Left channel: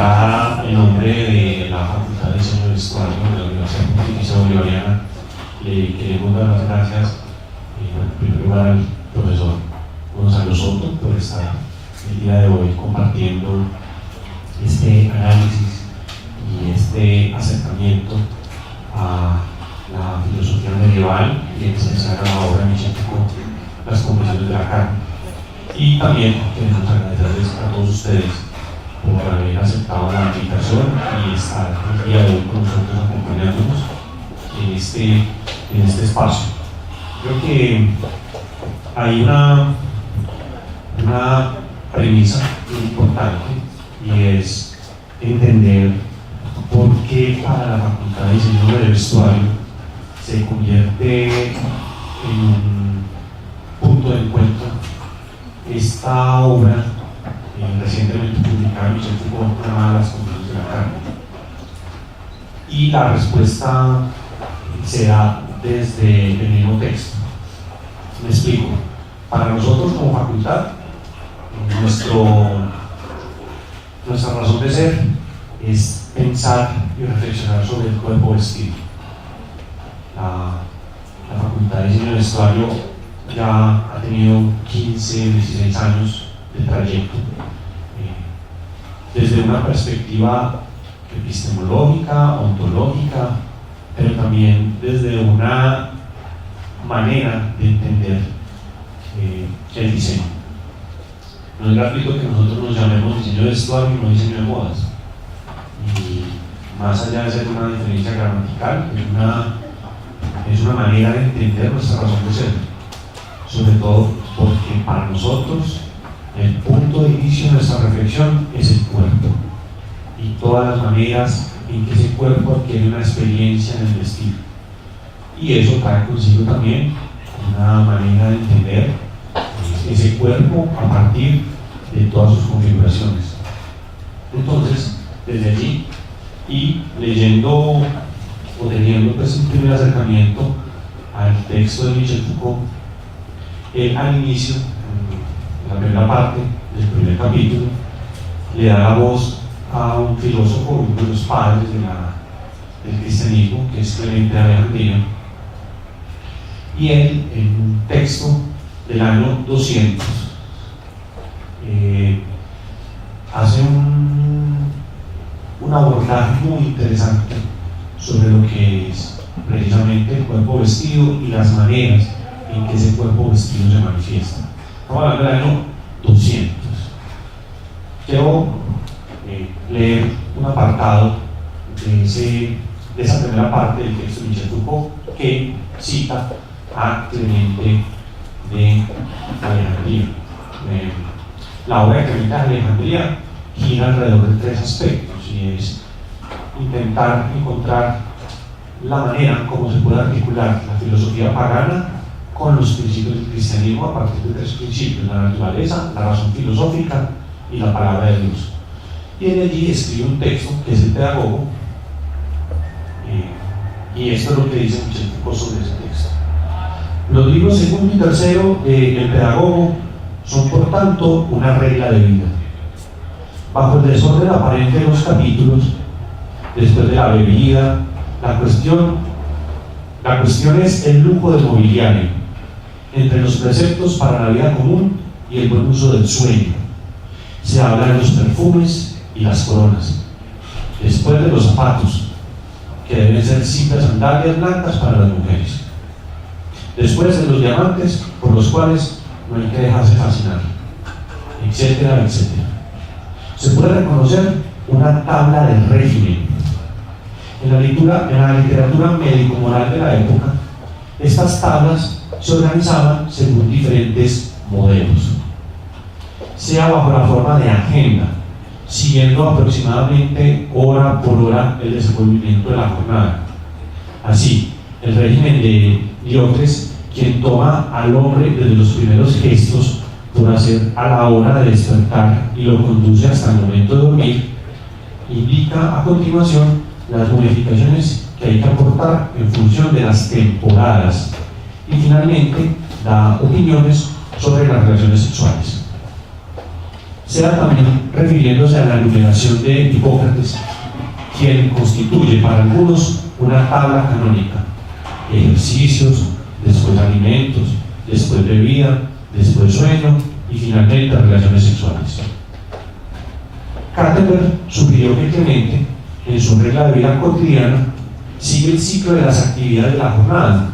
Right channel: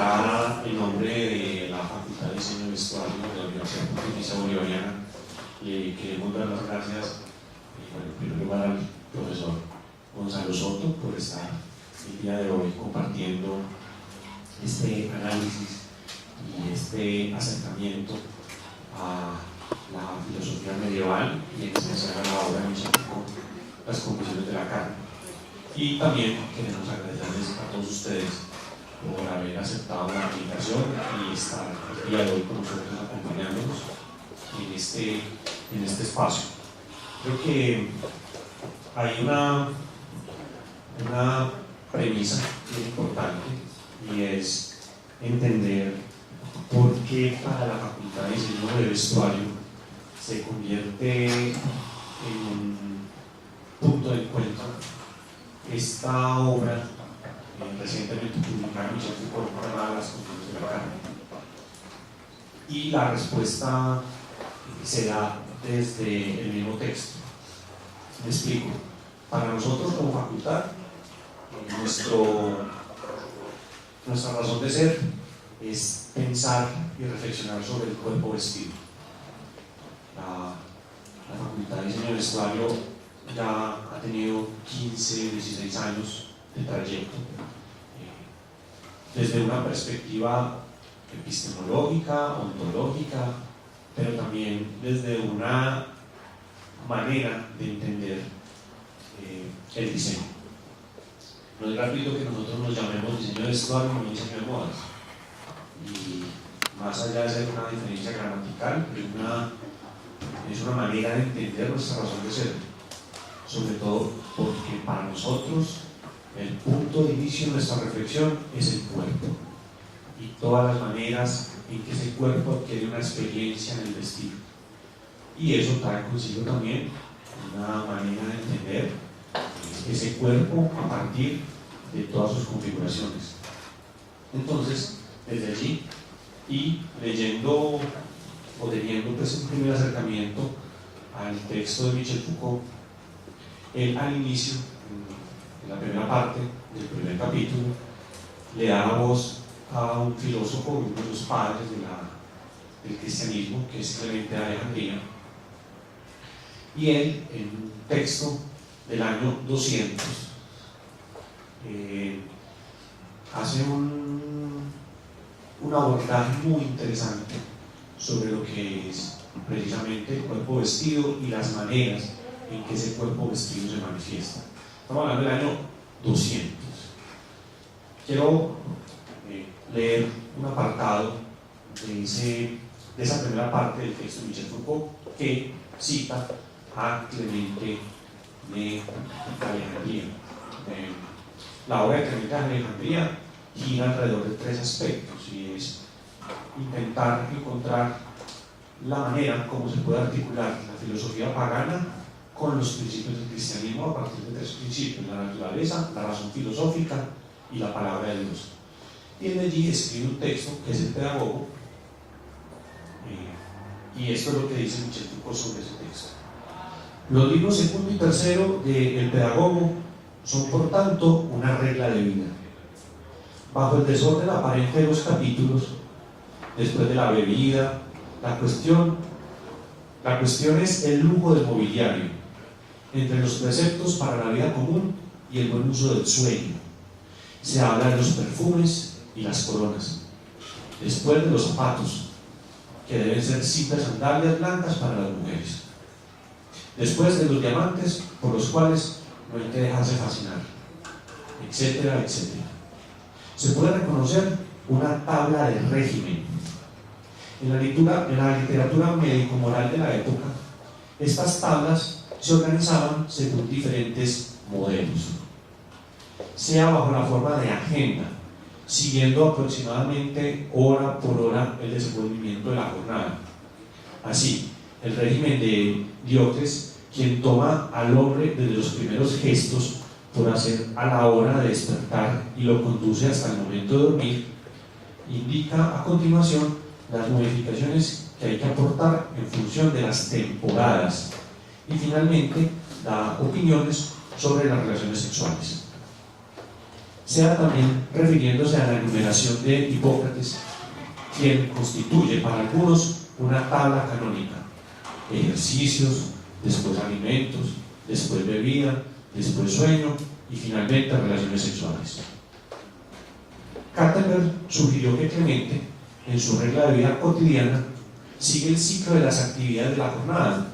acá, en nombre de la Facultad de Diseño de Vestuario de la Universidad Pontificia Bolivariana, le queremos dar las gracias, en primer lugar, al profesor Gonzalo Soto por estar el día de hoy compartiendo este análisis y este acercamiento a la filosofía medieval y en especial a la obra de Michel Foucault, Las Confesiones de la Carne. Y también queremos agradecerles a todos ustedes por haber aceptado la invitación y estar el día de hoy con nosotros acompañándonos en este espacio. Creo que hay una premisa importante y es entender por qué para la Facultad de Diseño de Vestuario se convierte en un punto de encuentro esta obra recientemente publicada en Michel Foucault, llamada Las Confesiones de la Carne. Y la respuesta se da desde el mismo texto. Me explico. Para nosotros como facultad, nuestra razón de ser es pensar y reflexionar sobre el cuerpo vestido. La Facultad de Diseño de Vestuario ya ha tenido 15, 16 años de trayecto, desde una perspectiva epistemológica, ontológica, pero también desde una manera de entender el diseño. No es gratuito que nosotros nos llamemos diseño de vestuario y no diseño de modas. Y más allá de ser una diferencia gramatical, es una manera de entender nuestra razón de ser. Sobre todo porque para nosotros el punto de inicio de nuestra reflexión es el cuerpo y todas las maneras en que ese cuerpo adquiere una experiencia en el vestir. Y eso trae consigo también una manera de entender ese cuerpo a partir de todas sus configuraciones. Entonces, desde allí y leyendo o teniendo pues un primer acercamiento al texto de Michel Foucault, al inicio, en la primera parte del primer capítulo, le da la voz a un filósofo, uno de los padres del cristianismo, que es Clemente de Alejandría, y él, en un texto del año 200, hace un abordaje muy interesante sobre lo que es precisamente el cuerpo vestido y las maneras en que ese cuerpo vestido se manifiesta. Estamos hablando del año 200. Quiero leer un apartado de esa primera parte del texto de Michel Foucault que cita a Clemente de Alejandría. La obra de Clemente de Alejandría gira alrededor de tres aspectos, y es intentar encontrar la manera como se puede articular la filosofía pagana con los principios del cristianismo a partir de tres principios: la naturaleza, la razón filosófica y la palabra de Dios. Y él allí escribe un texto que es el Pedagogo, y esto es lo que dice Michel Foucault sobre ese texto. Los libros segundo y tercero del Pedagogo son por tanto una regla de vida. Bajo el desorden aparente de los capítulos, después de la bebida, la cuestión es el lujo del mobiliario, entre los preceptos para la vida común y el buen uso del sueño. Se habla de los perfumes y las coronas, después de los zapatos, que deben ser simples sandalias blancas para las mujeres, después de los diamantes por los cuales no hay que dejarse fascinar, etcétera, etcétera. Se puede reconocer una tabla de régimen. En la literatura médico-moral de la época, estas tablas se organizaban según diferentes modelos, sea bajo la forma de agenda, siguiendo aproximadamente hora por hora el desenvolvimiento de la jornada. Así, el régimen de Diócrates, quien toma al hombre desde los primeros gestos por hacer a la hora de despertar y lo conduce hasta el momento de dormir, indica a continuación las modificaciones que hay que aportar en función de las temporadas y finalmente da opiniones sobre las relaciones sexuales. sea también refiriéndose a la enumeración de Hipócrates, quien constituye para algunos una tabla canónica: ejercicios, después alimentos, después bebida, después sueño y finalmente relaciones sexuales. Kattenberg sugirió que Clemente, en su regla de vida cotidiana, sigue el ciclo de las actividades de la jornada,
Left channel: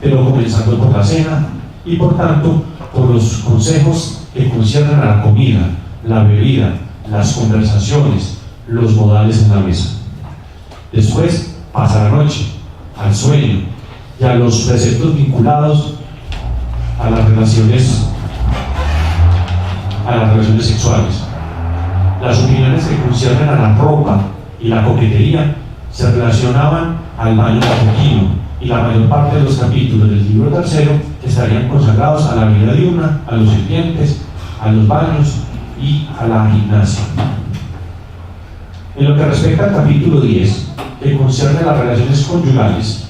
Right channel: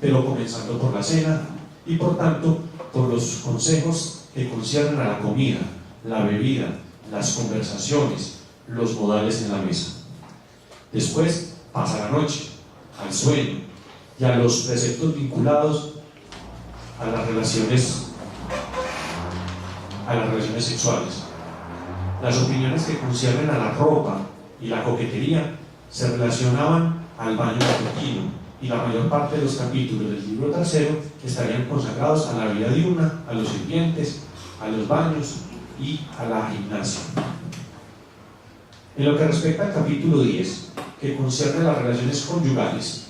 pero comenzando por la cena y por tanto por los consejos que conciernen a la comida, la bebida, las conversaciones, los modales en la mesa. Después pasa la noche, al sueño y a los preceptos vinculados a las relaciones sexuales. Las opiniones que conciernen a la ropa y la coquetería se relacionaban al baño matutino, y la mayor parte de los capítulos del libro tercero estarían consagrados a la vida diurna, a los sirvientes, a los baños y a la gimnasia. En lo que respecta al capítulo 10, que concierne a las relaciones conyugales,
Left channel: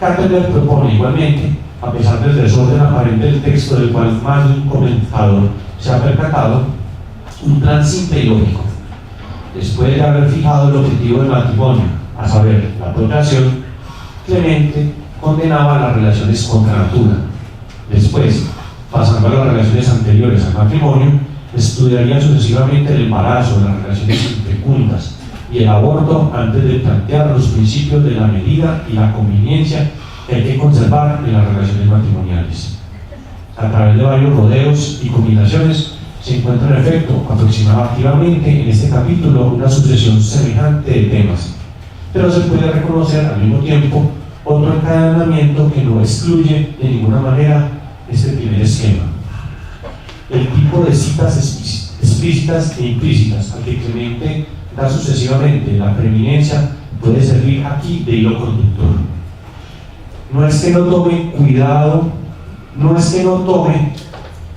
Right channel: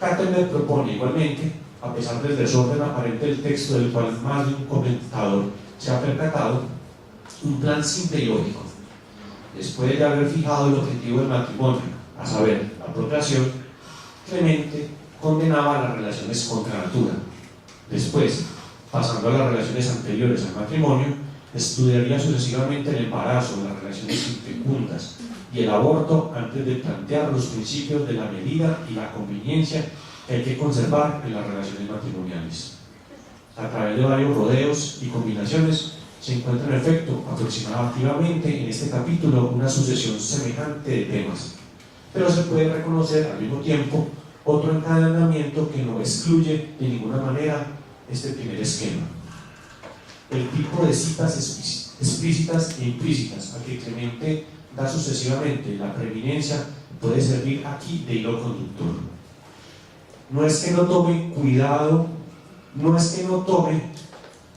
Kattenberg propone igualmente, a pesar del desorden aparente del texto del cual más de un comentador se ha percatado, un plan simple y lógico. Después de haber fijado el objetivo del matrimonio, a saber, la procreación, Clemente condenaba las relaciones contra natura. Después, pasando a las relaciones anteriores al matrimonio, estudiaría sucesivamente el embarazo, las relaciones infecundas y el aborto antes de plantear los principios de la medida y la conveniencia que hay que conservar en las relaciones matrimoniales. A través de varios rodeos y combinaciones se encuentra en efecto aproximadamente en este capítulo una sucesión semejante de temas, pero se puede reconocer al mismo tiempo otro encadenamiento que no excluye de ninguna manera este primer esquema. El tipo de citas explícitas e implícitas al que Clemente da sucesivamente la preeminencia puede servir aquí de hilo conductor. No es que no tome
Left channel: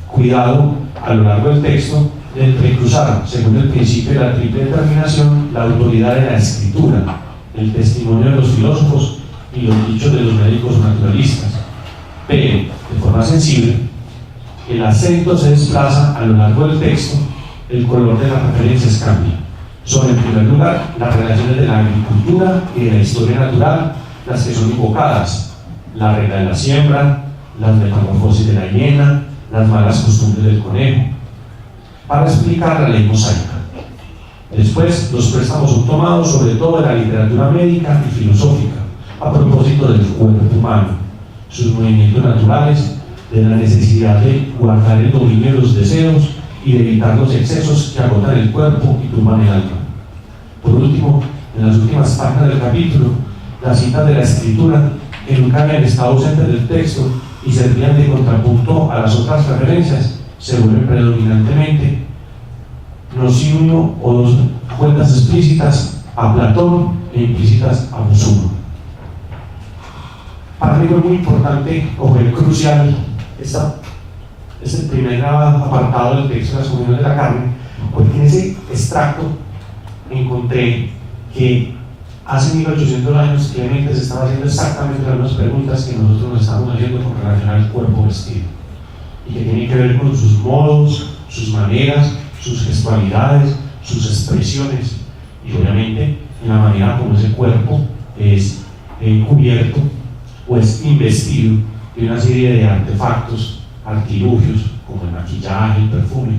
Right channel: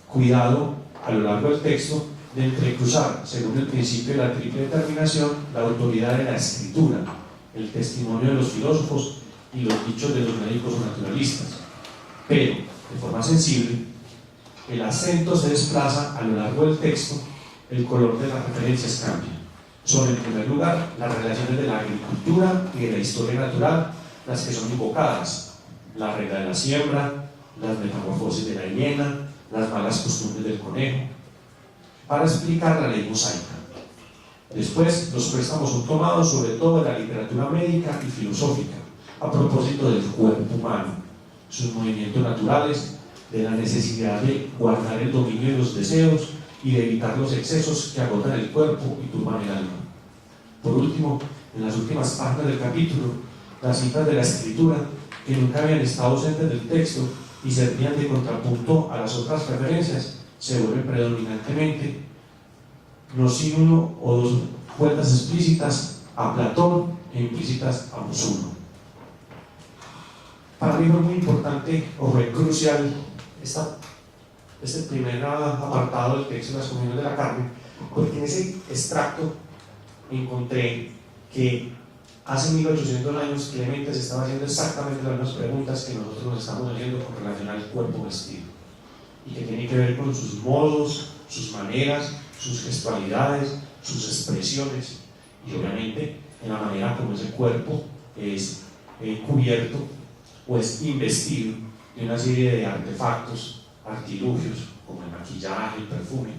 cuidado a lo largo del texto de entrecruzar, según el principio de la triple determinación, la autoridad de la escritura, el testimonio de los filósofos y los dichos de los médicos naturalistas, pero de forma sensible el acento se desplaza a lo largo del texto, el color de las referencias cambia. Son en primer lugar las relaciones de la agricultura y de la historia natural las que son invocadas: la regla de la siembra, las metamorfosis de la hiena, las malas costumbres del conejo, para explicar la ley mosaica. Después, los préstamos son tomados sobre todo de la literatura médica y filosófica, a propósito del cuerpo humano, sus movimientos naturales, de la necesidad de guardar el dominio de los deseos y de evitar los excesos que agotan el cuerpo y turban el alma. Por último, en las últimas páginas del capítulo, las citas de la escritura, que nunca habían estado ausentes del texto y servían de contrapunto a las otras referencias, se vuelven predominantemente, no sin uno o dos cuentas explícitas a Platón e implícitas a Musuno. Para mí fue muy importante, o fue crucial, este primer apartado del texto de las comuniones de la carne, porque en ese extracto encontré que hace 1800 años Clemente se estaba haciendo exactamente las mismas preguntas que nosotros nos estamos haciendo con relación al cuerpo vestido, y que tienen que ver con sus modos, sus maneras, sus gestualidades, sus expresiones, y obviamente en la manera como ese cuerpo es cubierto o es investido de una serie de artefactos, artilugios, como el maquillaje, el perfume,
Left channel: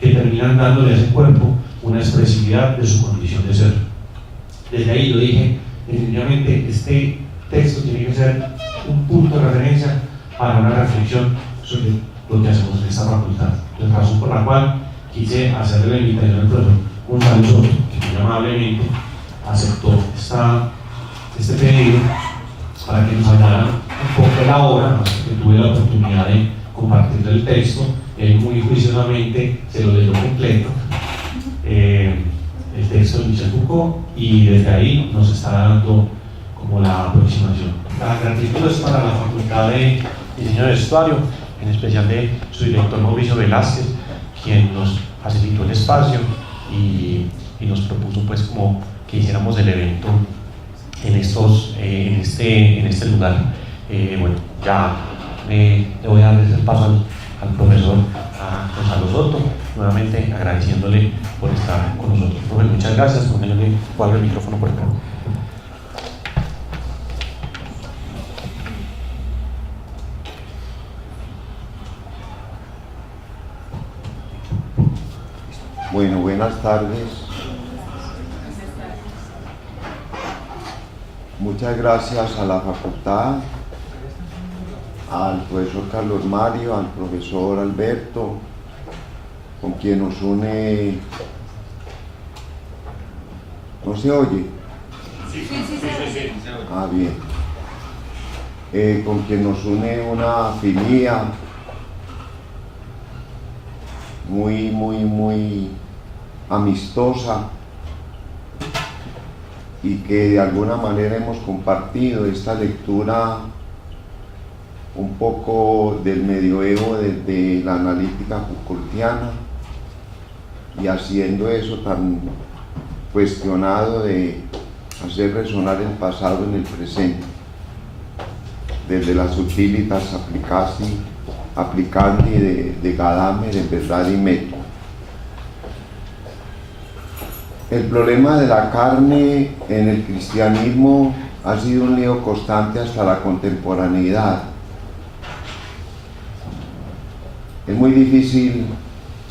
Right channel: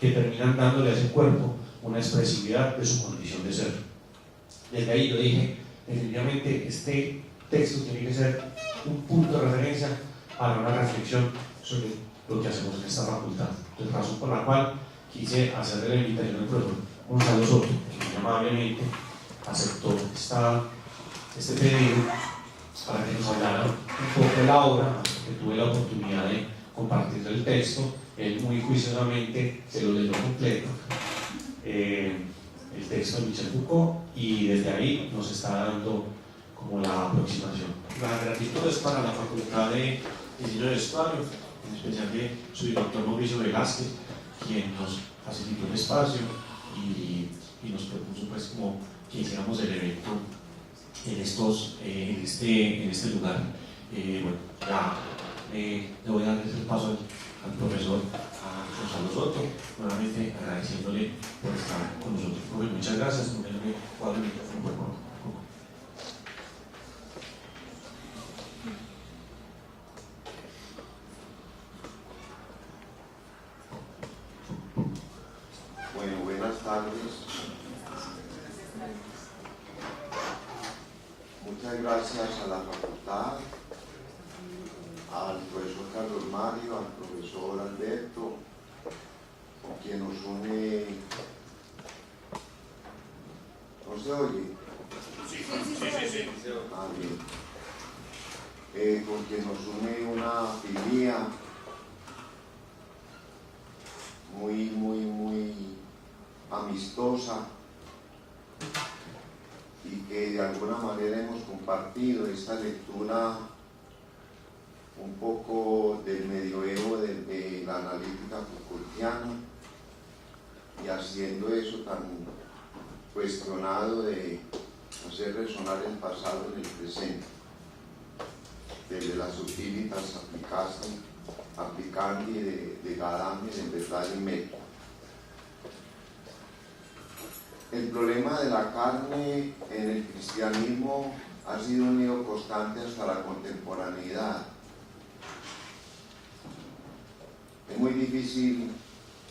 que terminan dándole a ese cuerpo una expresividad de su condición de ser. Desde ahí yo dije, definitivamente este texto tiene que ser un punto de referencia para una reflexión sobre lo que hacemos en esta facultad. La razón por la cual quise hacerle la invitación al profesor Gonzalo Soto, que muy amablemente aceptó este pedido para que nos hablara un poco de la obra, que tuve la oportunidad de compartir el texto, y él muy juiciosamente se lo leyó completo, el texto de Michel Foucault, y desde ahí nos está dando como la aproximación. La gratitud es para la Facultad de Diseño de Vestuario, en especial de su director Mauricio Velázquez, quien nos facilitó el espacio y nos propuso pues como que hiciéramos el evento en este lugar. Bueno, ya le voy a dar el paso al profesor Gonzalo Soto, nuevamente agradeciéndole por estar con nosotros. Profe, muchas gracias. Póngale el micrófono por acá. Bueno, buenas tardes. Muchas gracias a la facultad, al profesor Carlos Mario, al profesor Alberto, con quien nos une... ¿No se oye? Sí. Ah, bien. Con quien nos une una afinidad muy amistosa, y que de alguna manera hemos compartido esta lectura un poco del medioevo desde la analítica Foucaultiana, y haciendo eso tan cuestionado de hacer resonar el pasado en el presente, desde las utilitas applicandi de Gadamer en Verdad y Método. El problema de la carne en el cristianismo ha sido un lío constante hasta la contemporaneidad. Es muy difícil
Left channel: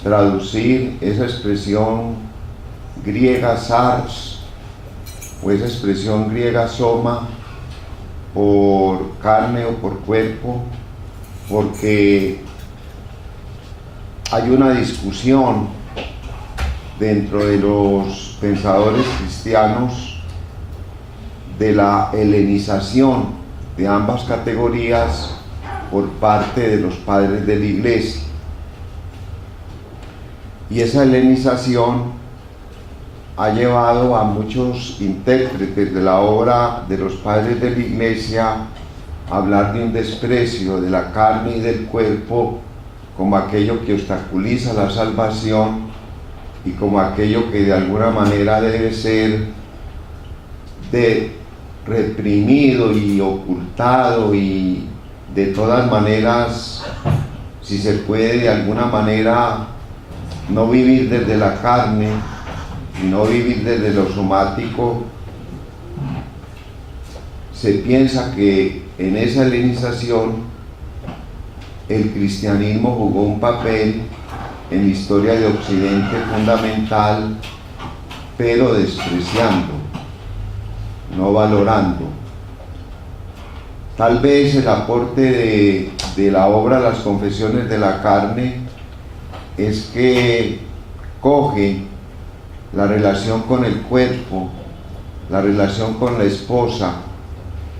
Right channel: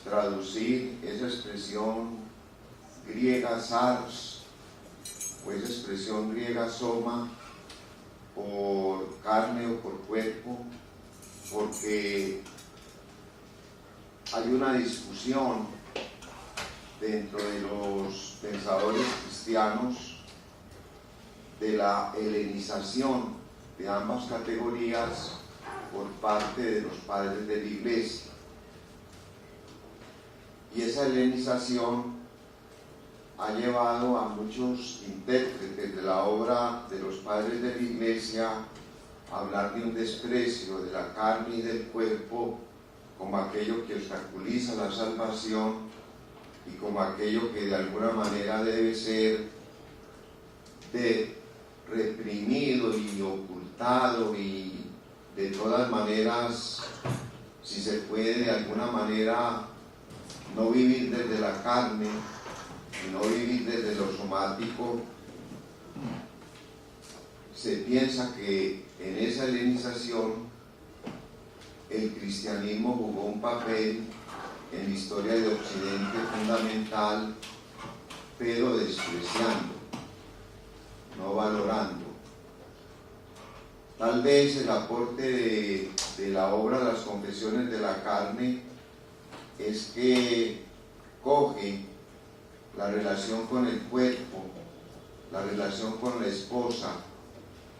traducir esa expresión griega sars o esa expresión griega soma por carne o por cuerpo, porque hay una discusión dentro de los pensadores cristianos de la helenización de ambas categorías por parte de los padres de la Iglesia. Y esa helenización ha llevado a muchos intérpretes de la obra de los padres de la Iglesia a hablar de un desprecio de la carne y del cuerpo como aquello que obstaculiza la salvación y como aquello que de alguna manera debe ser reprimido y ocultado, y de todas maneras, si se puede de alguna manera no vivir desde la carne, sino vivir desde lo somático. Se piensa que en esa helenización el cristianismo jugó un papel en la historia de Occidente fundamental, pero despreciando, no valorando. Tal vez el aporte de la obra Las Confesiones de la Carne es que coge la relación con el cuerpo, la relación con la esposa,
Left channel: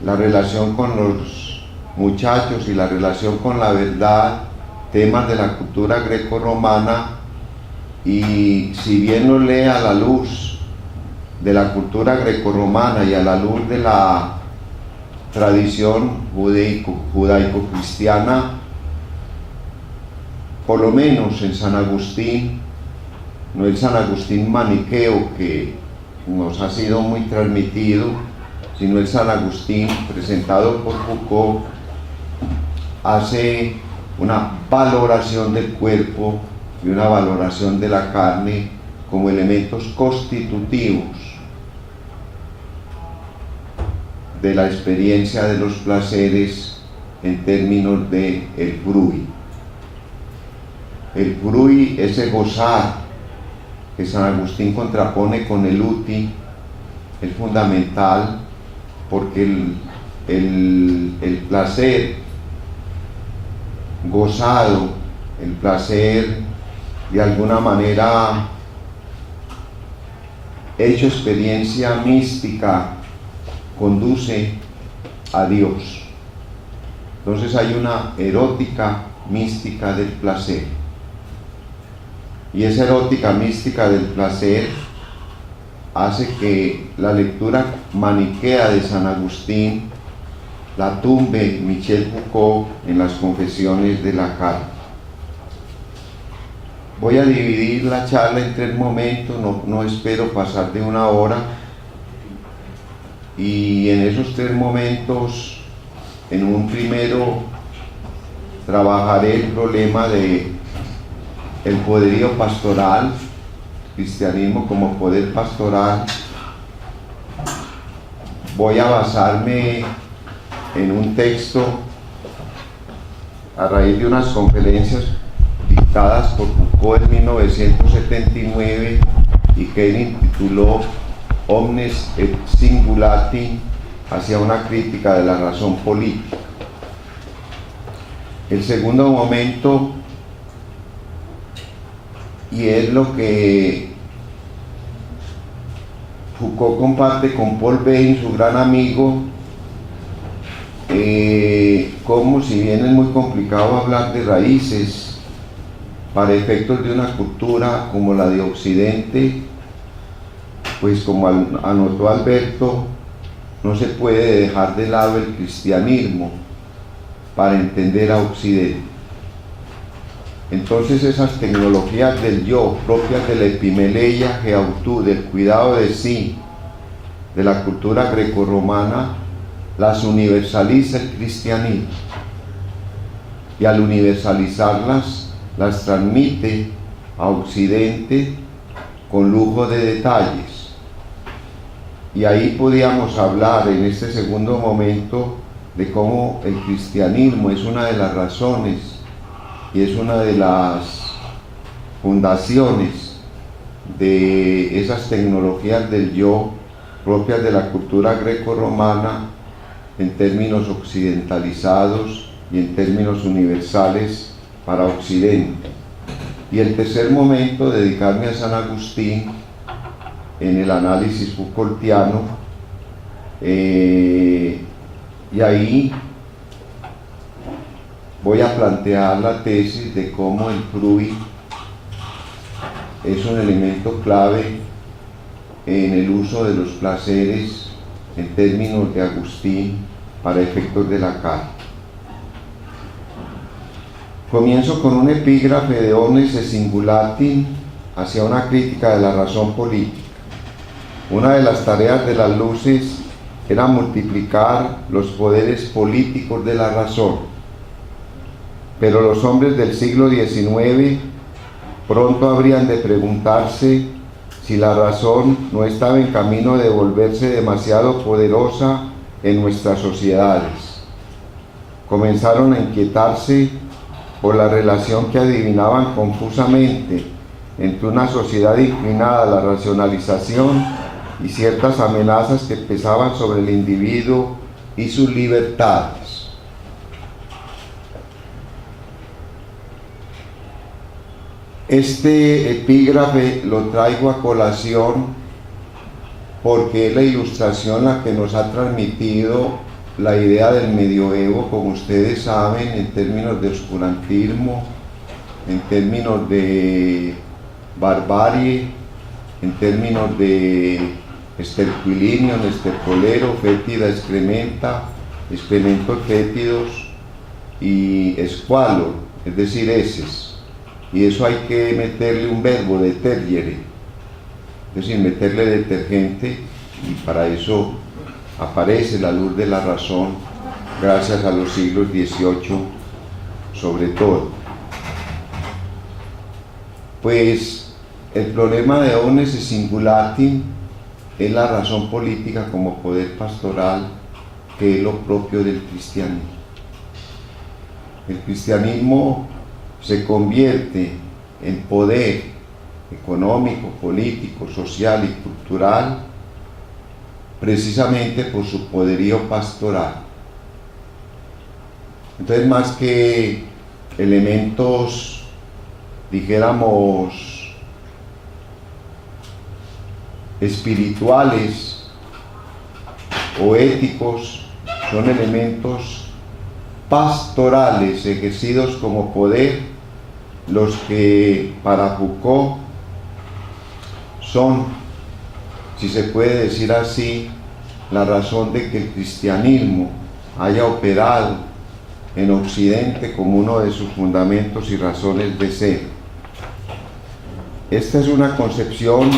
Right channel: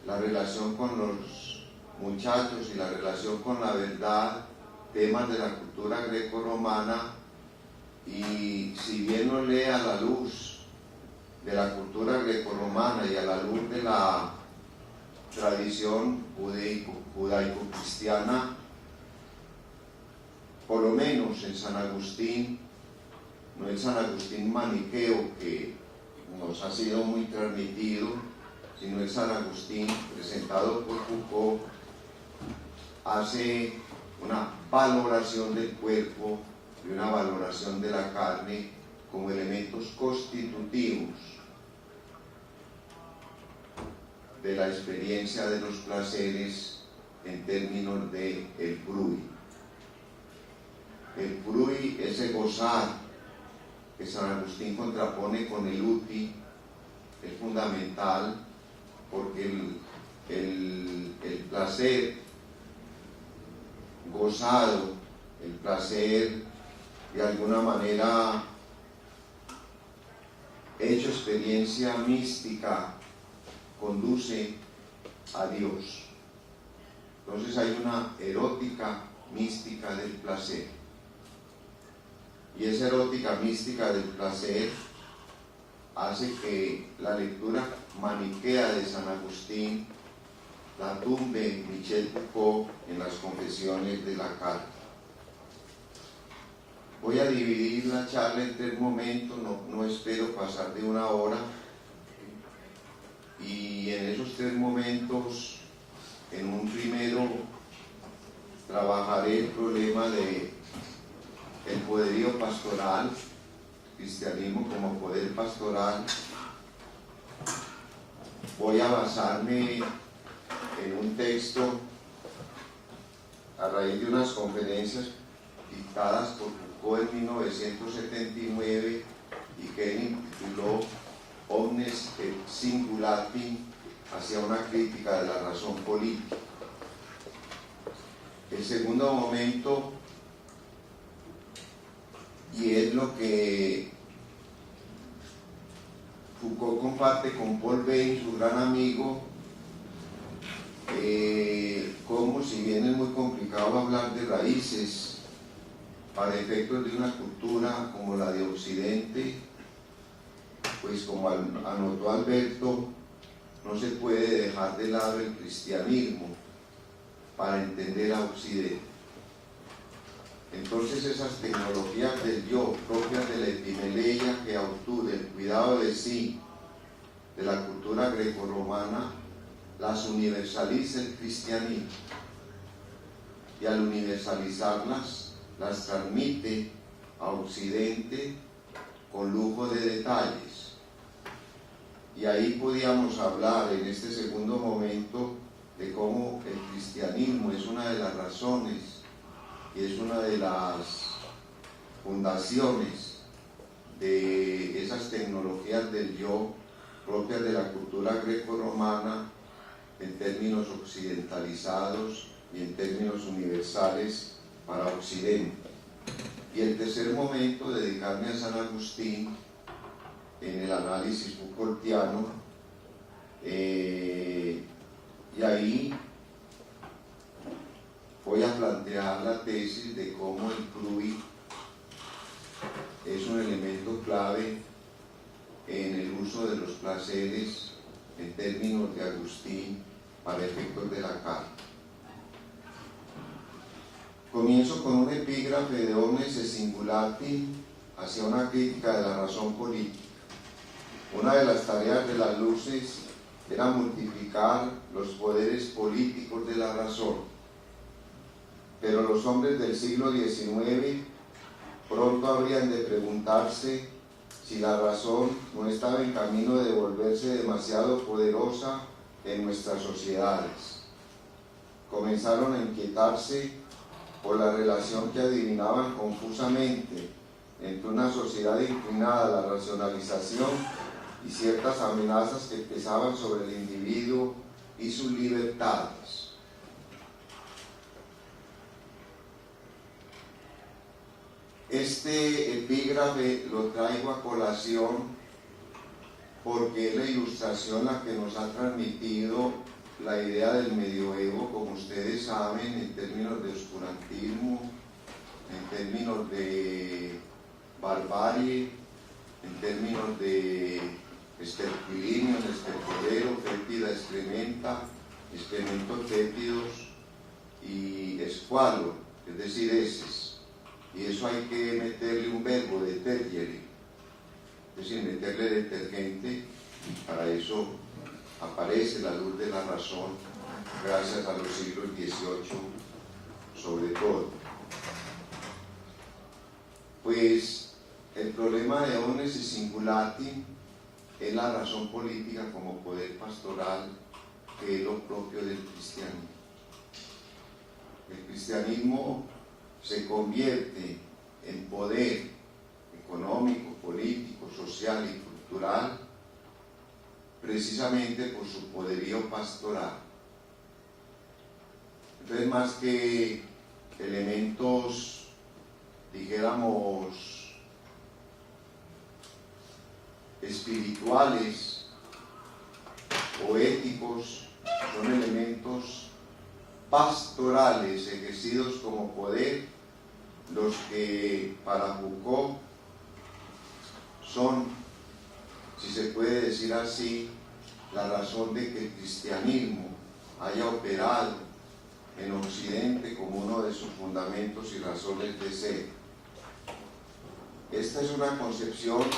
la relación con los muchachos y la relación con la verdad, temas de la cultura grecorromana, y si bien lo lee a la luz de la cultura grecorromana y a la luz de la tradición judaico-cristiana, por lo menos en San Agustín, no el San Agustín maniqueo que nos ha sido muy transmitido, sino el San Agustín presentado por Foucault, hace una valoración del cuerpo y una valoración de la carne como elementos constitutivos de la experiencia de los placeres en términos de el frui. El frui, ese gozar que San Agustín contrapone con el uti, es fundamental, porque el placer gozado, el placer de alguna manera hecho experiencia mística, conduce a Dios. Entonces hay una erótica mística del placer, y esa erótica mística del placer hace que la lectura maniquea de San Agustín la tumbe Michel Foucault en Las Confesiones de la Carne. Voy a dividir la charla en 3 momentos, no espero pasar de 1 hora, y en esos 3 momentos, en un primero trabajaré el problema de el poderío pastoral, cristianismo como poder pastoral. Voy a basarme en un texto a raíz de unas conferencias dictadas por Foucault en 1979 y que él intituló Omnes et Singulati, hacia una crítica de la razón política. El segundo momento, y es lo que Foucault comparte con Paul Bain, su gran amigo, como si bien es muy complicado hablar de raíces para efectos de una cultura como la de Occidente, pues como anotó Alberto, no se puede dejar de lado el cristianismo para entender a Occidente. Entonces esas tecnologías del yo, propias de la epimeleia, geautú, del cuidado de sí, de la cultura grecorromana, las universaliza el cristianismo. Y al universalizarlas, las transmite a Occidente con lujo de detalles. Y ahí podíamos hablar en este segundo momento de cómo el cristianismo es una de las razones y es una de las fundaciones de esas tecnologías del yo propias de la cultura greco-romana en términos occidentalizados y en términos universales para Occidente. Y el tercer momento, dedicarme a San Agustín en el análisis Foucaultiano, y ahí voy a plantear la tesis de cómo el fruit es un elemento clave en el uso de los placeres en términos de Agustín para efectos de la carta. Comienzo con un epígrafe de Omnes et Singulati hacia una crítica de la razón política. Una de las tareas de las luces era multiplicar los poderes políticos de la razón, pero los hombres del siglo XIX pronto habrían de preguntarse si la razón no estaba en camino de volverse demasiado poderosa en nuestras sociedades. Comenzaron a inquietarse por la relación que adivinaban confusamente entre una sociedad inclinada a la racionalización y ciertas amenazas que pesaban sobre el individuo y sus libertades. Este epígrafe lo traigo a colación porque es la ilustración la que nos ha transmitido la idea del medioevo, como ustedes saben, en términos de oscurantismo, en términos de barbarie, en términos de esterquilinium, estercolero, fétida, excrementa, excrementos fétidos y escualo, es decir, heces. Y eso hay que meterle un verbo, detergere, es decir, meterle detergente, y para eso aparece la luz de la razón, gracias a los siglos XVIII sobre todo. Pues el problema de Omnes et Singulati es la razón política como poder pastoral, que es lo propio del cristianismo. El cristianismo se convierte en poder económico, político, social y cultural precisamente por su poderío pastoral. Entonces, más que elementos, dijéramos, espirituales o éticos, son elementos pastorales ejercidos como poder los que para Foucault son, si se puede decir así, la razón de que el cristianismo haya operado en Occidente como uno de sus fundamentos y razones de ser. Esta es una concepción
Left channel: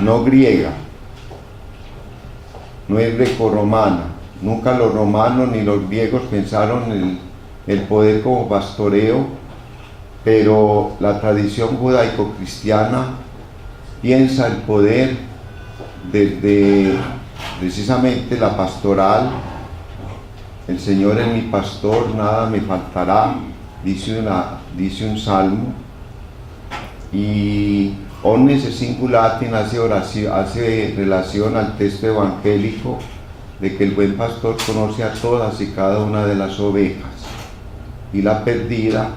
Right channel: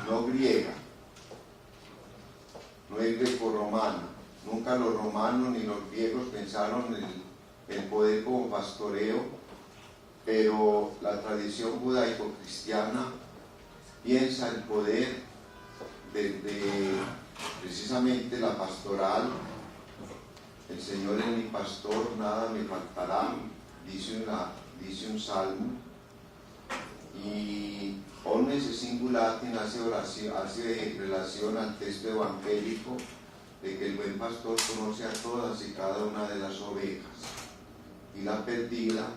no griega, no es grecorromana. Nunca los romanos ni los griegos pensaron el poder como pastoreo, pero la tradición judaico-cristiana piensa el poder desde precisamente la pastoral. El Señor es mi pastor, nada me faltará, dice un salmo, y omnes singulatin hace relación al texto evangélico de que el buen pastor conoce a todas y cada una de las ovejas, y la perdida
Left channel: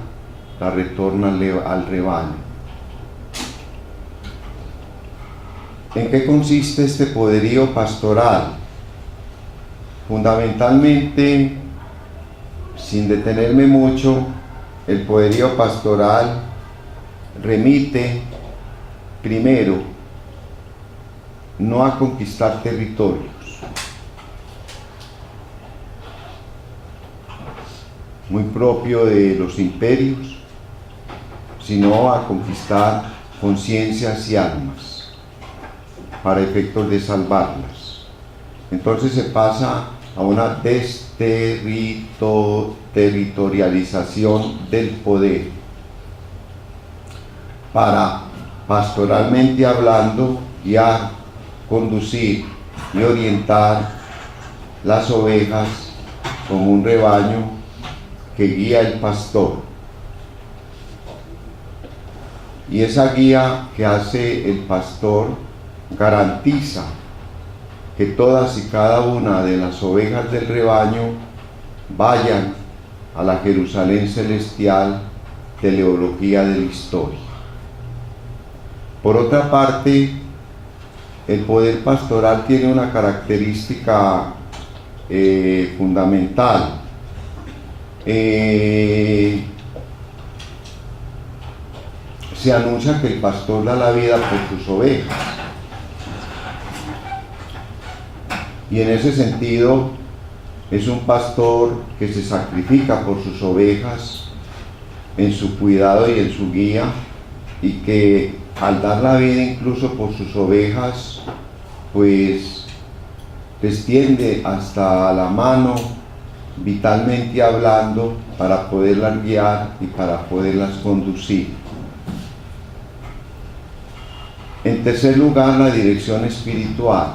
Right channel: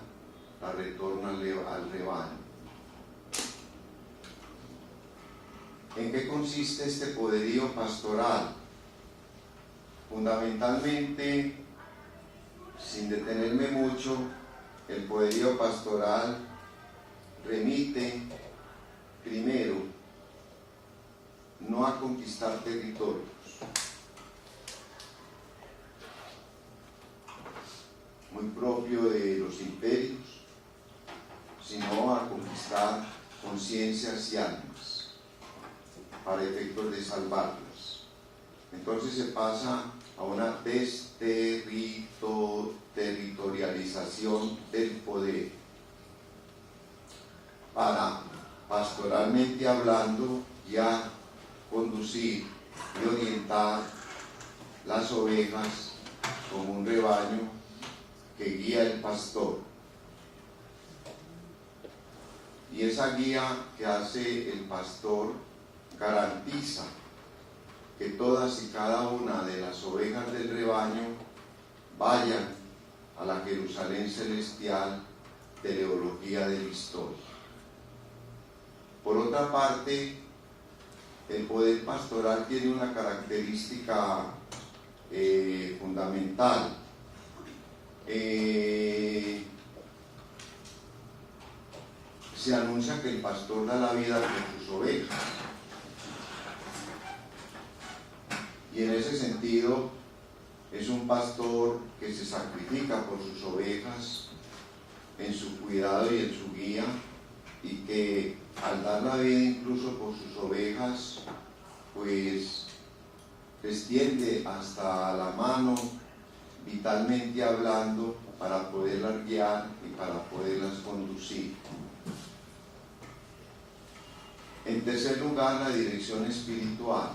la retorna al rebaño. ¿En qué consiste este poderío pastoral? Fundamentalmente, sin detenerme mucho, el poderío pastoral remite primero no a conquistar territorios, muy propio de los imperios, sino a conquistar conciencias y almas para efectos de salvarlas. Entonces se pasa a una desterritorialización del poder para, pastoralmente hablando, guiar, conducir y orientar las ovejas como un rebaño que guía el pastor. Y esa guía que hace el pastor garantiza que todas y cada una de las ovejas del rebaño vayan a la Jerusalén celestial, teleología de la historia. Por otra parte, el poder pastoral tiene una característica fundamental. Se anuncia que el pastor da la vida por sus ovejas. Y en ese sentido es un pastor que se sacrifica por sus ovejas en su cuidado y en su guía, y que al dar la vida incluso por sus ovejas, pues les tiende hasta la mano, vitalmente hablando, para poderlas guiar y para poderlas conducir. En tercer lugar, la dirección espiritual.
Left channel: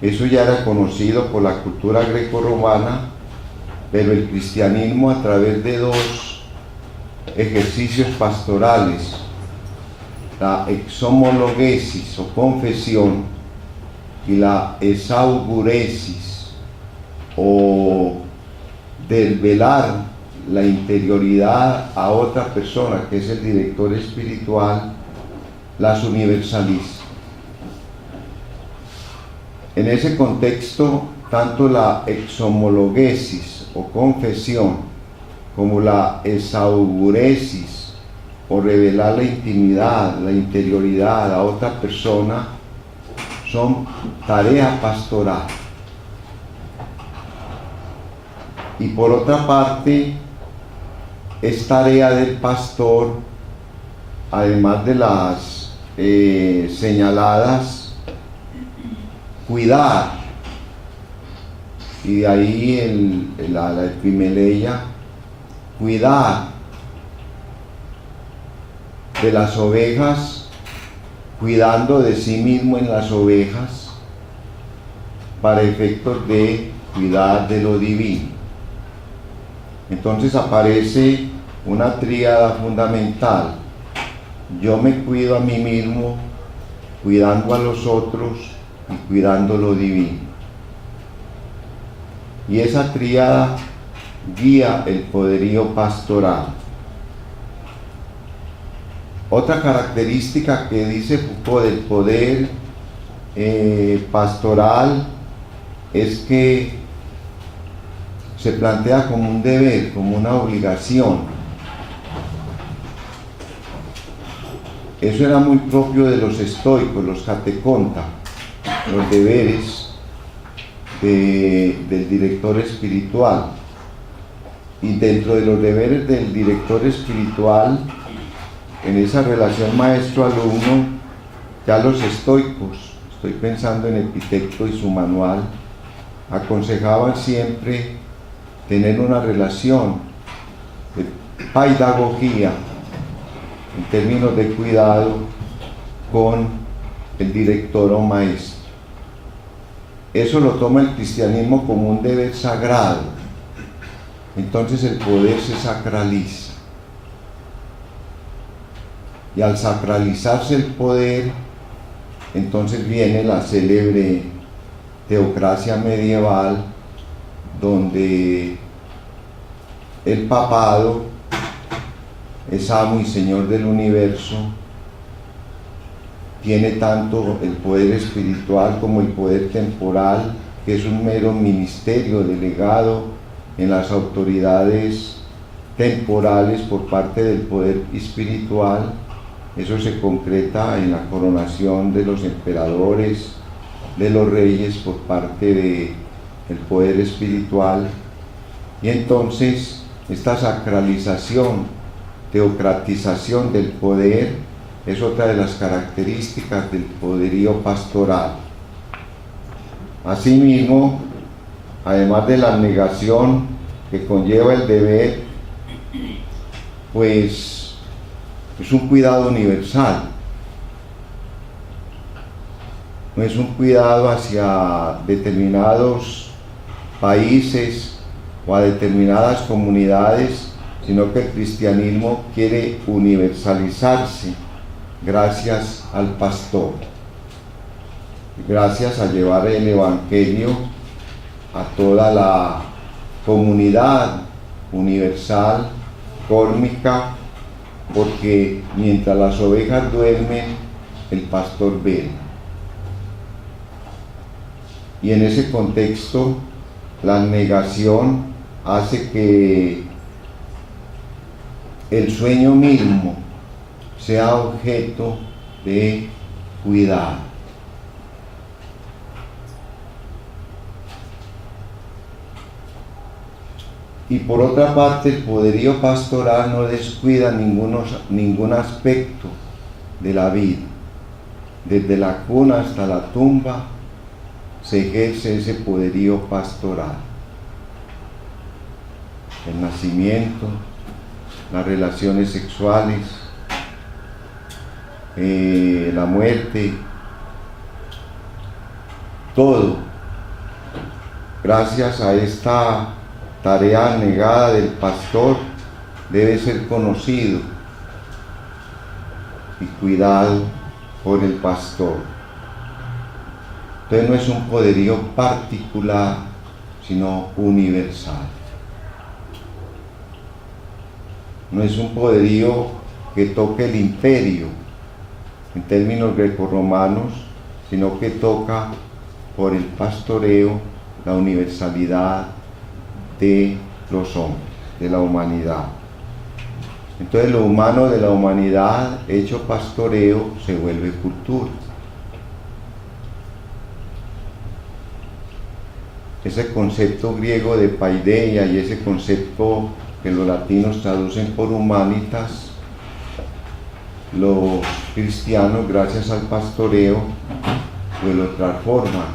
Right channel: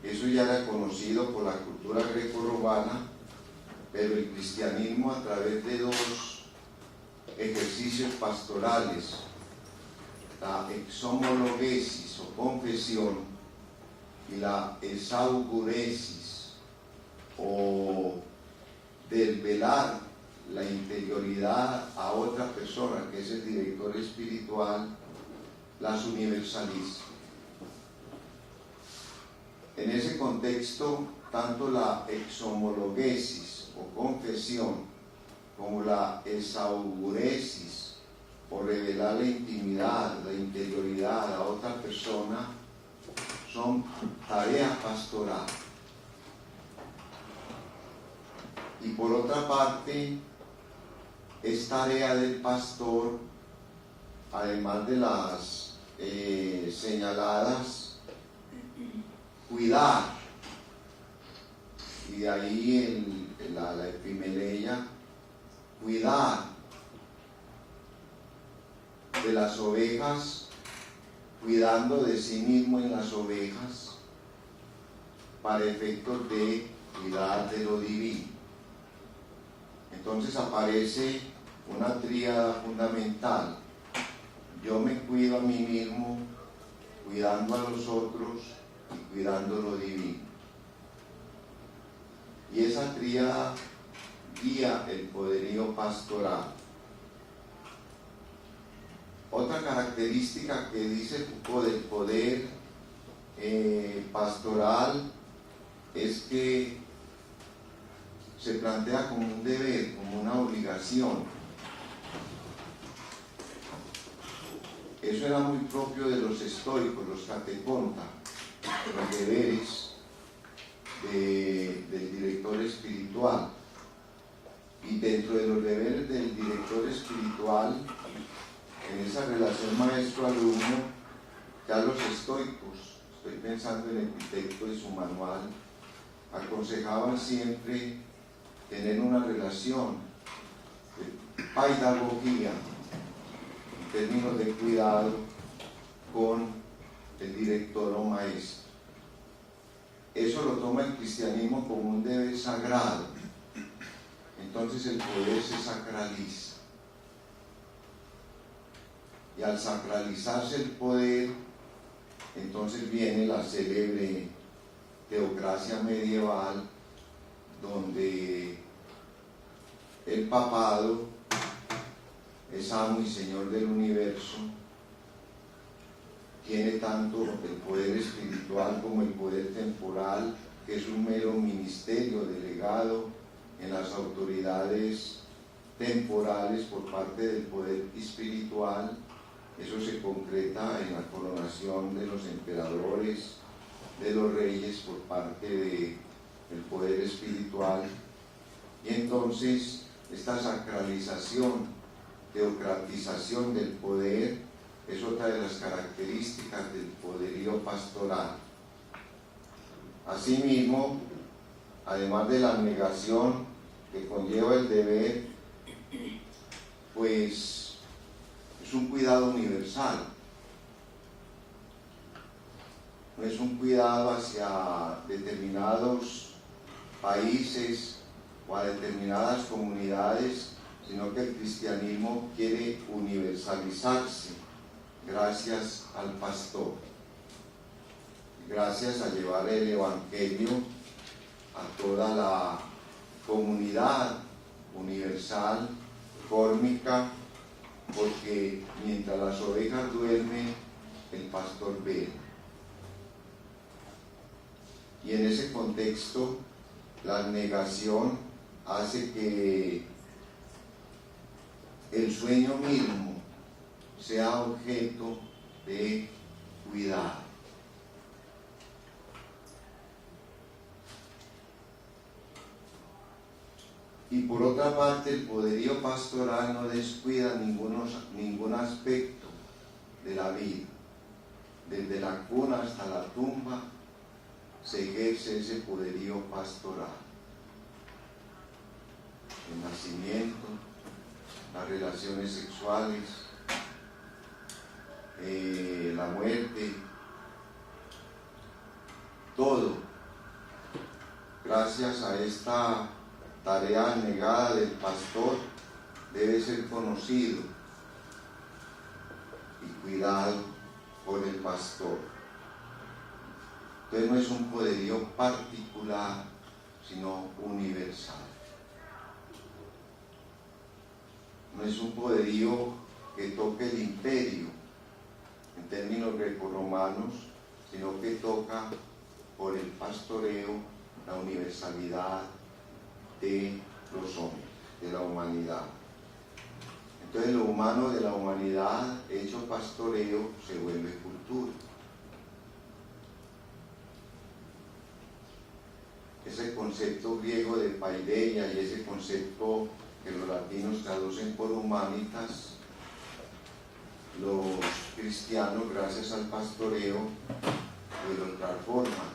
Eso ya era conocido por la cultura grecorromana, pero el cristianismo, a través de dos ejercicios pastorales, la exhomologesis o confesión y la esauguresis o desvelar la interioridad a otra persona, que es el director espiritual, las universaliza. En ese contexto, tanto la exhomologesis o confesión como la esauguresis o revelar la intimidad, la interioridad a otra persona son tarea pastoral. Y por otra parte, es tarea del pastor, además de las señaladas, cuidar, y de ahí la epimeleia, cuidar de las ovejas, cuidando de sí mismo en las ovejas, para efectos de cuidar de lo divino. Entonces aparece una tríada fundamental: yo me cuido a mí mismo, cuidando a los otros y cuidando lo divino. Y esa tríada guía el poderío pastoral. Otra característica que dice Foucault del poder pastoral es que se plantea como un deber, como una obligación. Eso era muy propio de los estoicos, los cateconta, los deberes del director espiritual. Y dentro de los deberes del director espiritual, en esa relación maestro-alumno, ya los estoicos, estoy pensando en Epicteto y su manual, aconsejaban siempre tener una relación de pedagogía en términos de cuidado con el director o maestro. Eso lo toma el cristianismo como un deber sagrado. Entonces el poder se sacraliza. Y al sacralizarse el poder, entonces viene la célebre teocracia medieval, donde el papado es amo y señor del universo, tiene tanto el poder espiritual como el poder temporal, que es un mero ministerio delegado en las autoridades temporales por parte del poder espiritual. Eso se concreta en la coronación de los emperadores, de los reyes por parte del poder espiritual. Y entonces esta sacralización, teocratización del poder es otra de las características del poderío pastoral. Asimismo, además de la negación que conlleva el deber, pues es un cuidado universal. No es un cuidado hacia determinados países o a determinadas comunidades, sino que el cristianismo quiere universalizarse gracias al pastor, gracias a llevar el evangelio a toda la comunidad universal, cósmica, porque mientras las ovejas duermen, el pastor vela. Y en ese contexto, la negación hace que el sueño mismo sea objeto de cuidado. Y por otra parte, el poderío pastoral no descuida ningún aspecto de la vida. Desde la cuna hasta la tumba se ejerce ese poderío pastoral. El nacimiento, las relaciones sexuales, la muerte, todo, gracias a esta tarea negada del pastor, debe ser conocido y cuidado por el pastor. Entonces no es un poderío particular, sino universal. No es un poderío que toque el imperio en términos grecorromanos, sino que toca por el pastoreo la universalidad de los hombres, de la humanidad. Entonces lo humano de la humanidad hecho pastoreo se vuelve cultura. Ese concepto griego de paideia y ese concepto que los latinos traducen por humanitas, los cristianos, gracias al pastoreo, pues lo transforman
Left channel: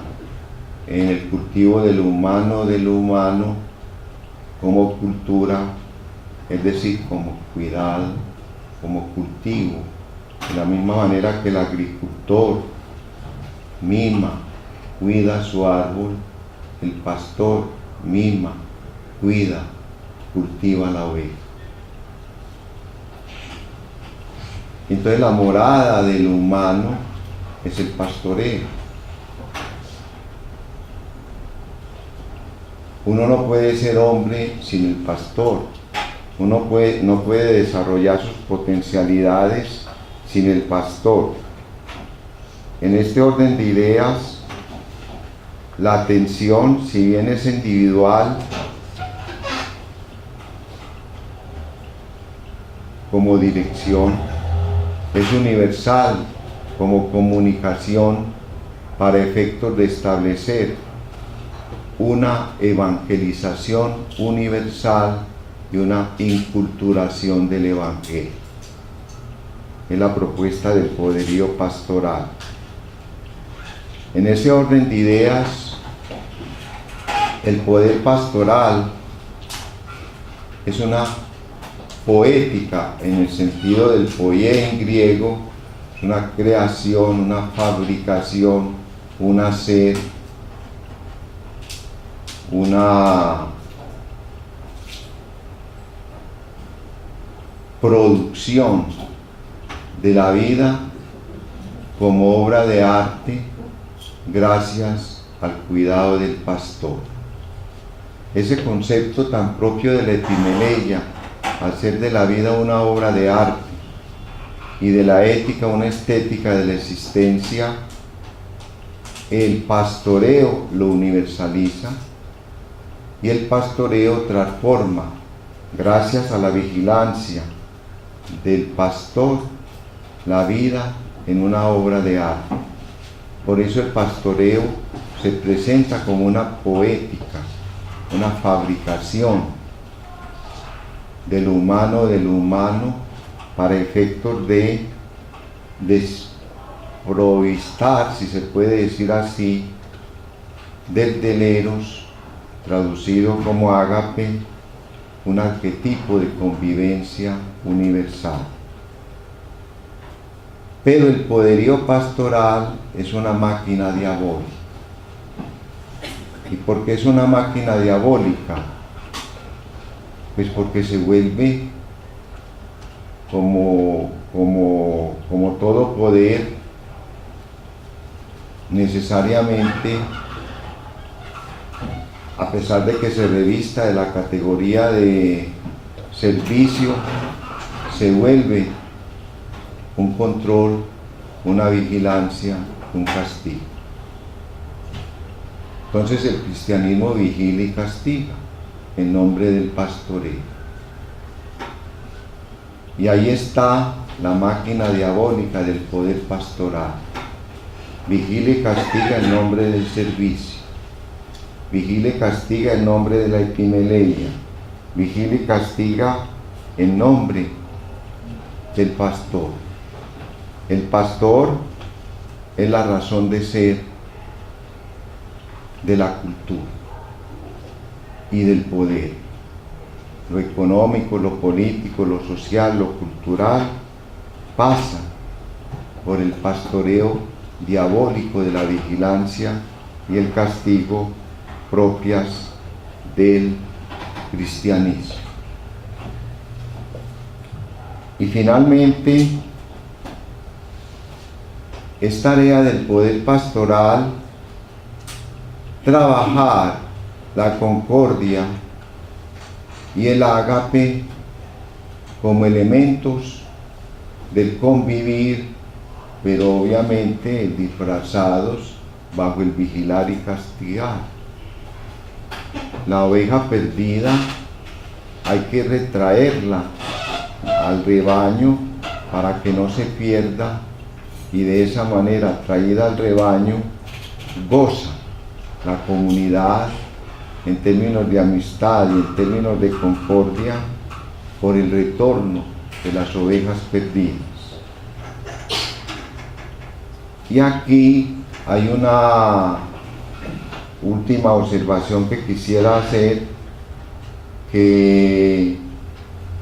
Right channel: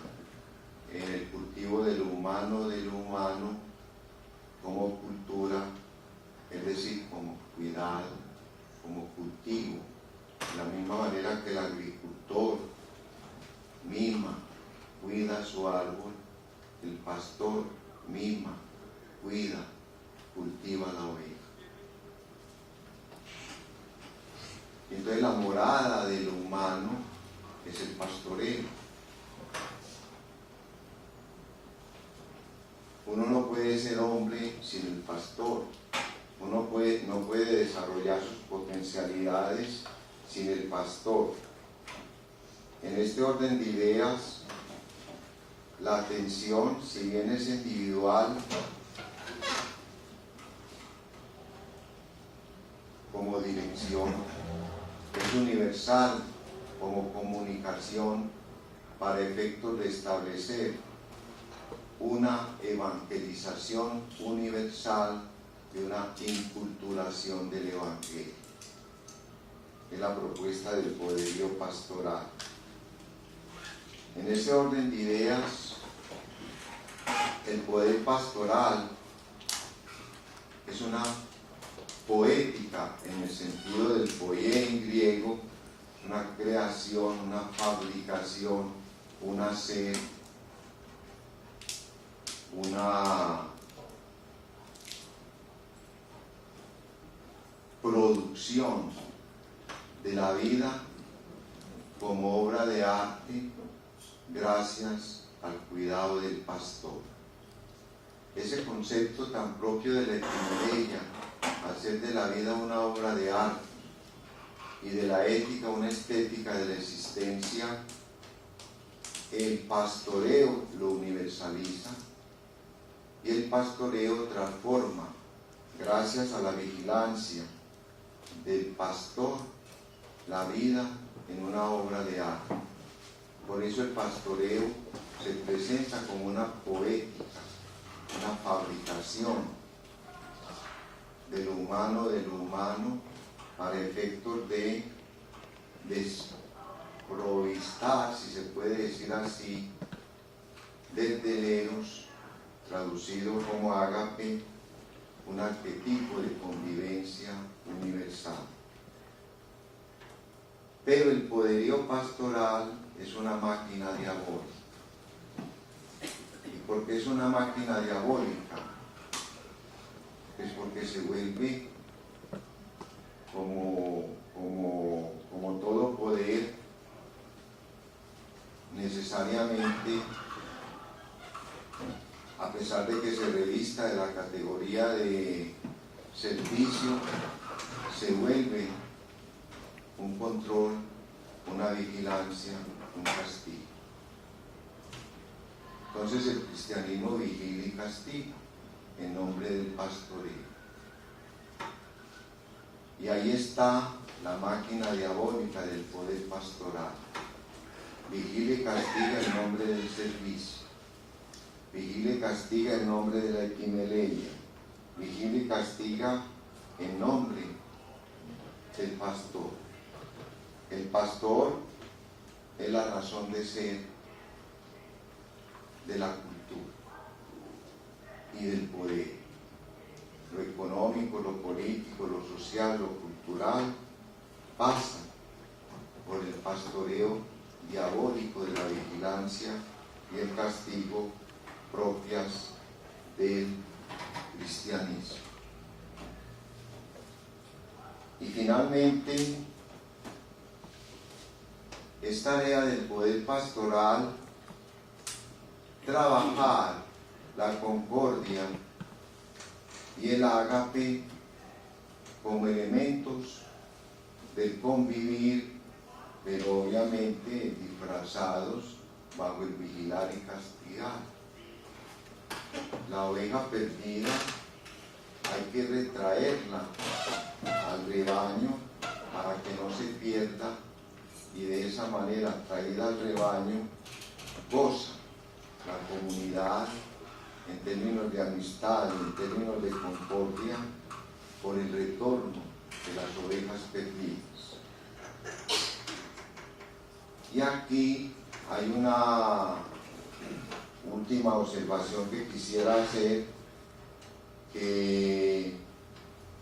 en el cultivo de lo humano como cultura, es decir, como cuidado, como cultivo, de la misma manera que el agricultor mima, cuida su árbol, el pastor mima, cuida, cultiva la oveja. Entonces la morada de lo humano es el pastoreo. Uno no puede ser hombre sin el pastor. Uno no puede desarrollar sus potencialidades sin el pastor. En este orden de ideas, la atención, si bien es individual, como dirección, es universal como comunicación para efectos de establecer una evangelización universal y una inculturación del evangelio. Es la propuesta del poderío pastoral. En ese orden de ideas, el poder pastoral es una poética en el sentido del poié en griego, es una creación, una fabricación, un hacer, una producción de la vida como obra de arte gracias al cuidado del pastor. Ese concepto tan propio de la epimeleia, hacer de la vida una obra de arte y de la ética una estética de la existencia, el pastoreo lo universaliza y el pastoreo transforma, gracias a la vigilancia del pastor, la vida en una obra de arte. Por eso el pastoreo se presenta como una poética, una fabricación de lo humano para efectos de desprovistar, si se puede decir así, del deleros, traducido como ágape, un arquetipo de convivencia universal. Pero el poderío pastoral es una máquina diabólica. ¿Y por qué es una máquina diabólica? Pues porque se vuelve como todo poder necesariamente, a pesar de que se revista de la categoría de servicio, se vuelve un control, una vigilancia, un castigo. Entonces el cristianismo vigila y castiga en nombre del pastoreo. Y ahí está la máquina diabólica del poder pastoral. Vigila y castiga en nombre del servicio. Vigila y castiga en nombre de la epimeleia. Vigila y castiga en nombre del pastor. El pastor es la razón de ser de la cultura y del poder. Lo económico, lo político, lo social, lo cultural pasa por el pastoreo diabólico de la vigilancia y el castigo propias del cristianismo. Y finalmente, es tarea del poder pastoral trabajar la concordia y el ágape como elementos del convivir, pero obviamente disfrazados bajo el vigilar y castigar. La oveja perdida hay que retraerla al rebaño para que no se pierda, y de esa manera, traída al rebaño, goza la comunidad en términos de amistad y en términos de concordia por el retorno de las ovejas perdidas. Y aquí hay una última observación que quisiera hacer, que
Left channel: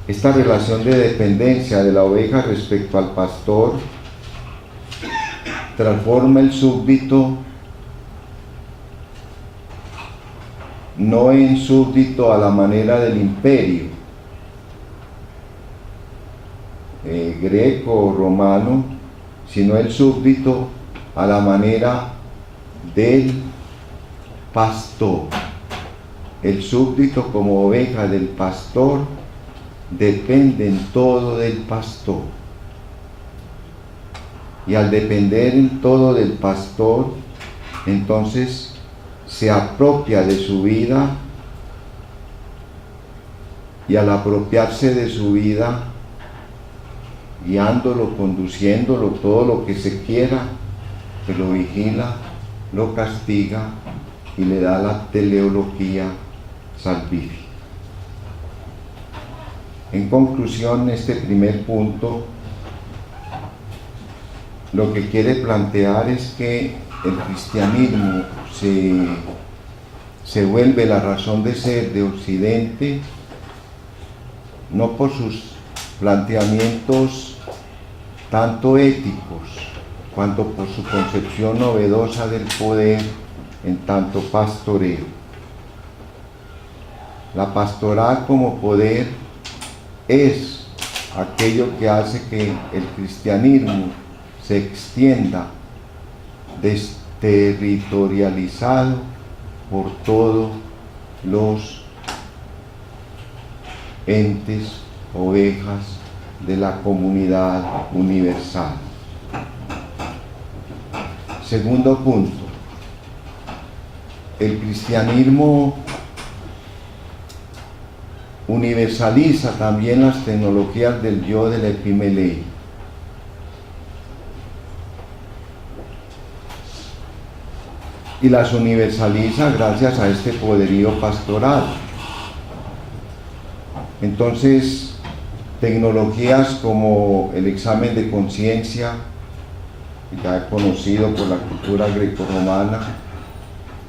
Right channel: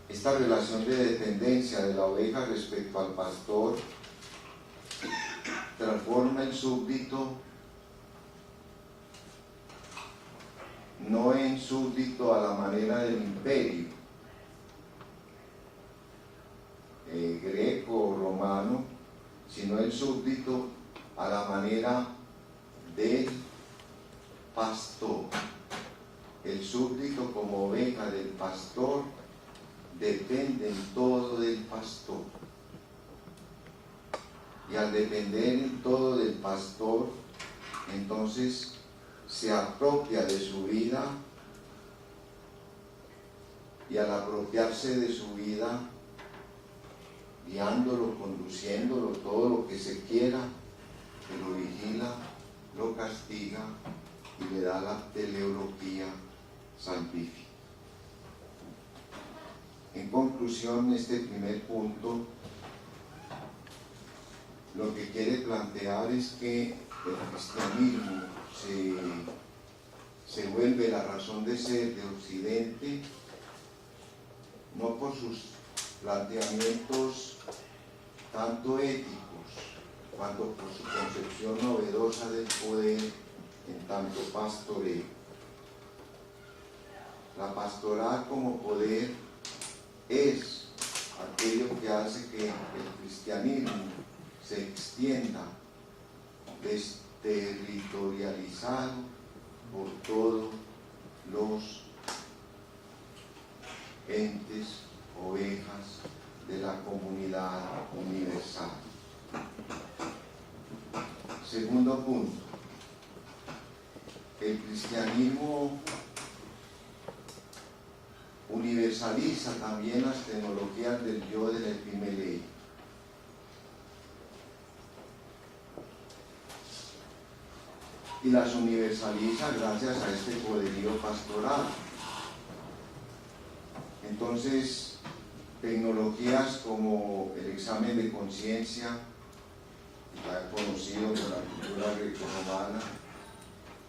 esta relación de dependencia de la oveja respecto al pastor transforma el súbdito no en súbdito a la manera del imperio greco o romano, sino el súbdito a la manera del pastor. El súbdito como oveja del pastor depende en todo del pastor. Y al depender en todo del pastor, entonces se apropia de su vida, y al apropiarse de su vida, guiándolo, conduciéndolo, todo lo que se quiera, pues lo vigila, lo castiga y le da la teleología salvífica. En conclusión, este primer punto lo que quiere plantear es que el cristianismo se vuelve la razón de ser de Occidente no por sus planteamientos tanto éticos, cuanto por su concepción novedosa del poder en tanto pastoreo. La pastoral como poder es aquello que hace que el cristianismo se extienda desterritorializado por todos los entes, ovejas de la comunidad universal. Segundo punto, el cristianismo universaliza también las tecnologías del yo del epimelei. Y las universaliza gracias a este poderío pastoral. Entonces, tecnologías como el examen de conciencia, ya conocido por la cultura grecorromana,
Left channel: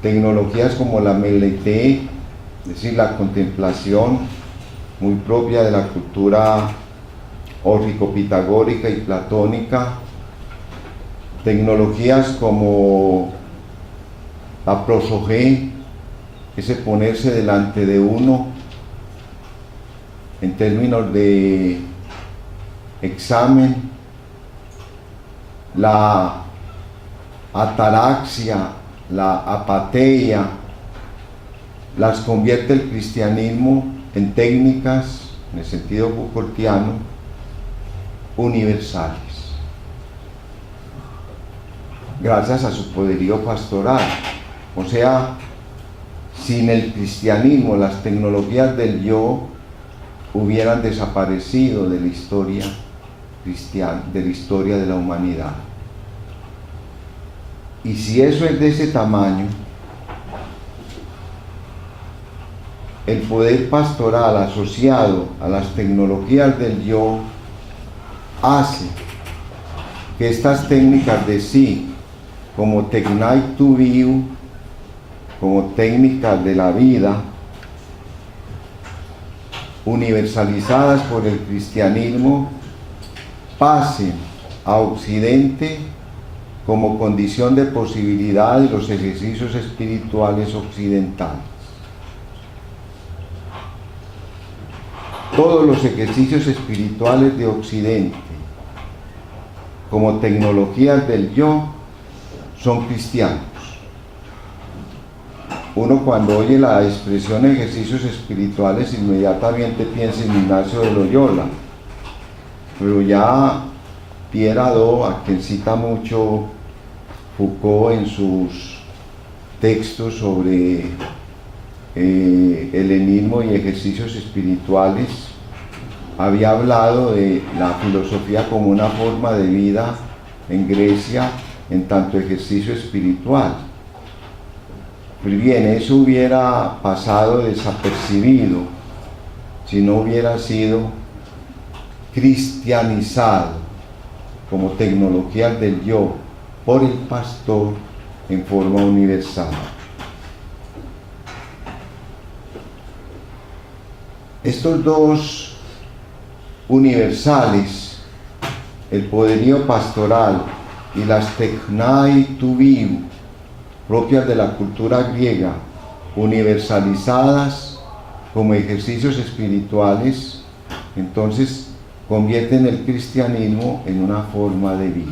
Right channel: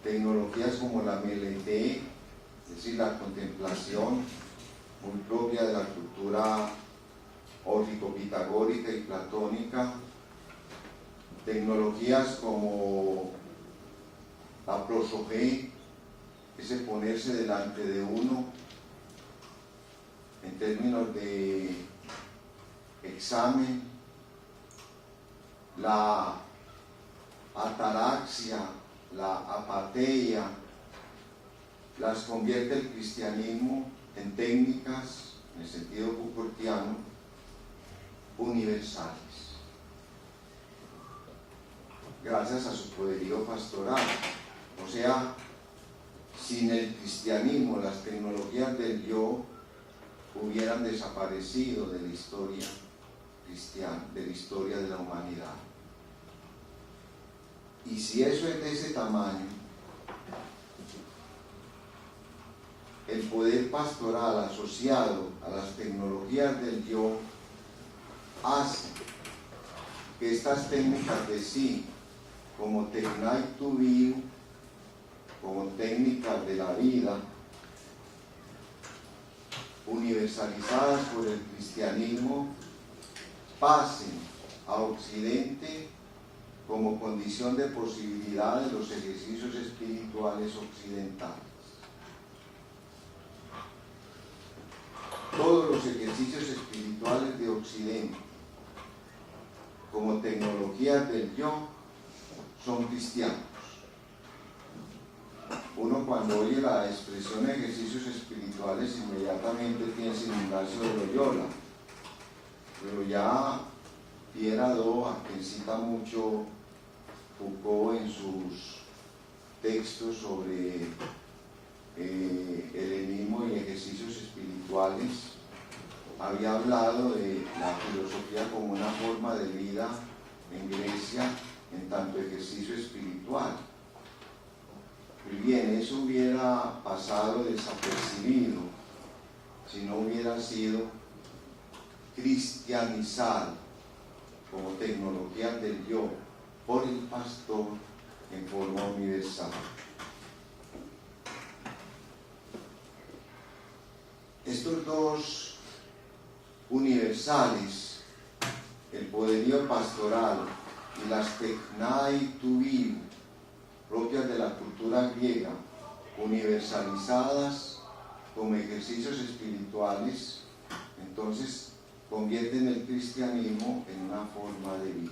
tecnologías como la meleité, es decir, la contemplación, muy propia de la cultura órfico-pitagórica y platónica, tecnologías como la prosogé, ese ponerse delante de uno en términos de examen, la ataraxia, la apateia, las convierte el cristianismo en técnicas, en el sentido Foucaultiano, universales, gracias a su poderío pastoral. O sea, sin el cristianismo, las tecnologías del yo hubieran desaparecido de la historia cristiana, de la historia de la humanidad. Y si eso es de ese tamaño, el poder pastoral asociado a las tecnologías del yo hace que estas técnicas de sí, como Tecnai tu viu, como técnicas de la vida, universalizadas por el cristianismo, pasen a Occidente como condición de posibilidad de los ejercicios espirituales occidentales. Todos los ejercicios espirituales de Occidente, como tecnologías del yo, son cristianos. Uno cuando oye la expresión ejercicios espirituales inmediatamente piensa en Ignacio de Loyola, pero ya Pierre Hadot, a quien cita mucho Foucault en sus textos sobre helenismo y ejercicios espirituales, había hablado de la filosofía como una forma de vida en Grecia en tanto ejercicio espiritual. Pues bien, eso hubiera pasado desapercibido si no hubiera sido cristianizado como tecnologías del yo por el pastor en forma universal. Estos dos universales, el poderío pastoral y las Tecnai tu viu, propias de la cultura griega, universalizadas como ejercicios espirituales, entonces convierten el cristianismo en una forma de vida.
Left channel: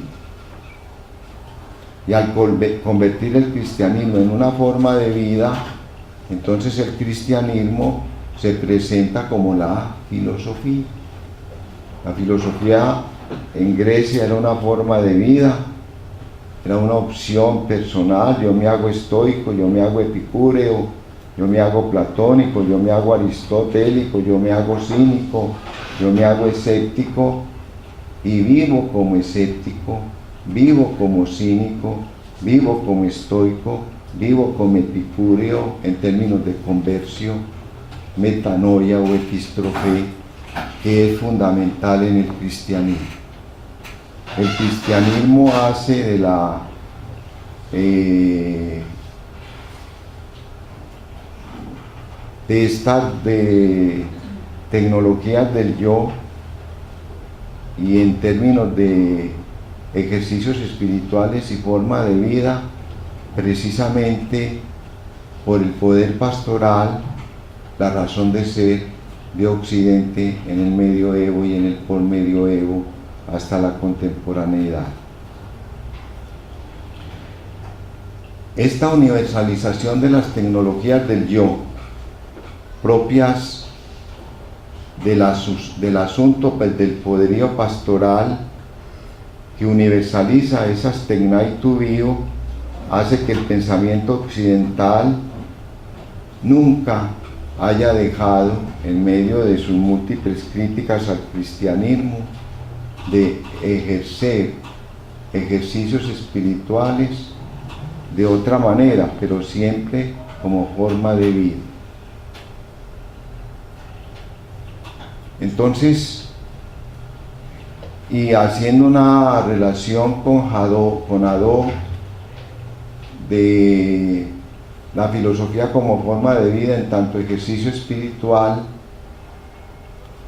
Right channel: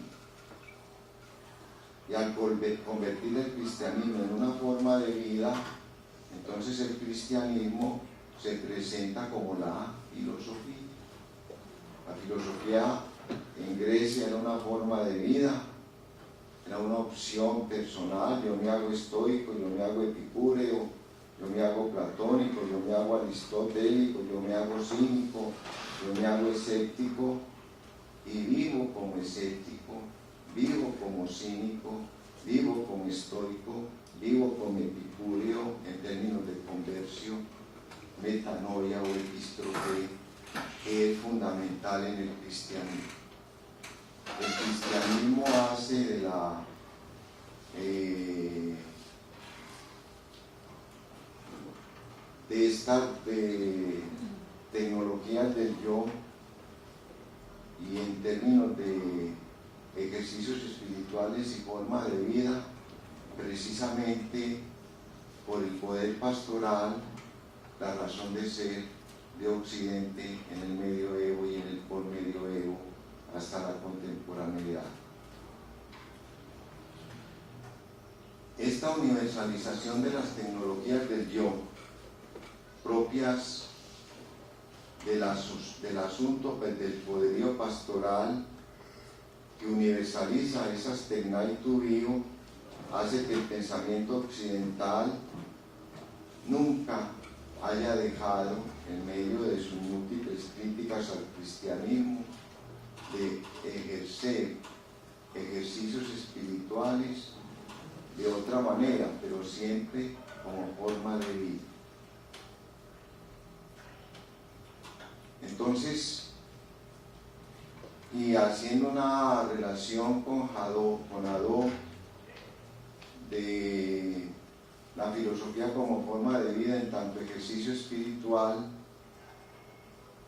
Y al convertir el cristianismo en una forma de vida, entonces el cristianismo se presenta como la filosofía. La filosofía en Grecia era una forma de vida, era una opción personal. Yo me hago estoico, yo me hago epicúreo, yo me hago platónico, yo me hago aristotélico, yo me hago cínico, yo me hago escéptico, y vivo como escéptico, vivo como cínico, vivo como estoico, vivo como epicúreo en términos de conversión, metanoia o epistrofe, que es fundamental en el cristianismo. El cristianismo hace de la tecnologías del yo y en términos de ejercicios espirituales y forma de vida, precisamente por el poder pastoral, la razón de ser de Occidente en el medioevo y en el posmedioevo hasta la contemporaneidad. Esta universalización de las tecnologías del yo, propias del asunto del poderío pastoral, que universaliza esas tecnaitu bio, hace que el pensamiento occidental nunca haya dejado, en medio de sus múltiples críticas al cristianismo, de ejercer ejercicios espirituales de otra manera, pero siempre como forma de vida. Entonces, y haciendo una relación con Hadot de la filosofía como forma de vida en tanto ejercicio espiritual,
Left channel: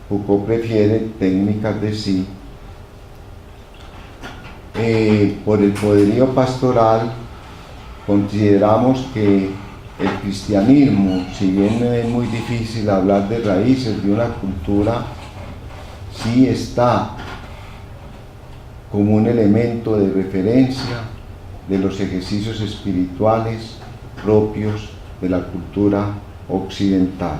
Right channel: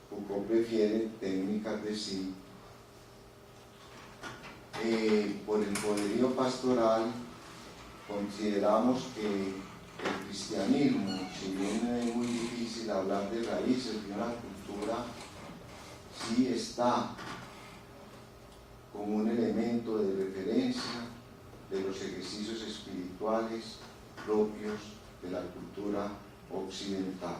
Foucault prefiere técnicas de sí. Por el poderío pastoral, consideramos que el cristianismo, si bien es muy difícil hablar de raíces de una cultura, sí está como un elemento de referencia de los ejercicios espirituales propios de la cultura occidental.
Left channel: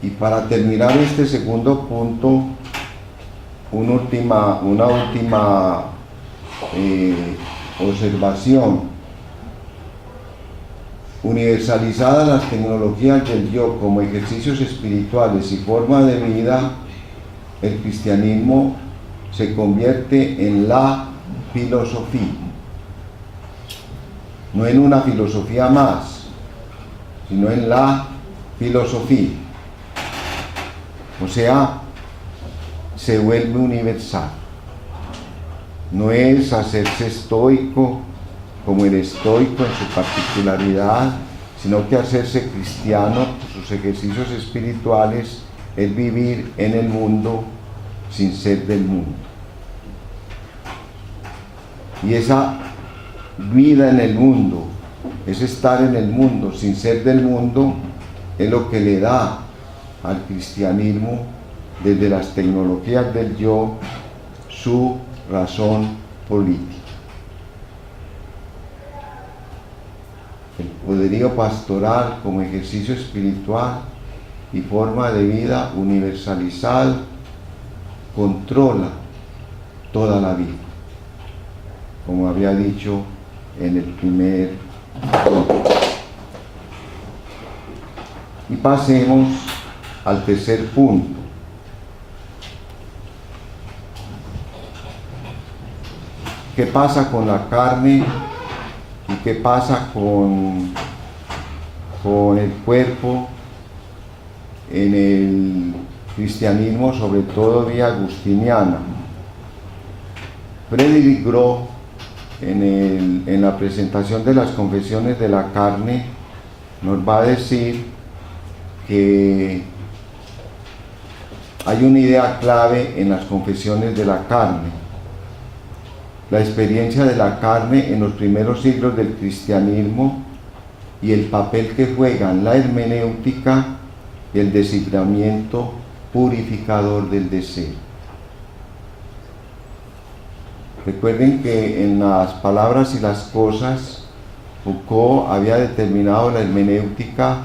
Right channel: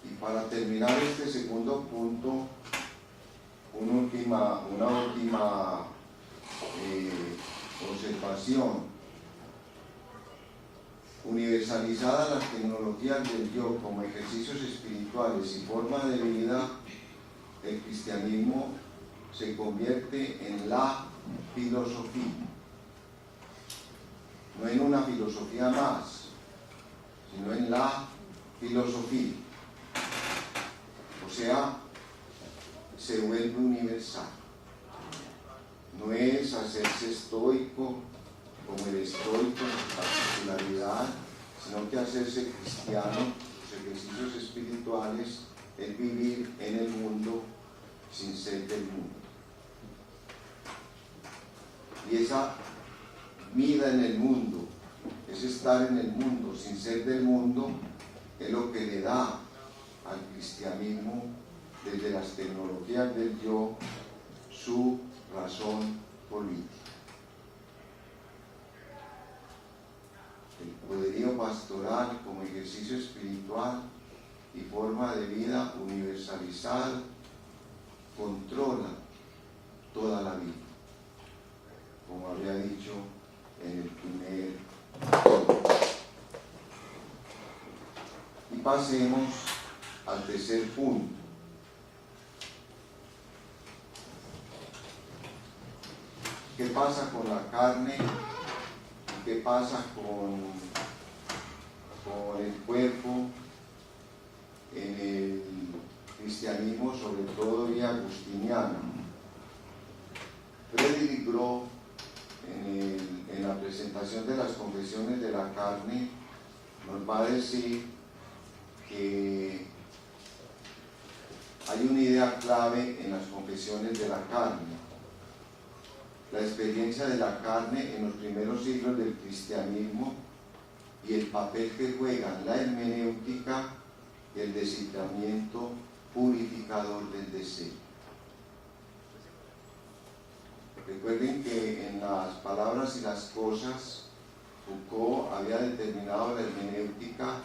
Y para terminar este segundo punto, una última observación. Universalizadas las tecnologías del yo como ejercicios espirituales y forma de vida, el cristianismo se convierte en la filosofía, no en una filosofía más, sino en la filosofía. O sea, se vuelve universal. No es hacerse estoico como el estoico en su particularidad, sino que hacerse cristiano, sus ejercicios espirituales, es vivir en el mundo sin ser del mundo. Y esa vida en el mundo, ese estar en el mundo sin ser del mundo, es lo que le da al cristianismo, desde las tecnologías del yo, su razón política. El poderío pastoral como ejercicio espiritual y forma de vida universalizado controla toda la vida, como había dicho en el primer punto. Y pasemos al tercer punto. ¿Qué pasa con la carne y qué pasa con el cuerpo en el cristianismo, sobre todo vía agustiniana? Frédéric Gros, en la presentación de las confesiones de la carne, nos va a decir que hay una idea clave en las confesiones de la carne: la experiencia de la carne en los primeros siglos del cristianismo y el papel que juegan la hermenéutica y el desciframiento purificador del deseo. Recuerden que en las palabras y las cosas, Foucault había determinado la hermenéutica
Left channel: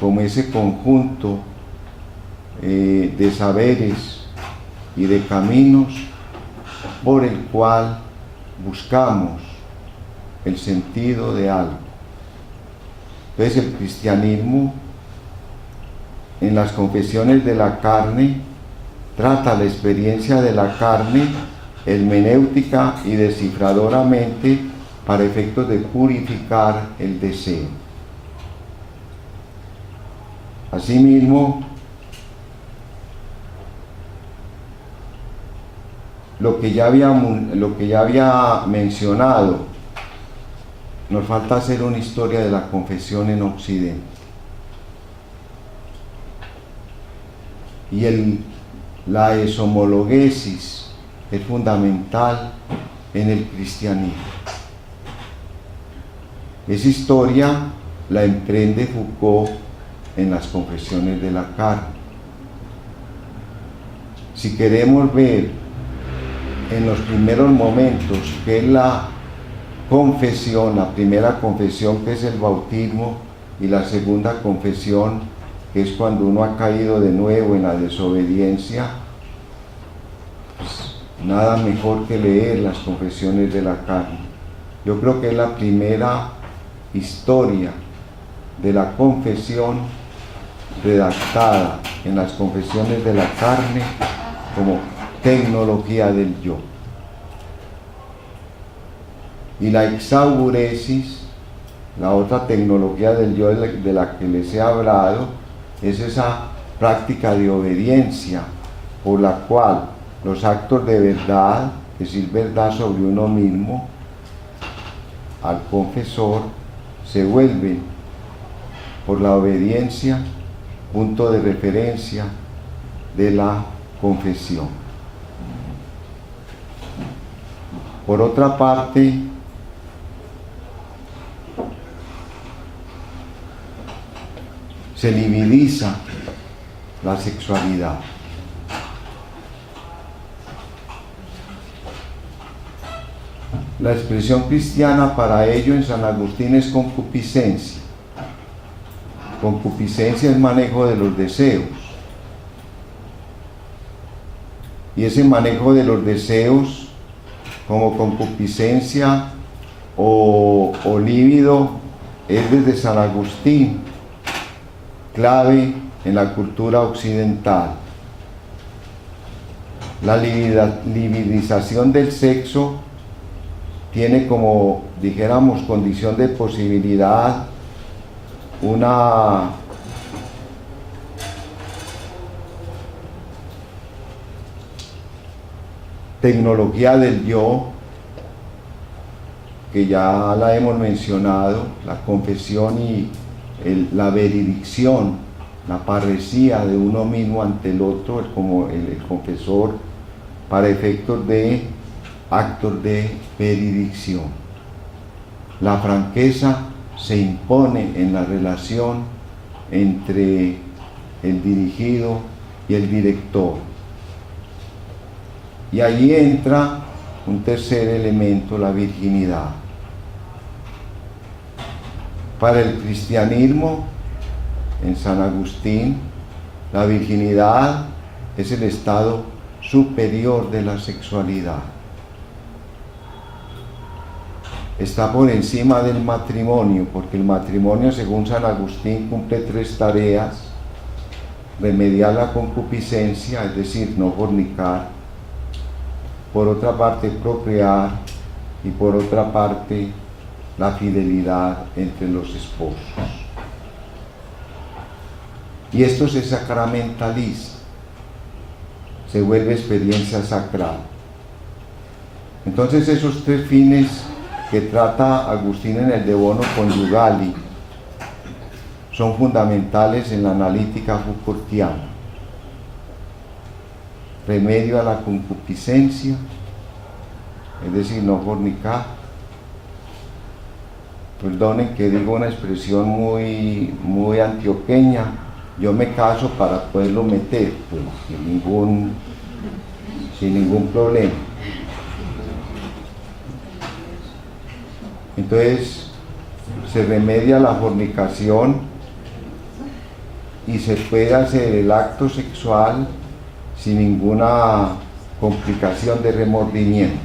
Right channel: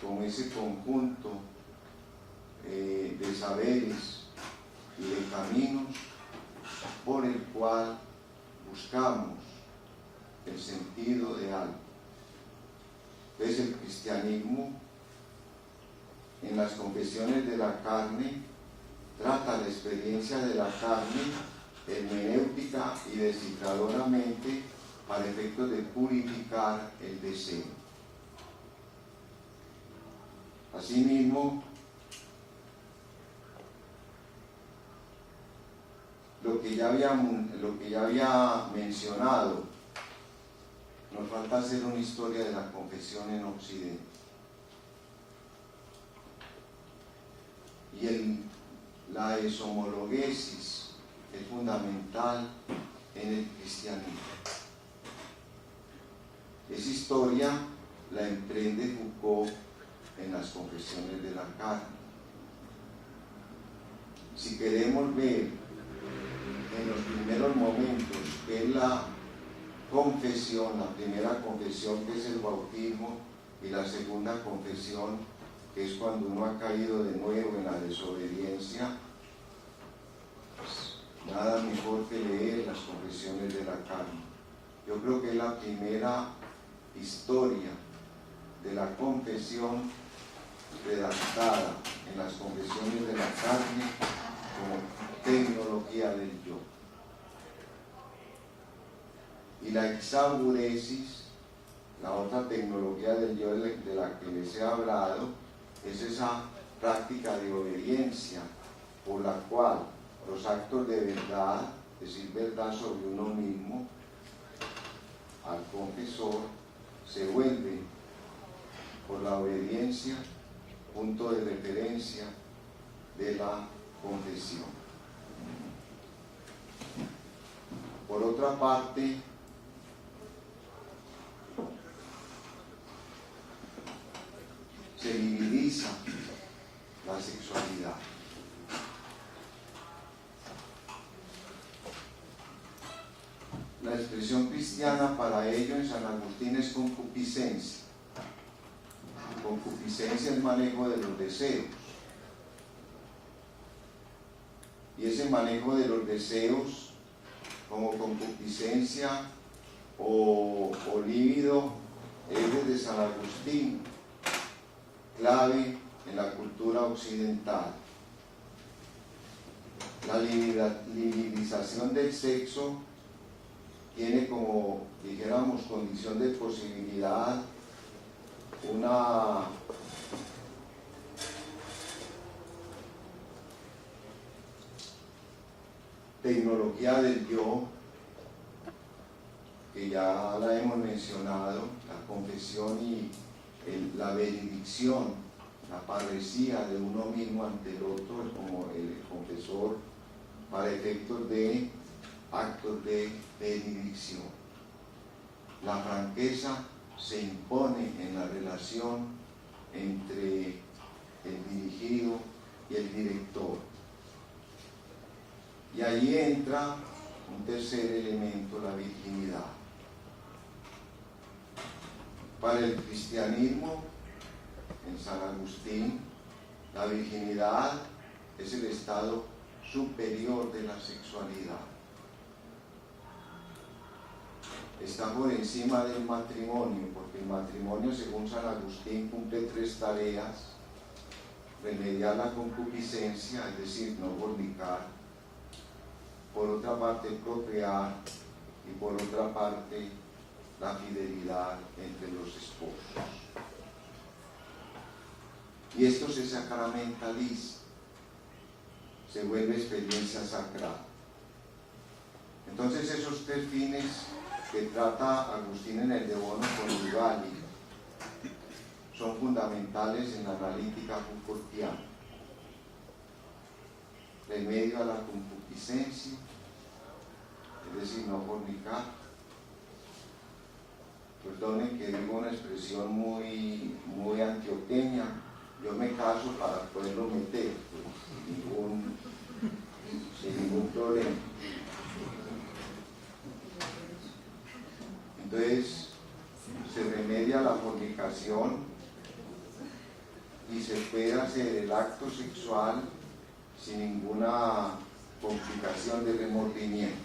como ese conjunto de saberes y de caminos por el cual buscamos el sentido de algo. Entonces el cristianismo, en las confesiones de la carne, trata la experiencia de la carne hermenéutica y descifradoramente para efectos de purificar el deseo. Asimismo, lo que ya había mencionado nos falta hacer una historia de la confesión en Occidente. Y la exhomologesis es fundamental en el cristianismo. Esa historia la emprende Foucault en las confesiones de la carne. Si queremos ver en los primeros momentos qué es la confesión, la primera confesión que es el bautismo y la segunda confesión que es cuando uno ha caído de nuevo en la desobediencia, pues nada mejor que leer las confesiones de la carne. Yo creo que es la primera historia de la confesión redactada en las confesiones de la carne como tecnología del yo. Y la exauguresis, la otra tecnología del yo de la que les he hablado, es esa práctica de obediencia por la cual los actos de verdad, que es verdad sobre uno mismo, al confesor, se vuelven por la obediencia punto de referencia de la confesión. Por otra parte, se libidiza la sexualidad. La expresión cristiana para ello en San Agustín es concupiscencia. Concupiscencia es manejo de los deseos. Y ese manejo de los deseos como concupiscencia o líbido es desde San Agustín clave en la cultura occidental. La libidización del sexo tiene como, dijéramos, condición de posibilidad una tecnología del yo, que ya la hemos mencionado, la confesión y la veredicción, la parresía de uno mismo ante el otro, como el confesor, para efectos de actos de veredicción. La franqueza se impone en la relación entre el dirigido y el director. Y allí entra un tercer elemento, la virginidad. Para el cristianismo, en San Agustín, la virginidad es el estado superior de la sexualidad. Está por encima del matrimonio, porque el matrimonio, según San Agustín, cumple 3 tareas: remediar la concupiscencia, es decir, no fornicar; por otra parte, procrear; y por otra parte, la fidelidad entre los esposos. Y esto se sacramentaliza, se vuelve experiencia sacral. Entonces, esos 3 fines que trata Agustín en el De Bono Conjugali son fundamentales en la analítica Foucaultiana. Remedio a la concupiscencia, es decir, no fornicar. Perdonen que digo una expresión muy antioqueña: yo me caso para poderlo meter, pues, sin ningún problema. Entonces, se remedia la fornicación y se puede hacer el acto sexual sin ninguna complicación de remordimiento.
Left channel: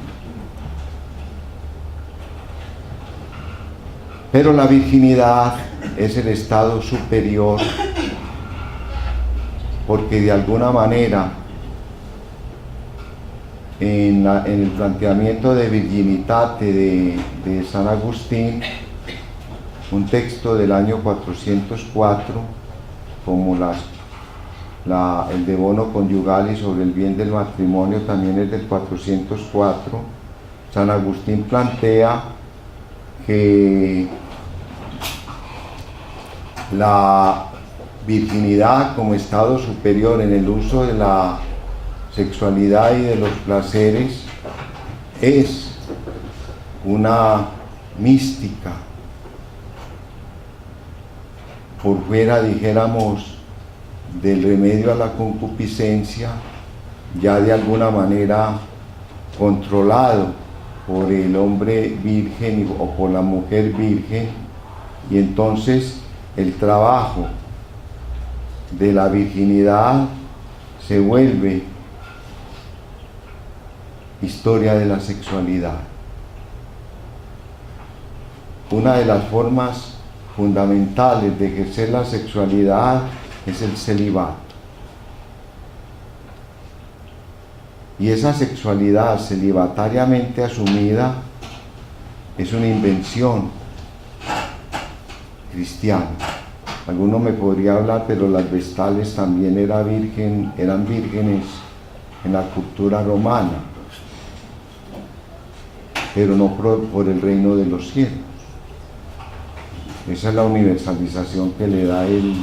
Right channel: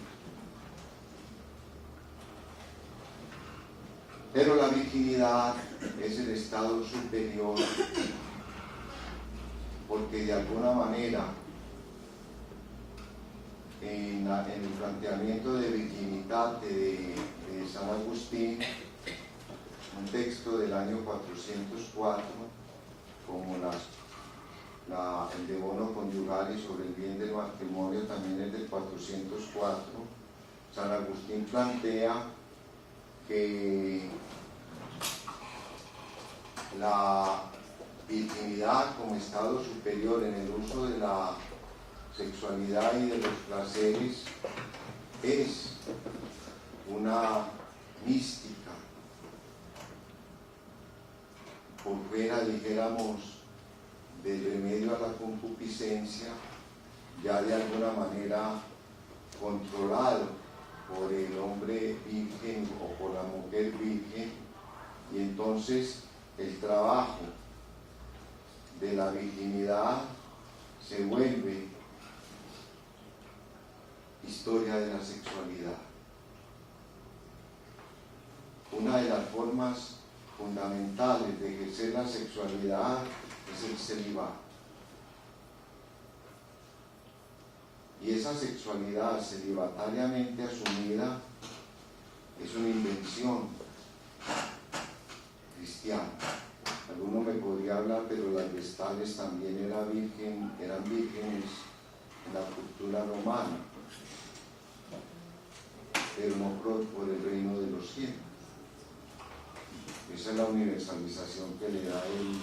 Pero la virginidad es el estado superior, porque de alguna manera en el planteamiento de Virginitate de San Agustín, un texto del año 404, como el De Bono Conjugali sobre el bien del matrimonio también es del 404, San Agustín plantea que la virginidad como estado superior en el uso de la sexualidad y de los placeres es una mística por fuera, dijéramos, del remedio a la concupiscencia, ya de alguna manera controlado por el hombre virgen o por la mujer virgen, y entonces el trabajo de la virginidad se vuelve historia de la sexualidad. Una de las formas fundamentales de ejercer la sexualidad es el celibato. Y esa sexualidad celibatariamente asumida es una invención cristiana. Alguno me podría hablar, pero las vestales también eran vírgenes en la cultura romana, pero no por el reino de los cielos. Esa es la universalización que le da el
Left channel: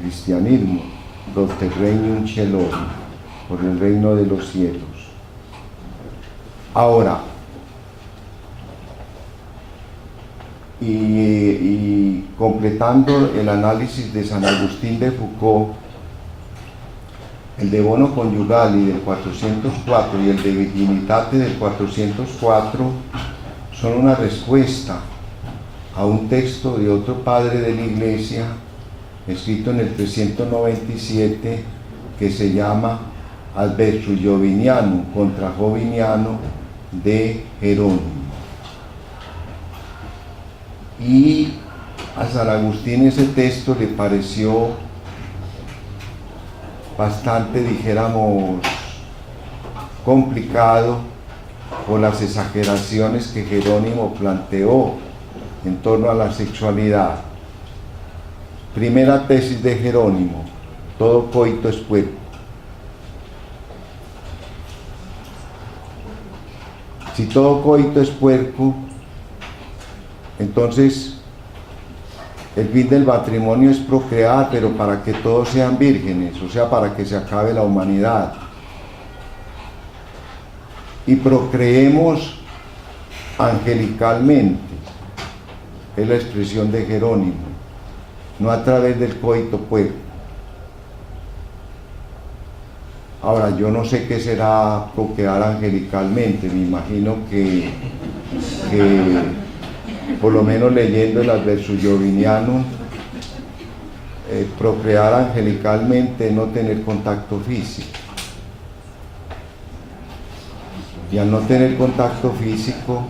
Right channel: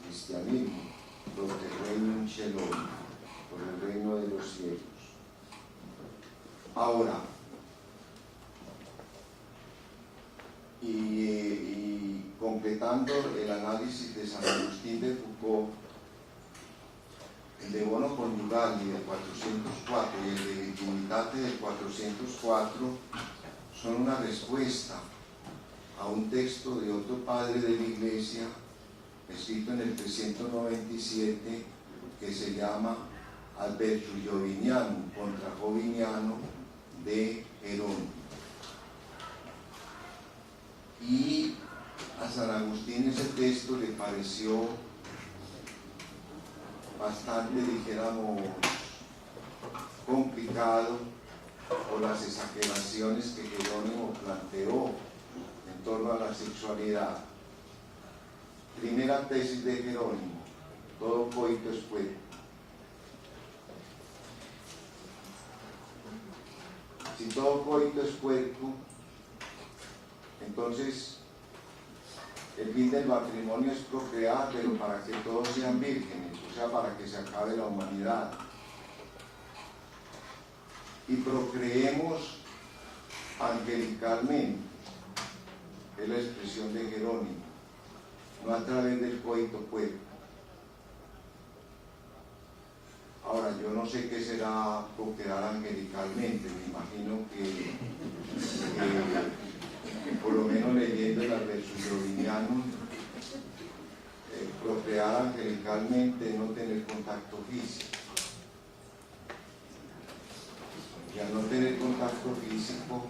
cristianismo, proter regnum caelum, por el reino de los cielos. Ahora, y completando el análisis de San Agustín de Foucault, el de bono conyugal y del 404 y el de virginitate del 404 son una respuesta a un texto de otro padre de la Iglesia escrito en el 397 que se llama Adversus Jovinianum, contra Joviniano, de Jerónimo. Y a San Agustín ese texto le pareció bastante, dijéramos, complicado por las exageraciones que Jerónimo planteó en torno a la sexualidad. Primera tesis de Jerónimo: todo coito es puerco. Si todo coito es puerco, entonces el fin del matrimonio es procrear, pero para que todos sean vírgenes, o sea, para que se acabe la humanidad. Y procreemos angelicalmente, es la expresión de Jerónimo, no a través del coito puerco. Ahora, yo no sé qué será procrear angelicalmente, me imagino que por lo menos leyendo el Adversus Jovinianum, procrear angelicalmente, no tener contacto físico. Y al no tener contacto físico,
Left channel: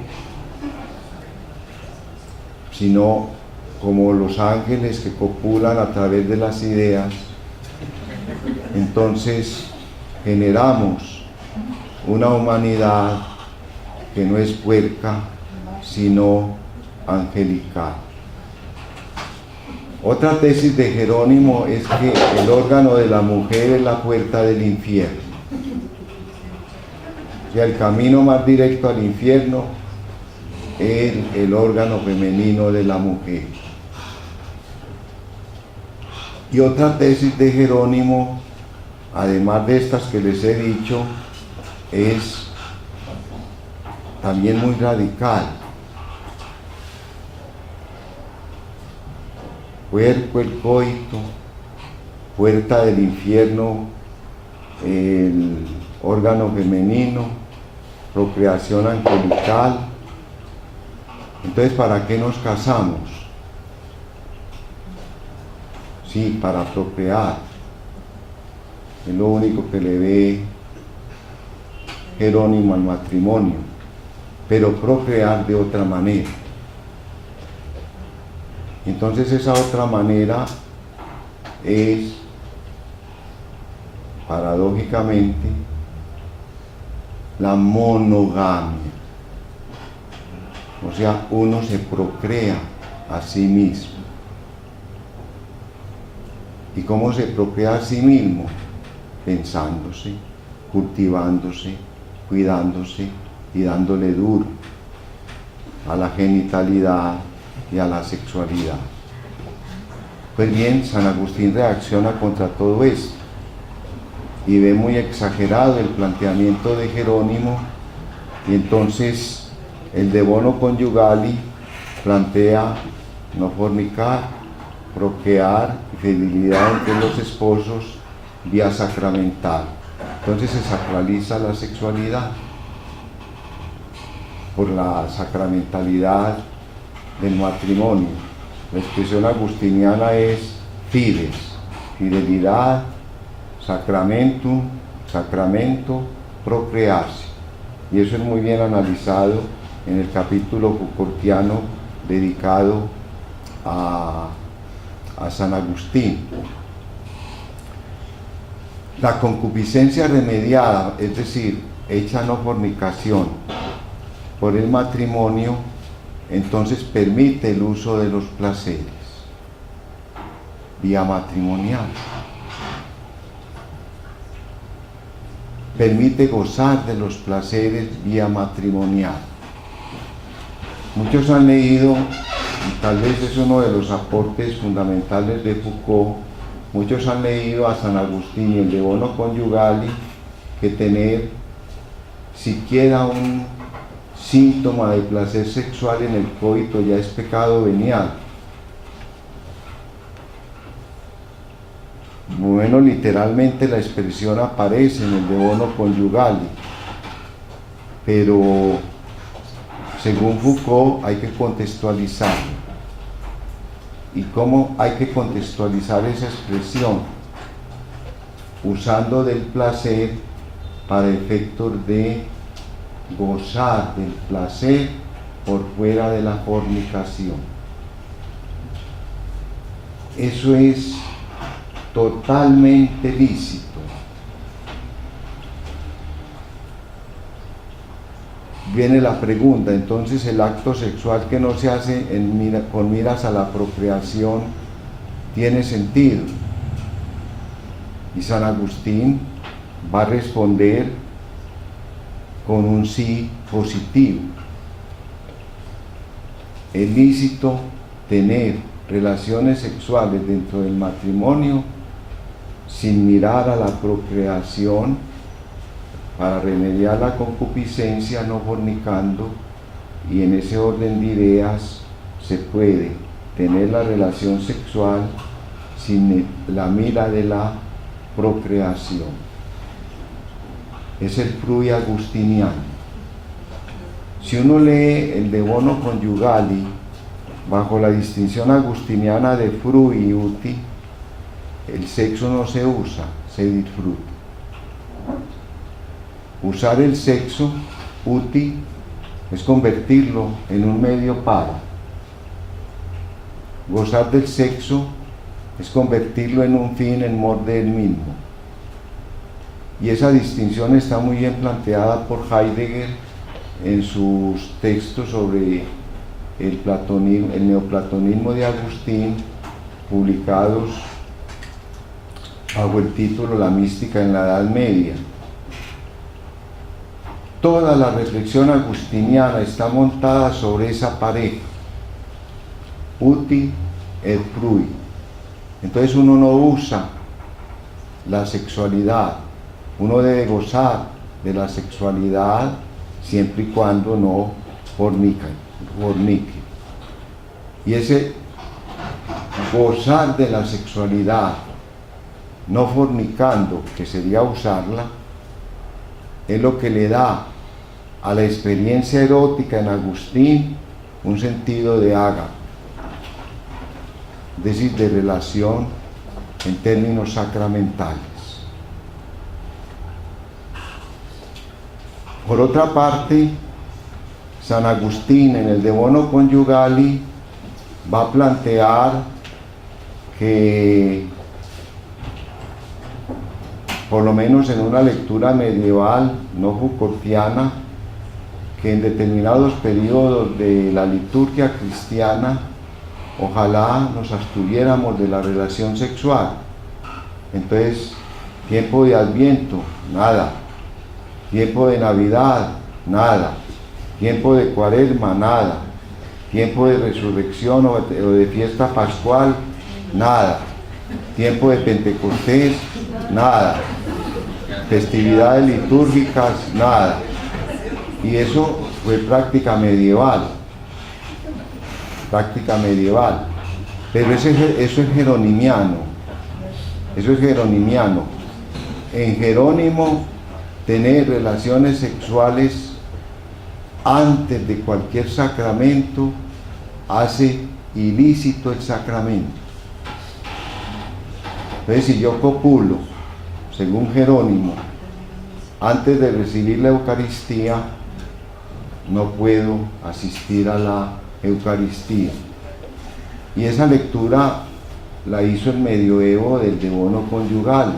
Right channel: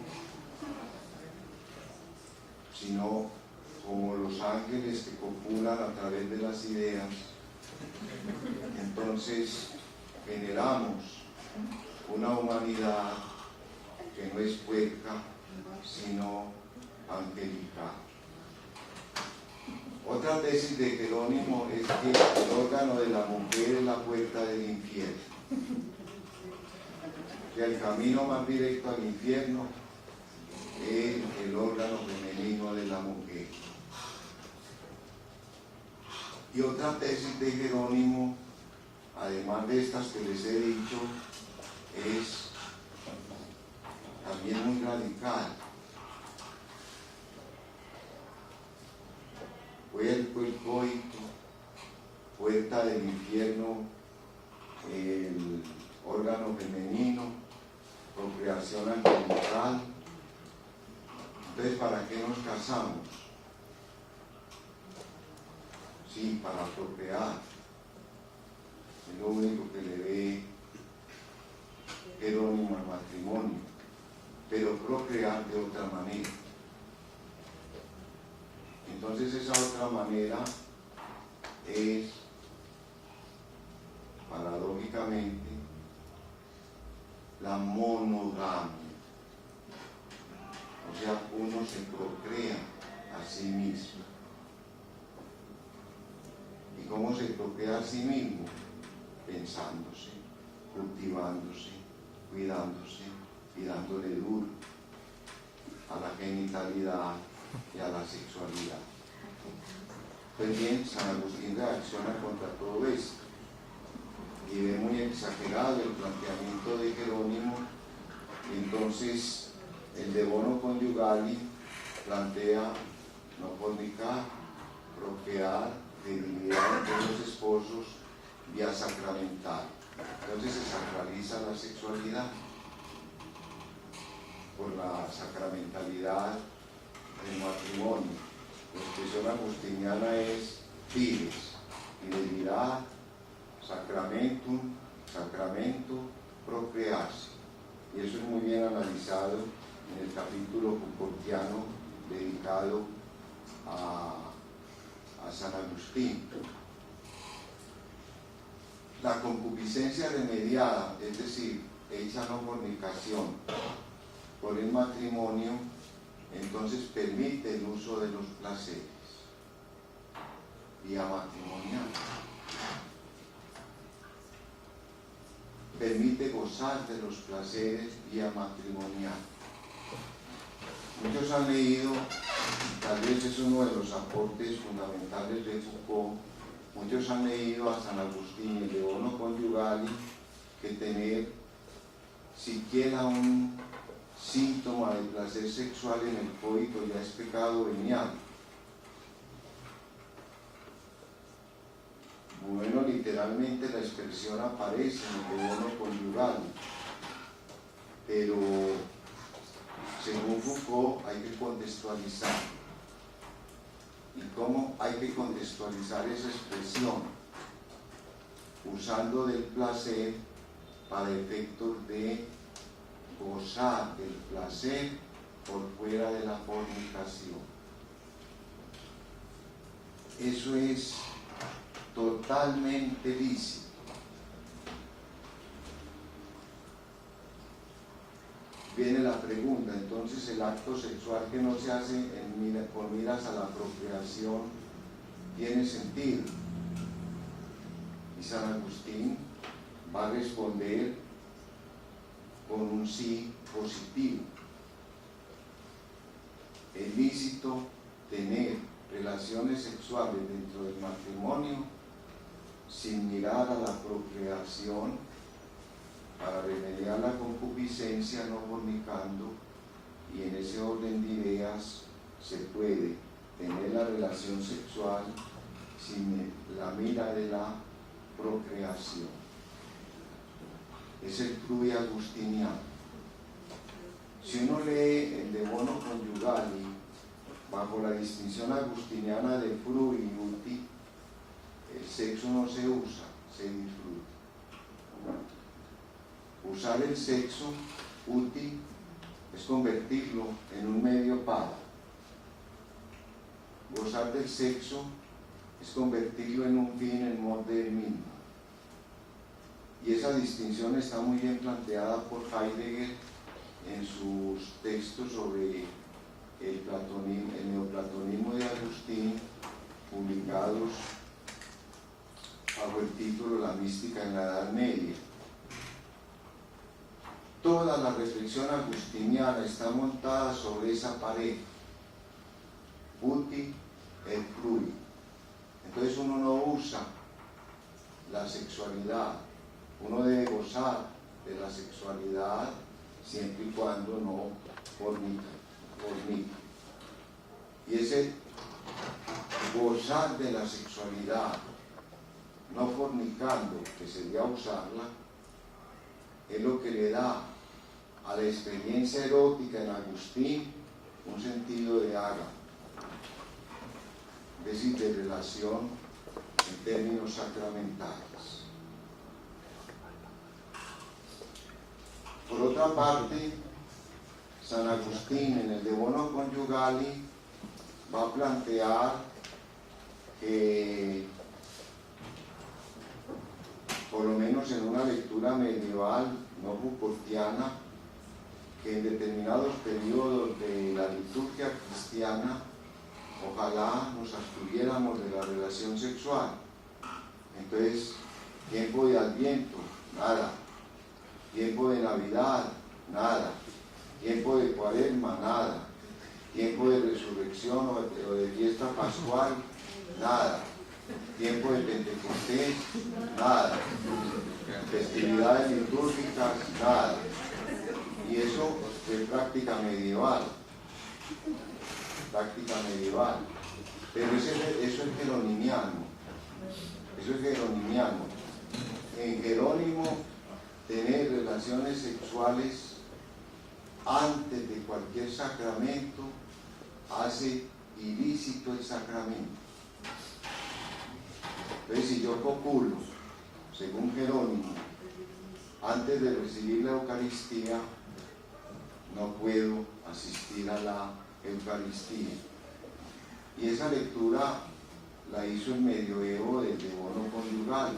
sino como los ángeles que copulan a través de las ideas, entonces generamos una humanidad que no es puerca, sino angelical. Otra tesis de Jerónimo es que el órgano de la mujer es la puerta del infierno. O sea, el camino más directo al infierno es el órgano femenino de la mujer. Y otra tesis de Jerónimo, además de estas que les he dicho, es también muy radical. Puerco el coito, puerta del infierno el órgano femenino, procreación angelical. Entonces, ¿para qué nos casamos? Sí, para procrear. Es lo único que le ve Jerónimo al matrimonio, pero procrear de otra manera. Entonces esa otra manera es, paradójicamente, la monogamia. O sea, uno se procrea a sí mismo. ¿Y cómo se procrea a sí mismo? Pensándose, cultivándose, cuidándose y dándole duro a la genitalidad y a la sexualidad. Pues bien, San Agustín reacciona contra todo esto y ve muy exagerado el planteamiento de Jerónimo, y entonces el de bono conjugali plantea no fornicar, procrear y fidelidad entre los esposos vía sacramental. Entonces se sacraliza la sexualidad por la sacramentalidad del matrimonio. La expresión agustiniana es fides, fidelidad, sacramentum, sacramento, procrearse. Y eso es muy bien analizado en el capítulo Foucaultiano dedicado a San Agustín. La concupiscencia remediada, es decir, hecha no fornicación por el matrimonio, entonces permite el uso de los placeres vía matrimonial. Permite gozar de los placeres vía matrimonial. Muchos han leído, y tal vez es uno de los aportes fundamentales de Foucault, muchos han leído a San Agustín y el de bono conjugali, que tener siquiera un síntoma de placer sexual en el coito ya es pecado venial. Bueno, literalmente la expresión aparece en el de bono conjugali, pero según Foucault hay que contextualizarlo. ¿Y cómo hay que contextualizar esa expresión? Usando del placer para efectos de gozar del placer por fuera de la fornicación. Eso es totalmente lícito. Viene la pregunta, entonces el acto sexual que no se hace con miras a la procreación tiene sentido. Y San Agustín va a responder con un sí positivo. Es lícito tener relaciones sexuales dentro del matrimonio sin mirar a la procreación, para remediar la concupiscencia no fornicando, y en ese orden de ideas se puede tener la relación sexual sin la mira de la procreación. Es el frui agustiniano. Si uno lee el de bono conjugali bajo la distinción agustiniana de frui y uti, el sexo no se usa, se disfruta. Usar el sexo, uti, es convertirlo en un medio para. Gozar del sexo es convertirlo en un fin en mor de él mismo. Y esa distinción está muy bien planteada por Heidegger en sus textos sobre el neoplatonismo de Agustín, publicados bajo el título La mística en la Edad Media. Toda la reflexión agustiniana está montada sobre esa pareja, uti et frui. Entonces uno no usa la sexualidad, uno debe gozar de la sexualidad siempre y cuando no fornique. Y ese gozar de la sexualidad no fornicando, que sería usarla, es lo que le da a la experiencia erótica en Agustín un sentido de ágape, es decir, de relación en términos sacramentales. Por otra parte, San Agustín en el de bono conjugali va a plantear que, por lo menos en una lectura medieval no Foucaultiana, que en determinados periodos de la liturgia cristiana ojalá nos abstuviéramos de la relación sexual. Entonces, tiempo de Adviento, nada. Tiempo de Navidad, nada. Tiempo de Cuaresma, nada. Tiempo de resurrección o de fiesta pascual, nada. Tiempo de Pentecostés, nada. Festividades litúrgicas, nada. Y eso fue práctica medieval. Práctica medieval. Pero eso es jeronimiano. Eso es jeronimiano. En Jerónimo, tener relaciones sexuales antes de cualquier sacramento hace ilícito el sacramento. Entonces, si yo copulo, según Jerónimo, antes de recibir la Eucaristía, no puedo asistir a la Eucaristía. Y esa lectura la hizo el medioevo del devono conyugal.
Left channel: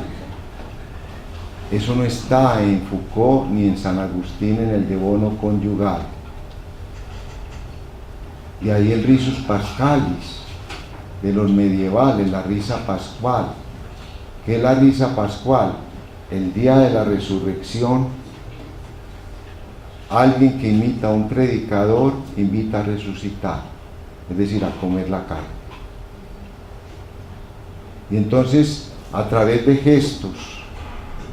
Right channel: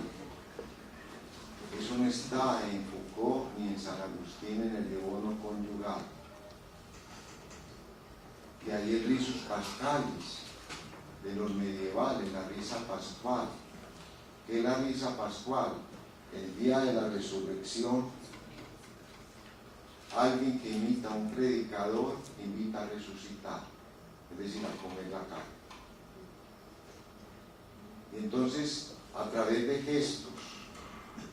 Eso no está en Foucault ni en San Agustín en el devono conyugal. Y ahí el risus pascalis de los medievales, la risa pascual. ¿Qué es la risa pascual? El día de la resurrección, alguien que imita a un predicador invita a resucitar, es decir, a comer la carne. Y entonces, a través de gestos,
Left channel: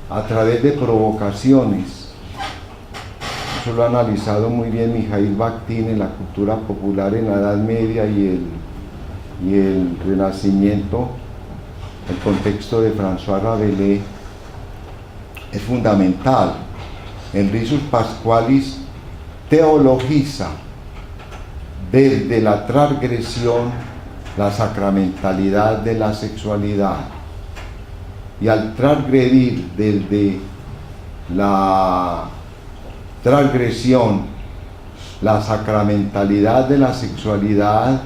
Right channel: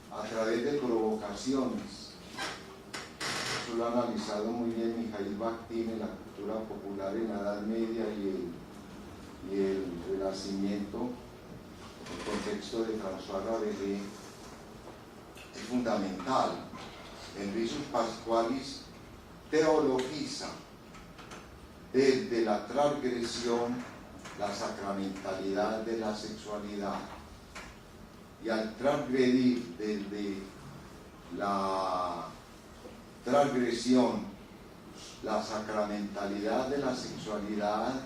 a través de provocaciones, eso lo ha analizado muy bien Mijail Bakhtin en la cultura popular en la Edad Media y el Renacimiento, el contexto de François Rabelais, es fundamental. El risus pasqualis teologiza desde la transgresión la sacramentalidad de la sexualidad. Y al transgredir desde la transgresión la sacramentalidad de la sexualidad,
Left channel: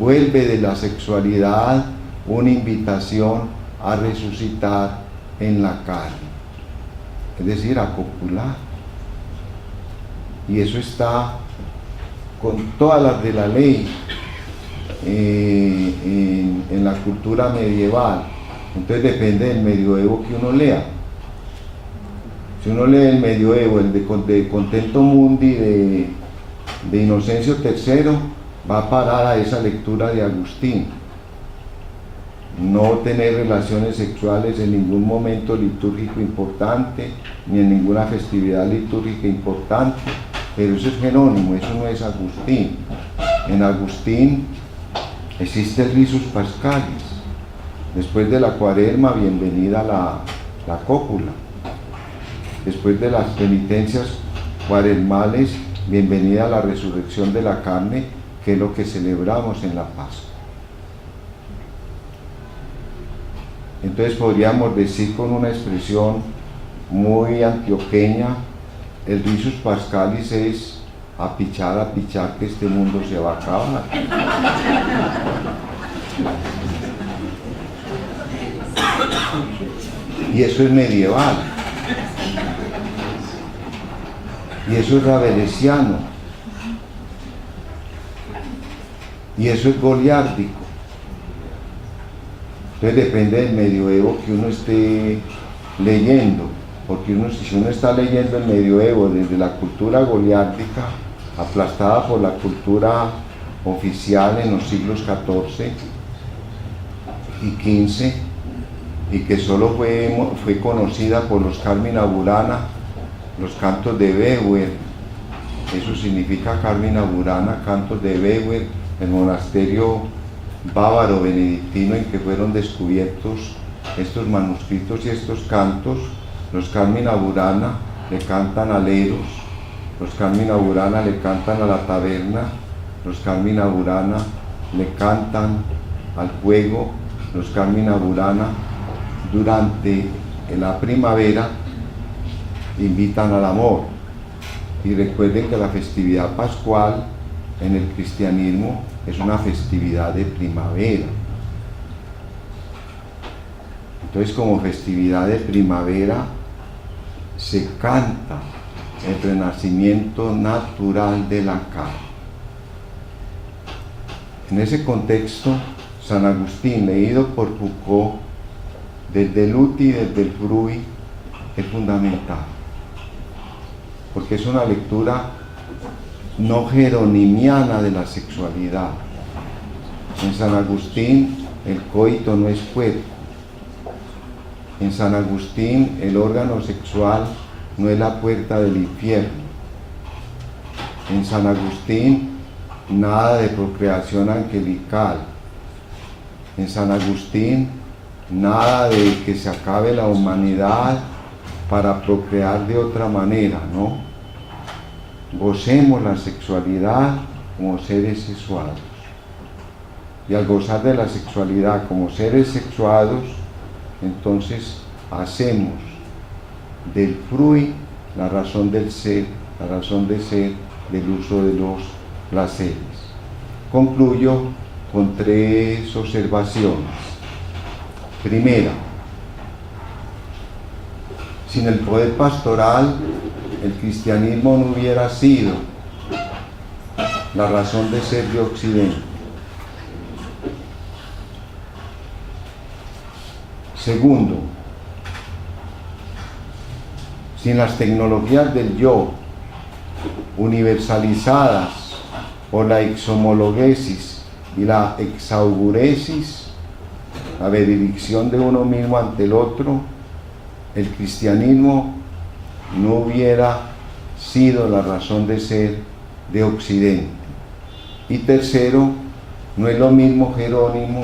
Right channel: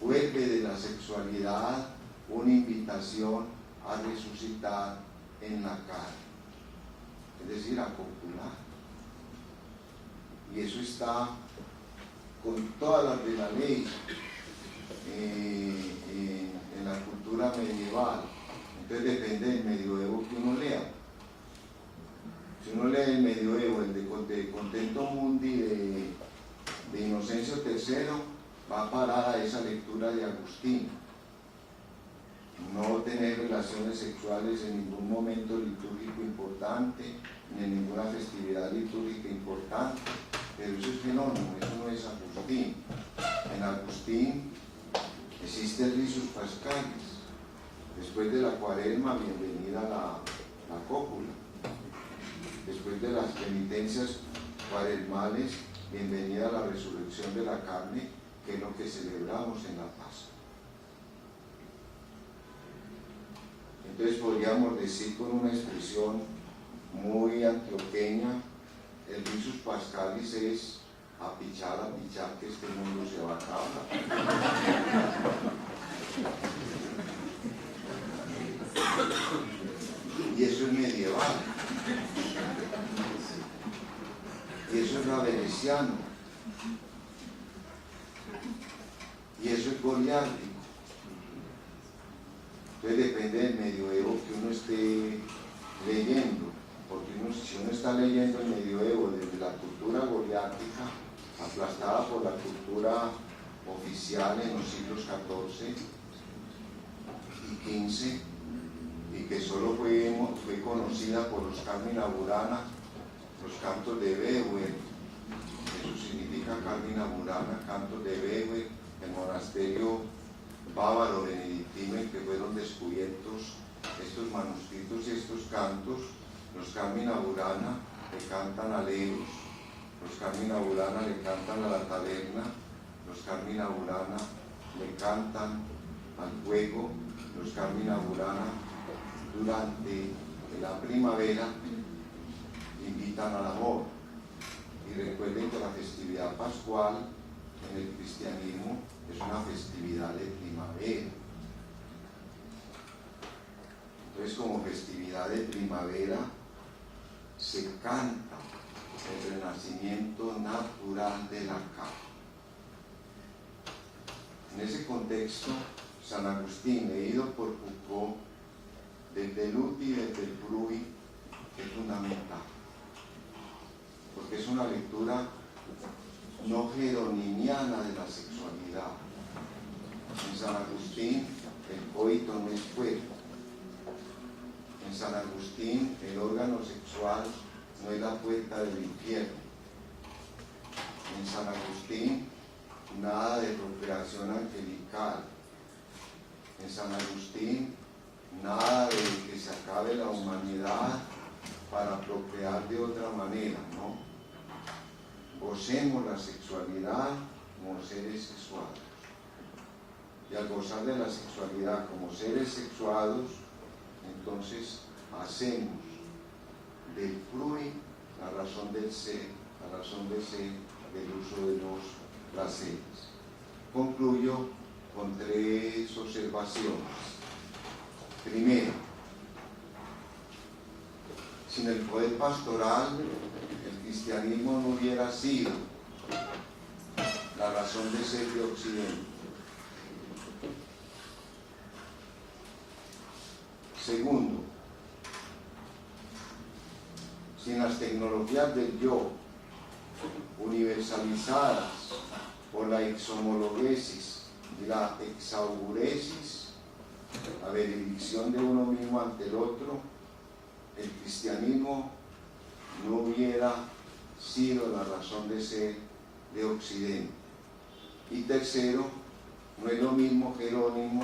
vuelve de la sexualidad una invitación a resucitar en la carne, es decir, a copular. Y eso está con todas las de la ley en la cultura medieval. Entonces depende del medioevo que uno lea. Si uno lee el medioevo, el de Contento Mundi de Inocencio III, va a parar a esa lectura de Agustín. No tener relaciones sexuales en ningún momento litúrgico importante, ni en ninguna festividad litúrgica importante, pero eso es Jerónimo, eso no es Agustín. En Agustín existe el risus pascalis. Después de la Cuaresma, bienvenida la cópula. Después de las penitencias cuaresmales, bienvenida a la resurrección de la carne, que es lo que celebramos en la Pascua. Entonces podríamos decir con una expresión muy antioqueña, el risus pascalis es a pichar que este mundo se va a acabar. Y eso es medieval. Y eso es rabelesiano. Y eso es goliárdico. Entonces depende del medioevo que uno esté leyendo, porque si uno está leyendo el medioevo desde la cultura goliárdica, aplastada por la cultura oficial en los siglos XIV y XV, y que solo fue conocida por los Carmina Burana, los cantos de Beuer, eso significa Carmina Burana, cantos de Beuer, el monasterio bávaro benedictino en que fueron descubiertos estos manuscritos y estos cantos. Los Carmina Burana le cantan a Leros, los Carmina Burana le cantan a la taberna, los Carmina Burana le cantan al fuego, los Carmina Burana durante la primavera invitan al amor. Y recuerden que la festividad pascual en el cristianismo es una festividad de primavera. Entonces, como festividad de primavera se canta el renacimiento natural de la carne. En ese contexto, San Agustín, leído por Foucault, desde el Uti y desde el Frui, es fundamental, porque es una lectura no jeronimiana de la sexualidad. En San Agustín el coito no es cuerpo. En San Agustín el órgano sexual no es la puerta del infierno. En San Agustín nada de procreación angelical. En San Agustín nada de que se acabe la humanidad para procrear de otra manera, ¿no? Gocemos la sexualidad como seres sexuados. Y al gozar de la sexualidad como seres sexuados, entonces hacemos del fruit la razón del ser, la razón de ser del uso de los placeres. Concluyo con 3 observaciones. Primera, sin el poder pastoral, el cristianismo no hubiera sido la razón de ser de Occidente. Segundo, sin las tecnologías del yo, universalizadas por la exhomologesis y la exauguresis, la benedicción de uno mismo ante el otro, el cristianismo no hubiera sido la razón de ser de Occidente. Y tercero, no es lo mismo Jerónimo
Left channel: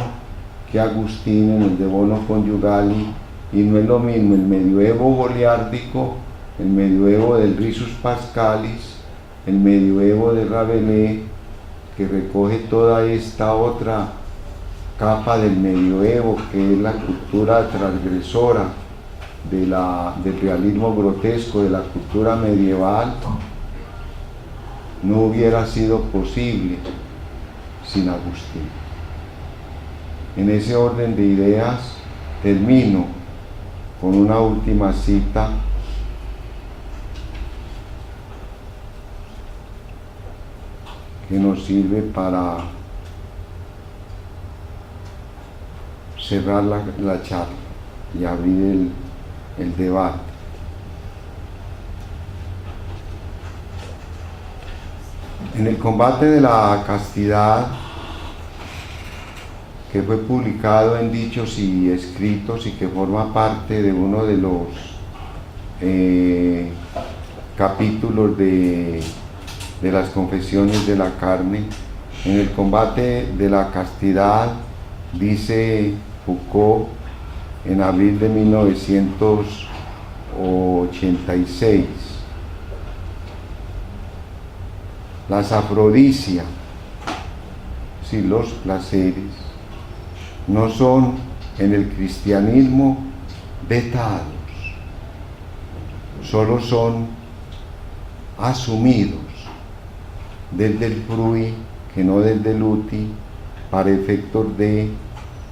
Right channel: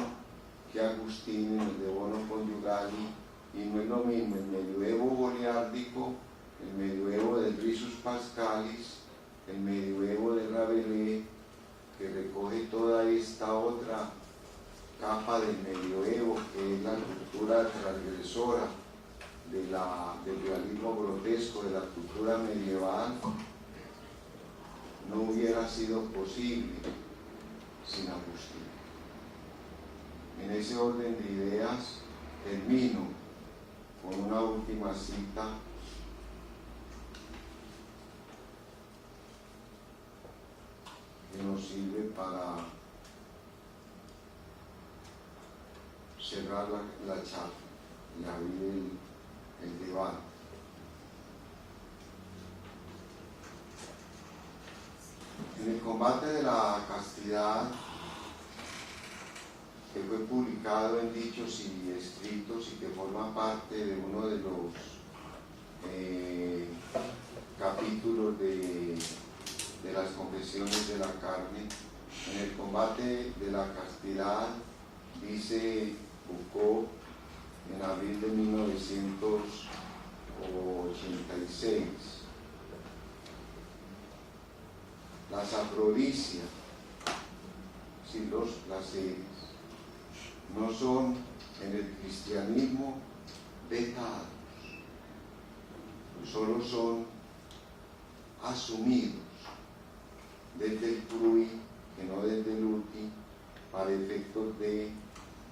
que Agustín en el De Bono Conyugali, y no es lo mismo el medioevo goliárdico, el medioevo del Risus Pascalis, el medioevo de Rabelais, que recoge toda esta otra capa del medioevo, que es la cultura transgresora del realismo grotesco, de la cultura medieval. No hubiera sido posible sin Agustín. En ese orden de ideas termino con una última cita que nos sirve para cerrar la charla y abrir el debate. En el combate de la castidad, que fue publicado en Dichos y Escritos y que forma parte de uno de los capítulos de las Confesiones de la Carne, en el combate de la castidad, dice Foucault en abril de 1986, las afrodisias, si los placeres, no son en el cristianismo vetados, solo son asumidos desde el fruit, que no desde el uti, para efectos de,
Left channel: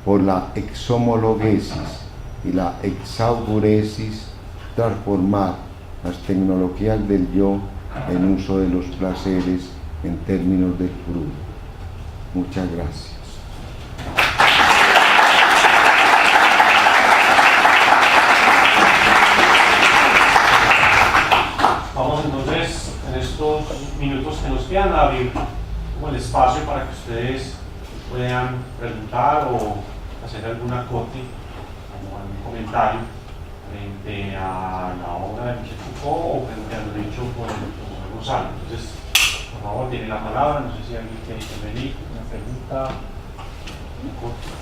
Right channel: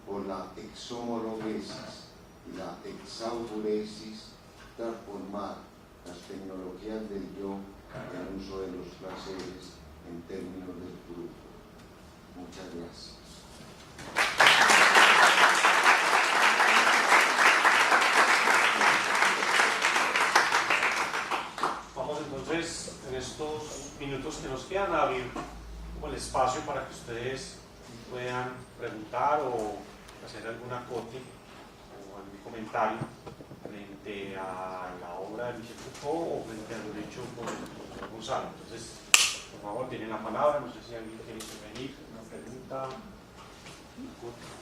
por la exhomologesis y la exauguresis, transformar las tecnologías del yo en uso de los placeres en términos del fruit. Muchas gracias. Vamos entonces, en estos minutos que nos quedan, a abrir como el espacio para que ustedes puedan preguntar o hacer algún acote o algún comentario frente a la obra de Michel Foucault o frente a lo dicho por el profesor Gonzalo. Entonces, por favor, tienen la palabra. No sé si alguien quiere intervenir, una pregunta, un acote.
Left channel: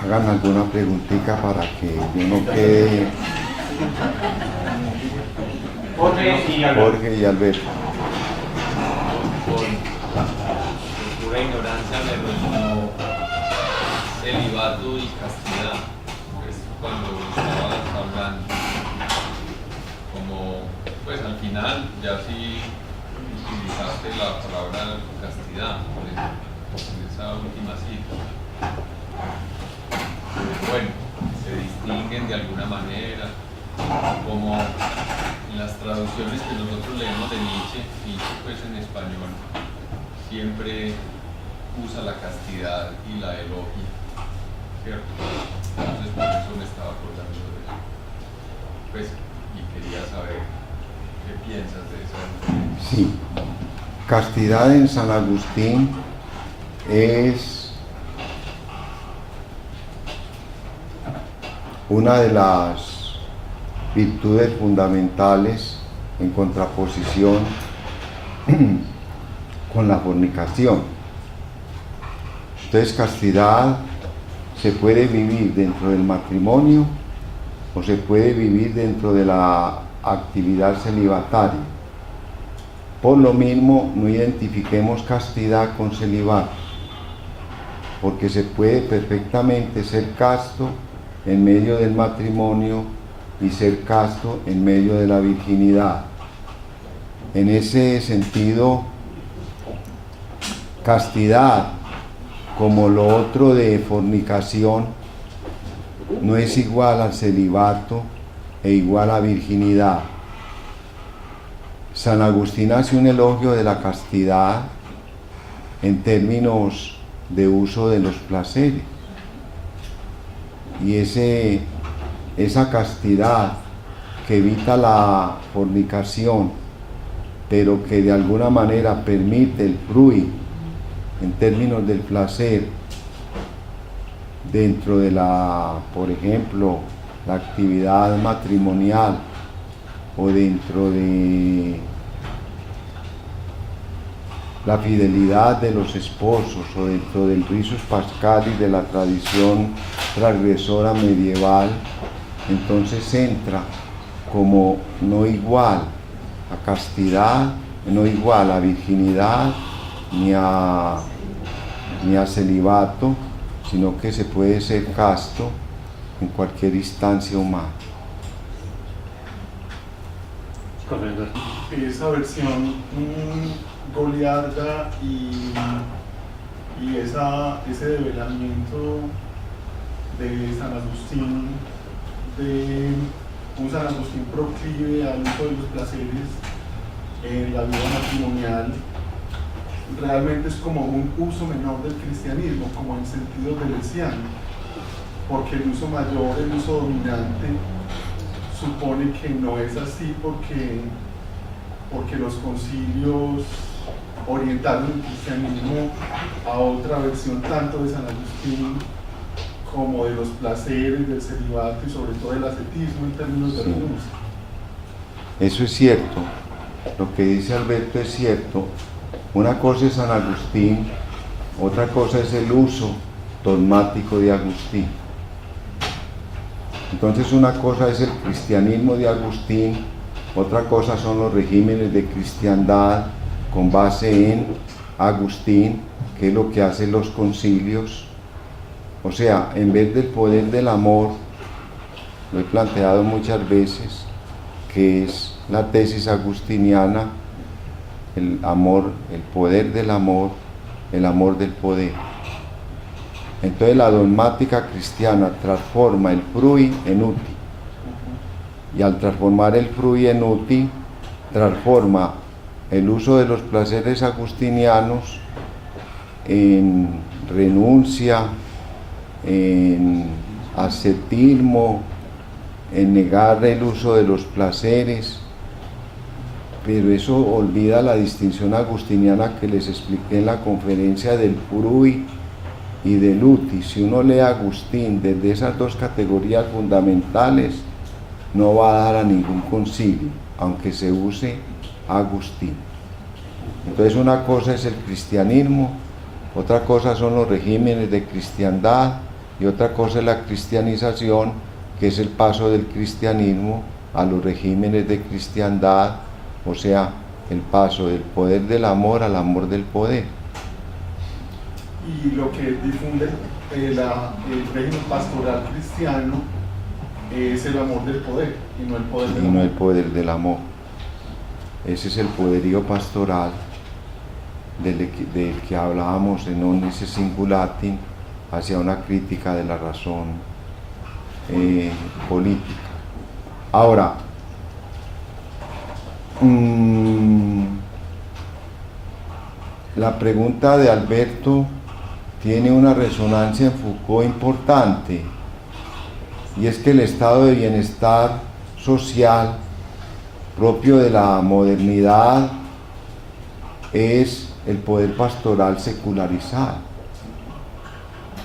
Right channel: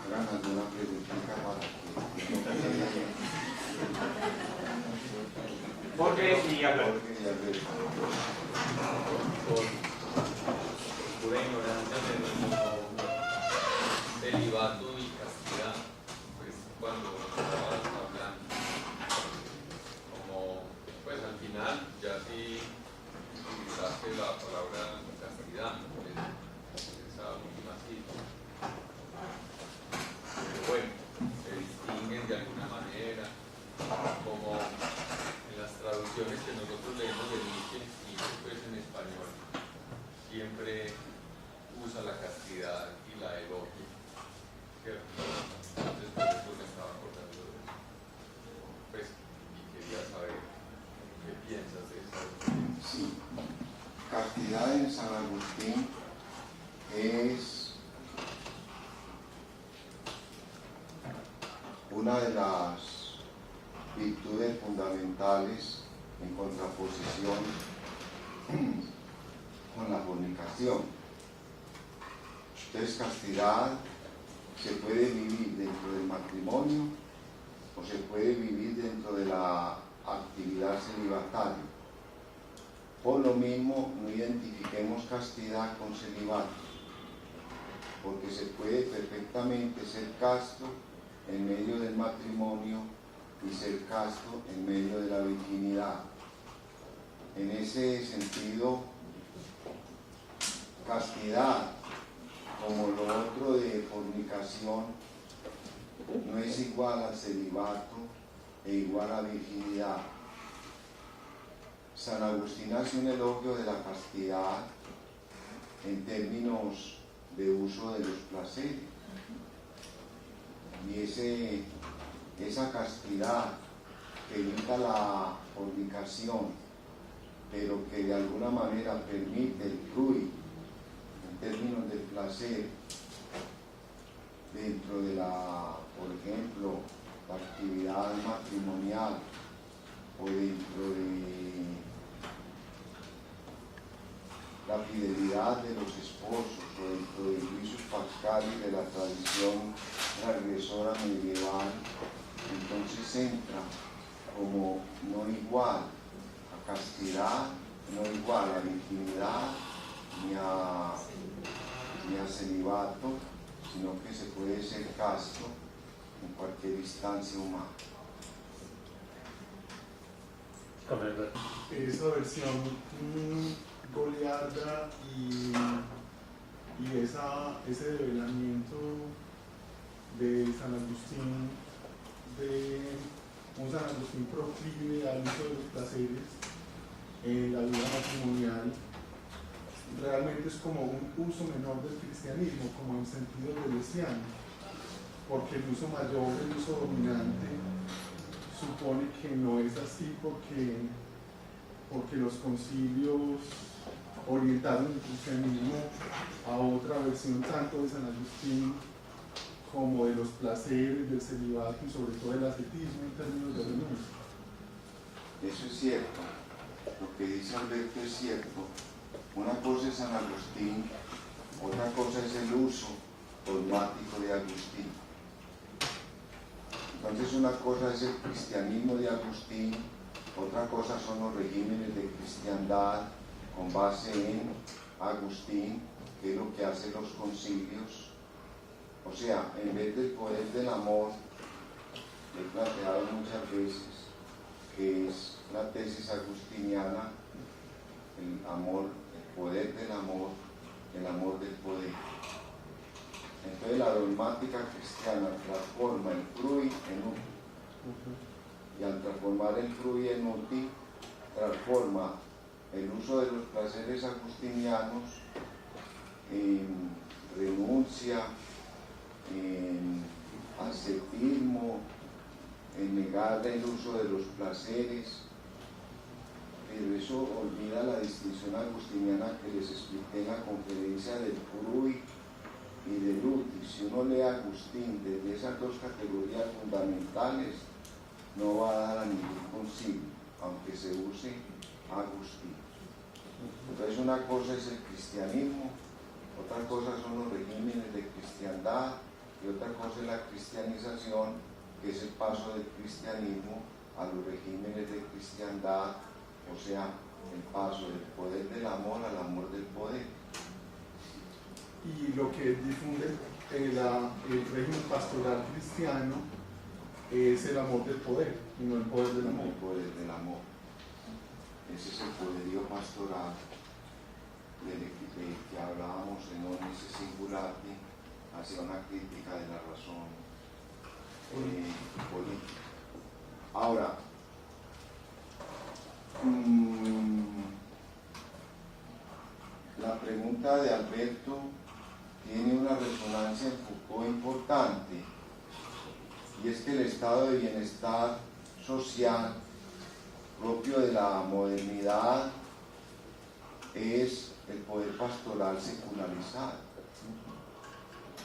Hagan alguna preguntita para que yo no quede. Jorge y Alberto. Por pura ignorancia me resonó celibato y castidad, pues cuando estabas hablando, como pues al final ya sí utilizaste la palabra castidad en esa última cita. Bueno, se distinguen de alguna manera, como en las traducciones que nosotros leemos de Nietzsche pues en español siempre usa la castidad y la elogia, ¿cierto? Entonces por eso me estaba acordando de eso, pues, y quería saber ¿Qué piensas de eso? Sí, castidad en San Agustín es una de las virtudes fundamentales en contraposición con la fornicación. Entonces, castidad se puede vivir dentro del matrimonio o se puede vivir dentro de la actividad celibataria. Por lo mismo, no identifiquemos castidad con celibato, porque se puede perfectamente ser casto en medio del matrimonio y ser casto en medio de la virginidad. En ese sentido, castidad, como lo otro de fornicación, no es igual al celibato e igual a virginidad. San Agustín hace un elogio de la castidad en términos de uso de los placeres. Y esa castidad que evita la fornicación, pero que de alguna manera permite el fruir en términos del placer dentro de por ejemplo, la actividad matrimonial o dentro de la fidelidad de los esposos o dentro del risus pascalis de la tradición transgresora medieval, entonces entra como no igual a castidad, no igual a virginidad ni a celibato, sino que se puede ser casto en cualquier instancia humana. Esa versión goliarda y ese develamiento de San Agustín, de un San Agustín proclive al uso de los placeres en la vida matrimonial, realmente es como un uso menor del cristianismo, como en sentido teresiano, porque el uso mayor, el uso dominante, supone que no es así porque los concilios orientaron el cristianismo a otra versión tanto de San Agustín como de los placeres, del celibato y sobre todo del ascetismo en términos de renuncia. Eso es cierto, lo que dice Alberto es cierto. Una cosa es San Agustín, otra cosa es el uso dogmático de Agustín. Entonces una cosa es el cristianismo de Agustín, otra cosa son los regímenes de cristiandad con base en Agustín, que es lo que hacen los concilios. O sea, en vez del poder del amor, lo he planteado muchas veces, que es la tesis agustiniana, el amor, el poder del amor, el amor del poder. Entonces la dogmática cristiana transforma el frui en uti, y al transformar el frui en uti, transforma el uso de los placeres agustinianos en renuncia, en ascetismo, en negar el uso de los placeres. Pero eso olvida la distinción agustiniana que les expliqué en la conferencia del frui y del uti. Si uno lee a Agustín desde esas dos categorías fundamentales, no va a dar a ningún concilio, aunque se use Agustín. Entonces una cosa es el cristianismo, otra cosa son los regímenes de cristiandad y otra cosa es la cristianización, que es el paso del cristianismo a los regímenes de cristiandad, o sea, el paso del poder del amor al amor del poder. Y lo que difunde el régimen pastoral cristiano es el amor del poder y no el poder del amor. Y no el poder del amor. Ese es el poderío pastoral del que hablábamos en Omnis Singulatim, hacia una crítica de la razón política. Ahora, la pregunta de Alberto tiene una resonancia en Foucault importante, y es que el estado de bienestar social propio de la modernidad es el poder pastoral secularizado.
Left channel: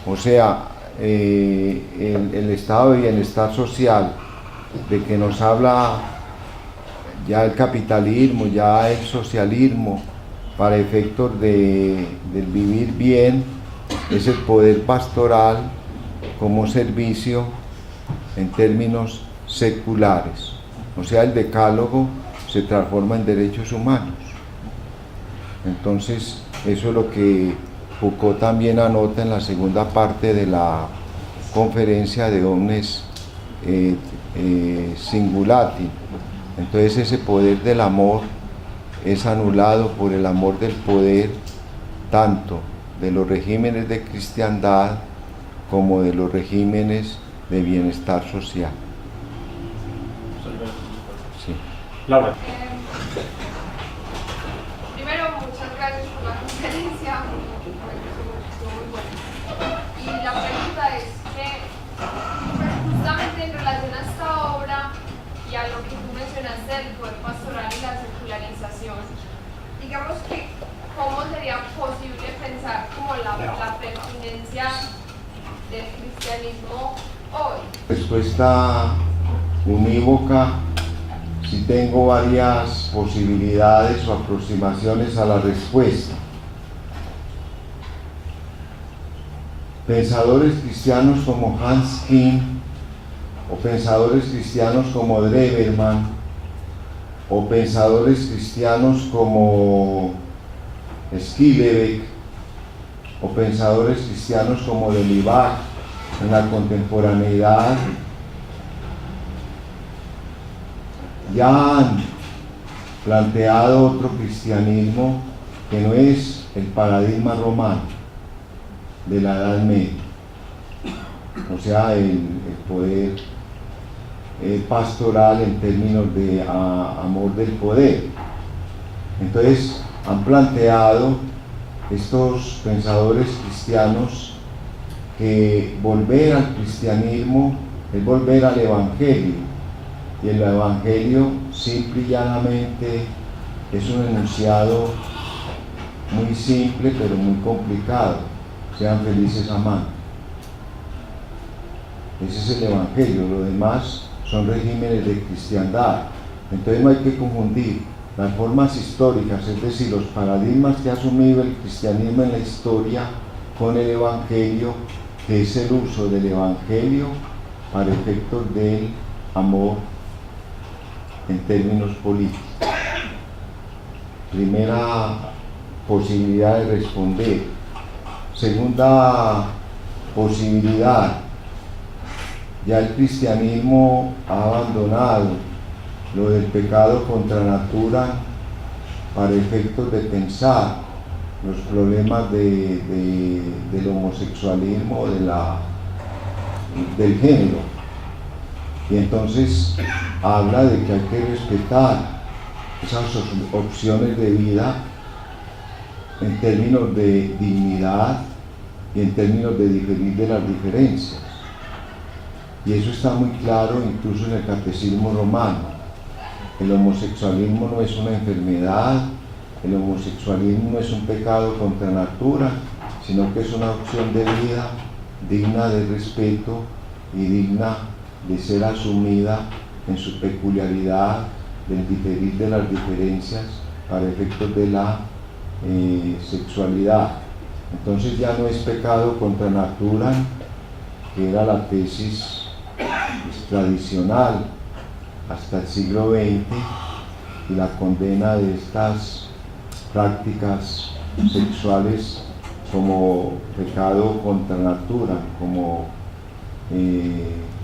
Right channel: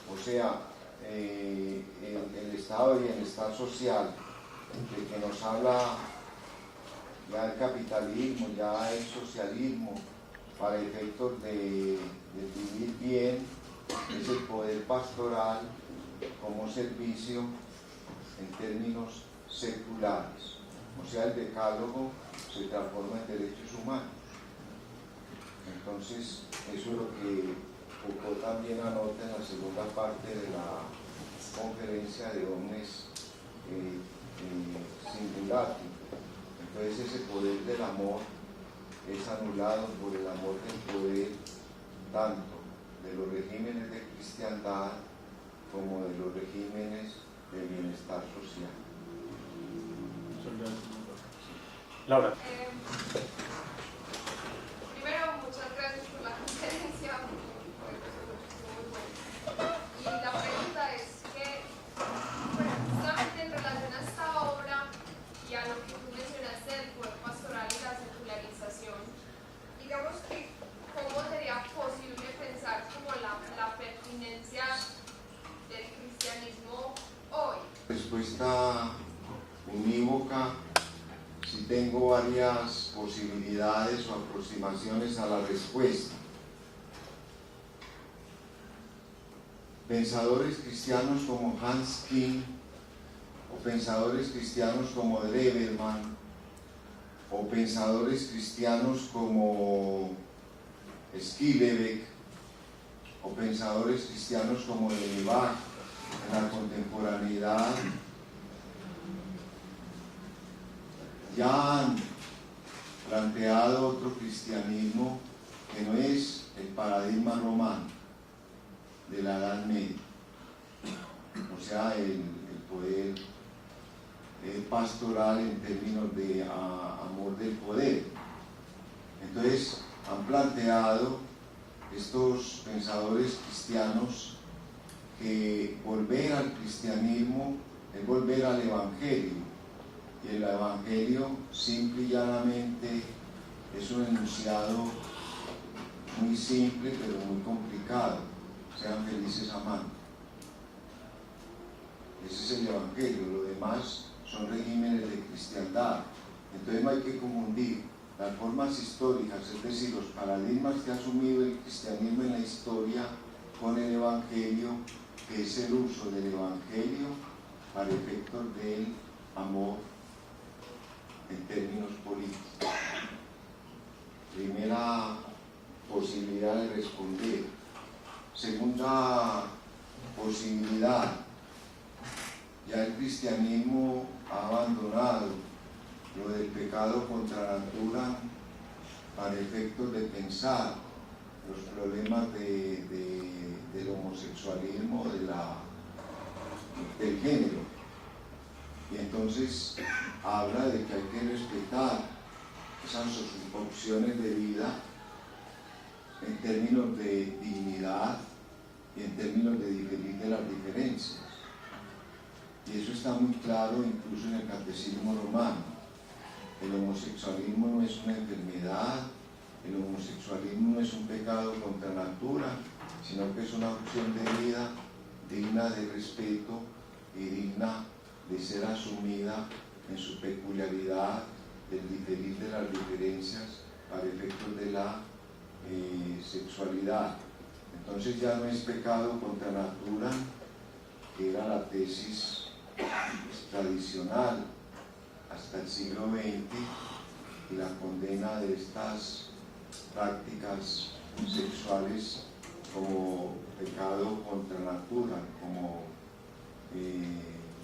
O sea, el estado de bienestar social de que nos habla ya el capitalismo, ya el socialismo, para efectos del vivir bien, es el poder pastoral como servicio en términos seculares. O sea, el decálogo se transforma en derechos humanos. Entonces, eso es lo que Foucault también anota en la segunda parte de la conferencia de Omnes Singulati. Entonces, ese poder del amor es anulado por el amor del poder, tanto de los regímenes de cristiandad como de los regímenes de bienestar social. Sí. Laura. Primero, muchas gracias por la conferencia, estuvo muy buena. Y la pregunta es que, justamente en relación a esta obra y a lo que tú mencionaste del poder pastoral y la secularización, digamos que, ¿cómo sería posible pensar como la pertinencia del cristianismo hoy? Respuesta unívoca. Si tengo varias posibilidades o aproximaciones a la respuesta. Pensadores cristianos como Hans Kim, o pensadores cristianos como Dreberman, o pensadores cristianos como Skillebeck, o pensadores cristianos como Delibac en la contemporaneidad, ya han planteado otro cristianismo que no es el paradigma romano de la Edad Media, o sea, el poder pastoral en términos de amor del poder. Entonces, han planteado estos pensadores cristianos que volver al cristianismo es volver al Evangelio. Y el Evangelio simple y llanamente es un enunciado muy simple pero muy complicado: sean felices amando. Ese es el Evangelio, lo demás son regímenes de cristiandad. Entonces no hay que confundir las formas históricas, es decir, los paradigmas que ha asumido el cristianismo en la historia, con el Evangelio, que es el uso del Evangelio para efectos del amor en términos políticos. Primera posibilidad de responder. Segunda posibilidad: ya el cristianismo ha abandonado lo del pecado contra natura para efectos de pensar los problemas del homosexualismo, del género. Y entonces habla de que hay que respetar esas opciones de vida en términos de dignidad y en términos de diferir de las diferencias. Y eso está muy claro incluso en el catecismo romano. El homosexualismo no es una enfermedad, el homosexualismo no es un pecado contra natura, sino que es una opción de vida digna de respeto y digna de ser asumida en su peculiaridad, del diferir de las diferencias para efectos de la sexualidad. Entonces ya no es pecado contra natura, que era la tesis tradicional hasta el siglo XX, y la condena de estas prácticas sexuales como pecado contra natura, como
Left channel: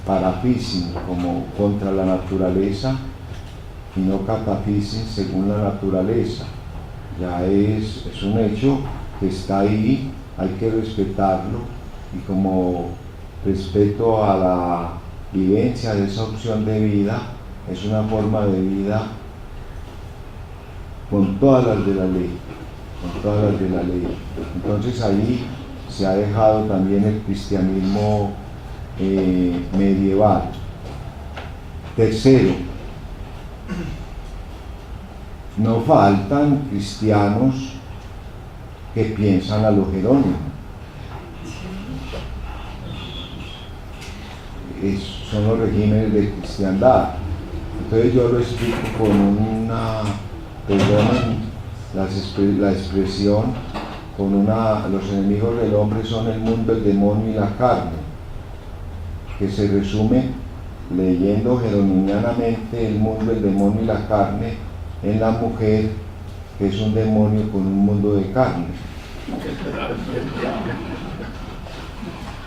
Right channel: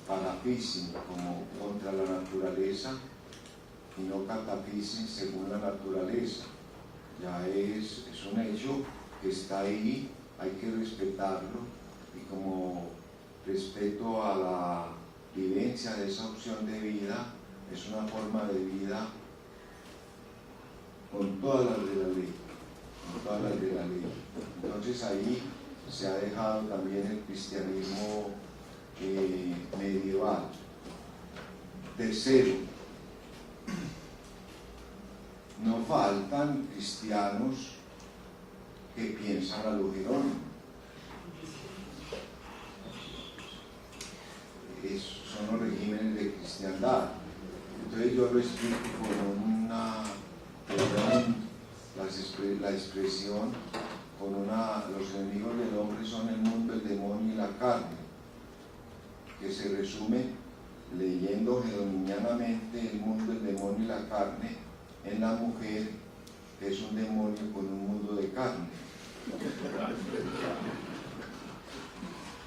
parafísin, como contra la naturaleza, y no catafísin según la naturaleza. Ya es un hecho que está ahí, hay que respetarlo, y como respeto a la vivencia de esa opción de vida, es una forma de vida con todas las de la ley, con todas las de la ley. Entonces ahí se ha dejado también el cristianismo medieval. Tercero, no faltan cristianos que piensan a lo Jerónimo. Son los regímenes de cristiandad. Entonces yo lo explico con una, perdonen la expresión, con una, los enemigos del hombre son el mundo, el demonio y la carne, que se resume leyendo jeronimianamente el mundo, el demonio y la carne en la mujer, que es un demonio con un mundo de carne.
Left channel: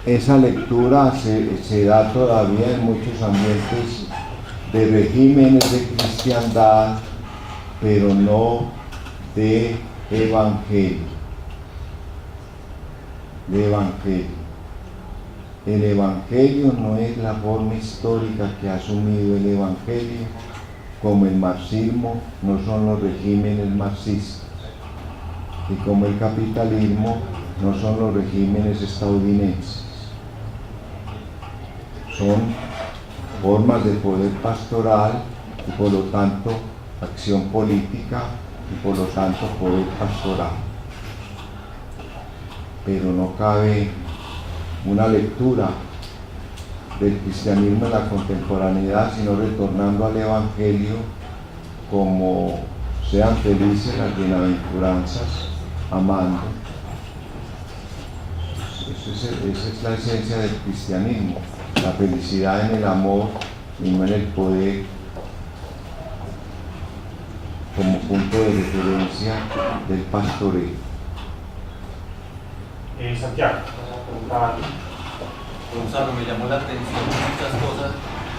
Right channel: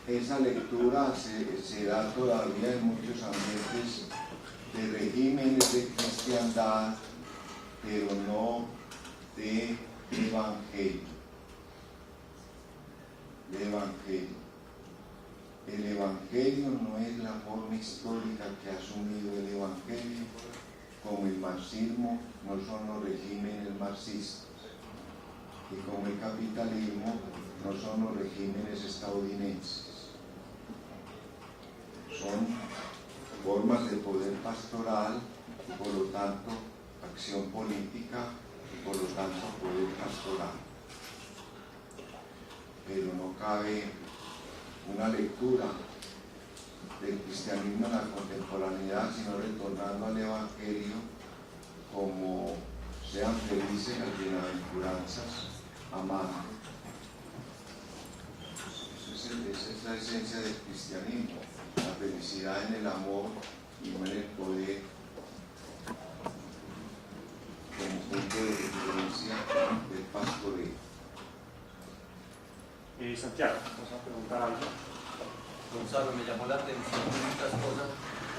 Esa lectura se da todavía en muchos ambientes de regímenes de cristiandad, pero no de evangelio. El evangelio no es la forma histórica que ha asumido el evangelio, como el marxismo no son los regímenes marxistas, y como el capitalismo no son los regímenes estadounidenses. Son formas de poder pastoral y por lo tanto acción política y por lo tanto poder pastoral. Pero no cabe una lectura del cristianismo en la contemporaneidad, sino retornando al evangelio como sean felices las bienaventuranzas, amando. Esa es la esencia del cristianismo, la felicidad en el amor y no en el poder, como punto de referencia del pastoreo. Santiago, vamos a preguntar. Gonzalo, me llamó la atención muchas cosas.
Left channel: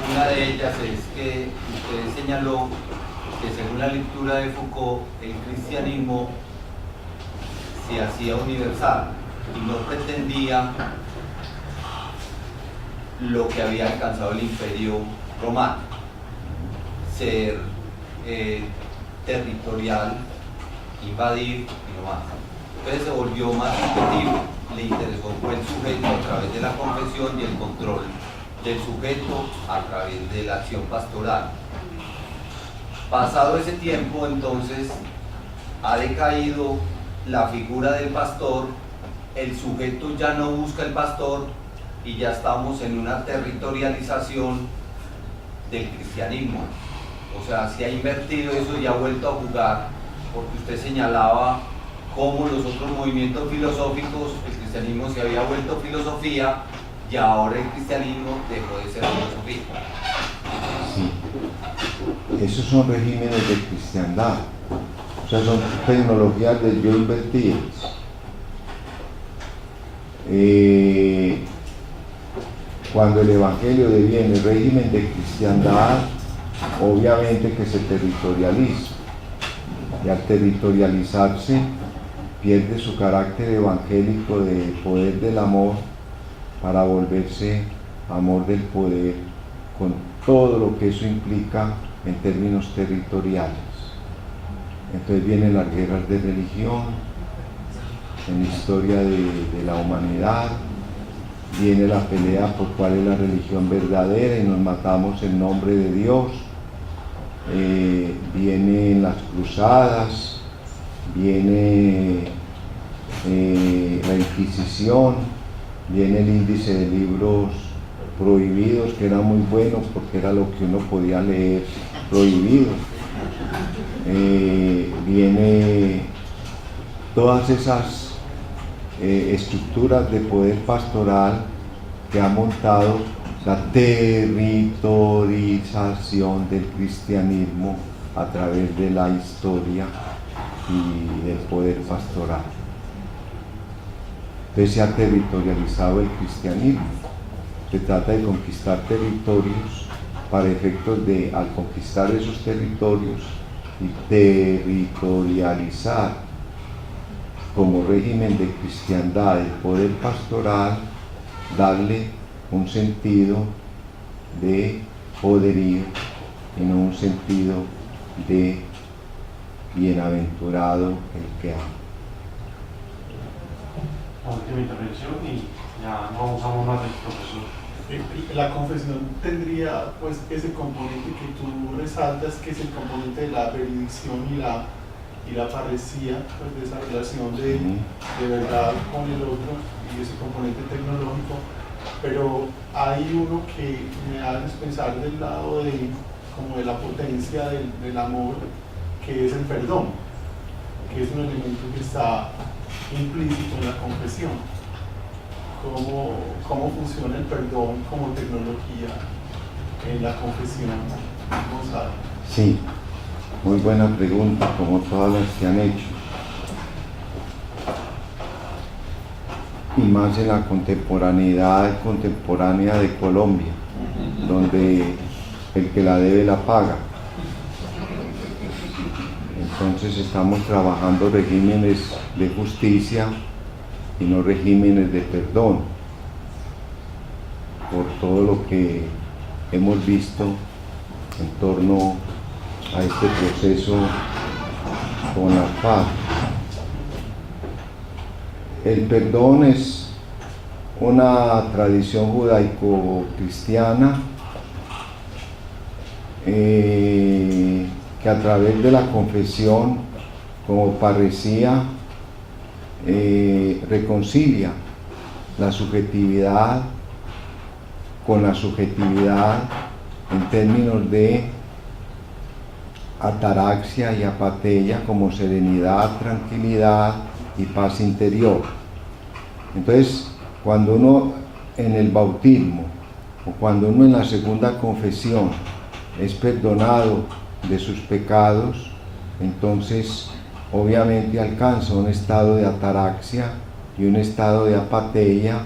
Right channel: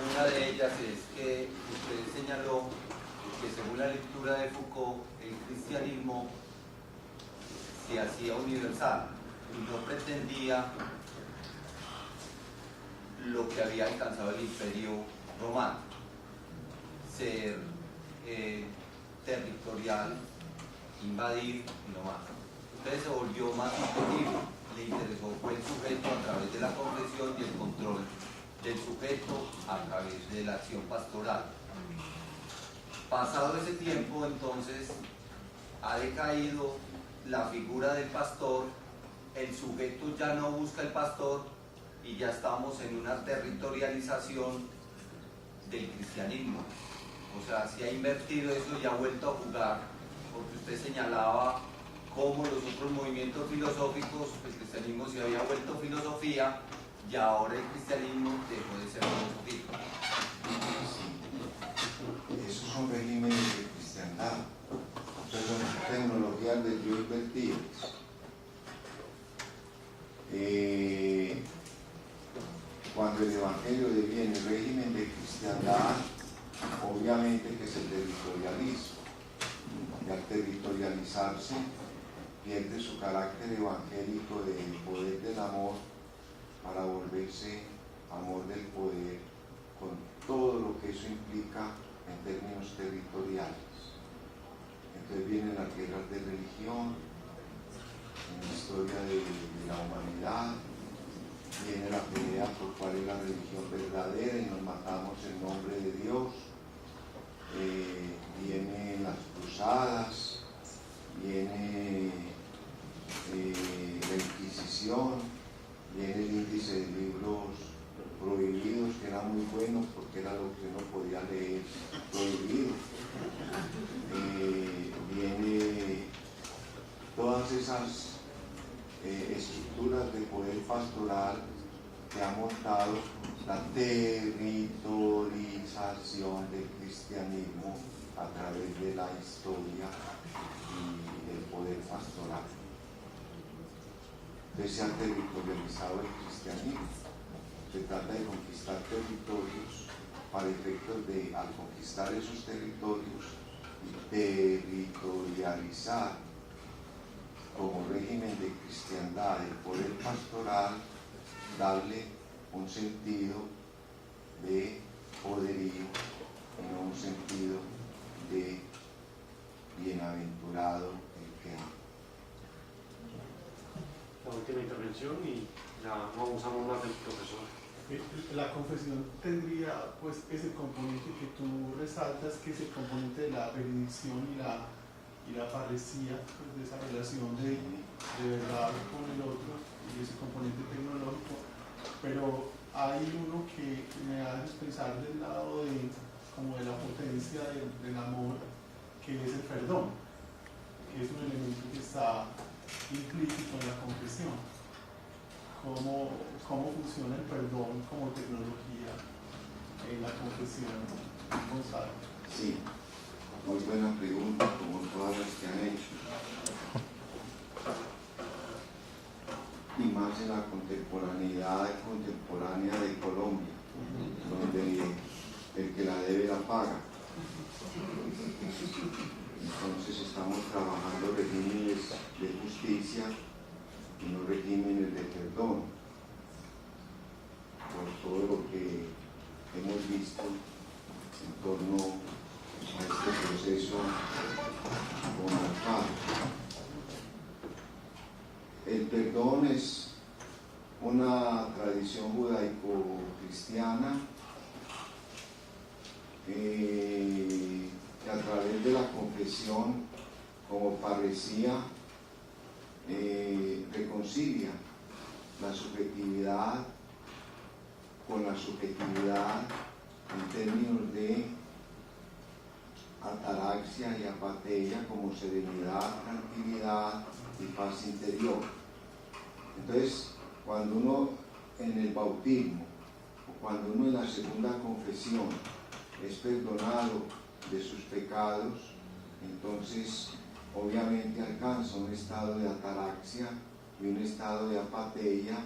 Una de ellas es que usted señaló que según la lectura de Foucault, el cristianismo se hacía universal y no pretendía lo que había alcanzado el Imperio Romano, ser territorial, invadir y no más. Entonces se volvió más subjetivo, le interesó fue el sujeto a través de la confesión y el control del sujeto a través de la acción pastoral. Pasado ese tiempo, entonces, ha decaído la figura del pastor, el sujeto ya no busca el pastor y ya estamos en una territorialización del cristianismo. O sea, se ha invertido eso y ha vuelto a jugar, porque usted señalaba cómo los otros movimientos filosóficos, el cristianismo se había vuelto filosofía y ahora el cristianismo dejó de ser filosofía. Sí, esos son regímenes de cristiandad, o sea, son tecnologías del yo invertidas. Cuando el evangelio deviene régimen de cristiandad, obviamente que se territorializa, y al territorializarse pierde su carácter evangélico de poder del amor para volverse amor del poder, con todo lo que eso implica en términos territoriales. Entonces vienen las guerras de religión en la historia de la humanidad, viene la pelea por cuál es la religión verdadera y nos matamos en nombre de Dios, vienen las cruzadas, viene la Inquisición, viene el índice de libros prohibidos, que era muy bueno porque era lo que uno podía leer prohibido, viene todas esas estructuras de poder pastoral que ha montado la territorialización del cristianismo a través de la historia y del poder pastoral. Entonces se ha territorializado el cristianismo. Se trata de conquistar territorios para efectos de, al conquistar esos territorios y territorializar como régimen de cristiandad el poder pastoral, darle un sentido de poderío y no un sentido de bienaventurado el que ama. La última intervención y ya no abusamos más del profesor. La confesión tendría pues ese componente que tú resaltas, que es el componente de la benedicción y la parresía, pues de esa relación de verdad con el otro y ese componente tecnológico, pero hay uno que me hace pensar del lado de como de la potencia del amor, que es el perdón, que es un elemento que está implícito en la confesión. ¿Cómo funciona el perdón como tecnología en la confesión, Gonzalo? Sí, muy buena pregunta, como todas las que han hecho. Y más en la contemporánea de Colombia, donde el que la debe la paga. Entonces estamos trabajando regímenes de justicia y no regímenes de perdón, por todo lo que hemos visto en torno a este proceso con la paz. El perdón es una tradición judaico-cristiana que a través de la confesión como parresía reconcilia la subjetividad con la subjetividad en términos de ataraxia y apatheia como serenidad, tranquilidad y paz interior. Entonces, cuando uno en el bautismo o cuando uno en la segunda confesión es perdonado de sus pecados, entonces obviamente alcanza un estado de ataraxia y un estado de apatheia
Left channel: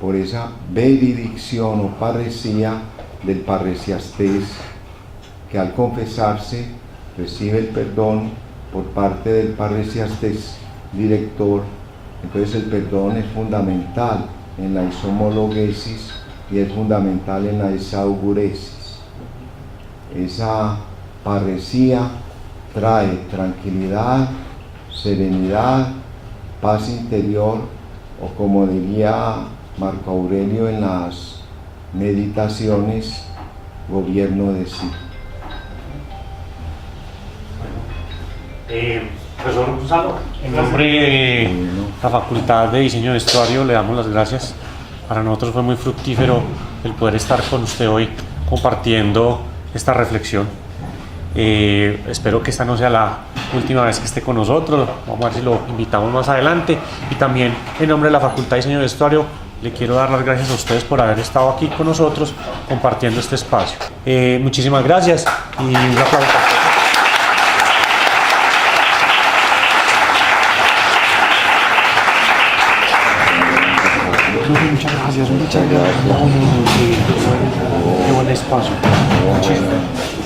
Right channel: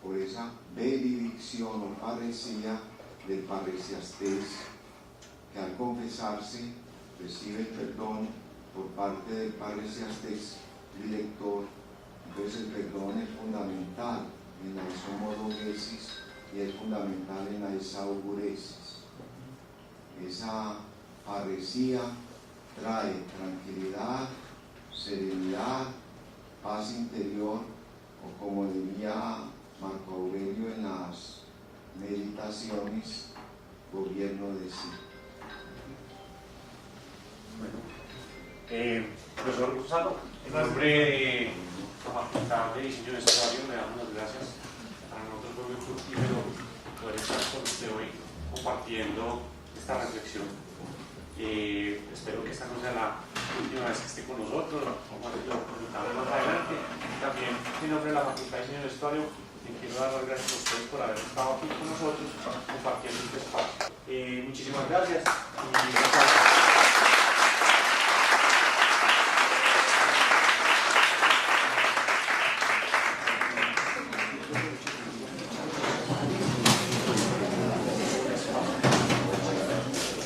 por esa benedicción o parresía del parresiastés, que al confesarse recibe el perdón por parte del parresiastés director. Entonces el perdón es fundamental en la isomologesis y es fundamental en la esauguresis. Esa parresía trae tranquilidad, serenidad, paz interior, o como diría Marco Aurelio en las meditaciones, gobierno de sí. Profesor Gonzalo, en nombre de la Facultad de Diseño de Vestuario le damos las gracias. Para nosotros fue muy fructífero el poder estar con usted hoy compartiendo esta reflexión. Espero que esta no sea la última vez que esté con nosotros. Vamos a ver si lo invitamos más adelante. Y también en nombre de la Facultad de Diseño de Vestuario le quiero dar las gracias a ustedes por haber estado aquí con nosotros compartiendo este espacio. Muchísimas gracias y un aplauso. Muchas gracias. Qué buen espacio. Muchísimas gracias.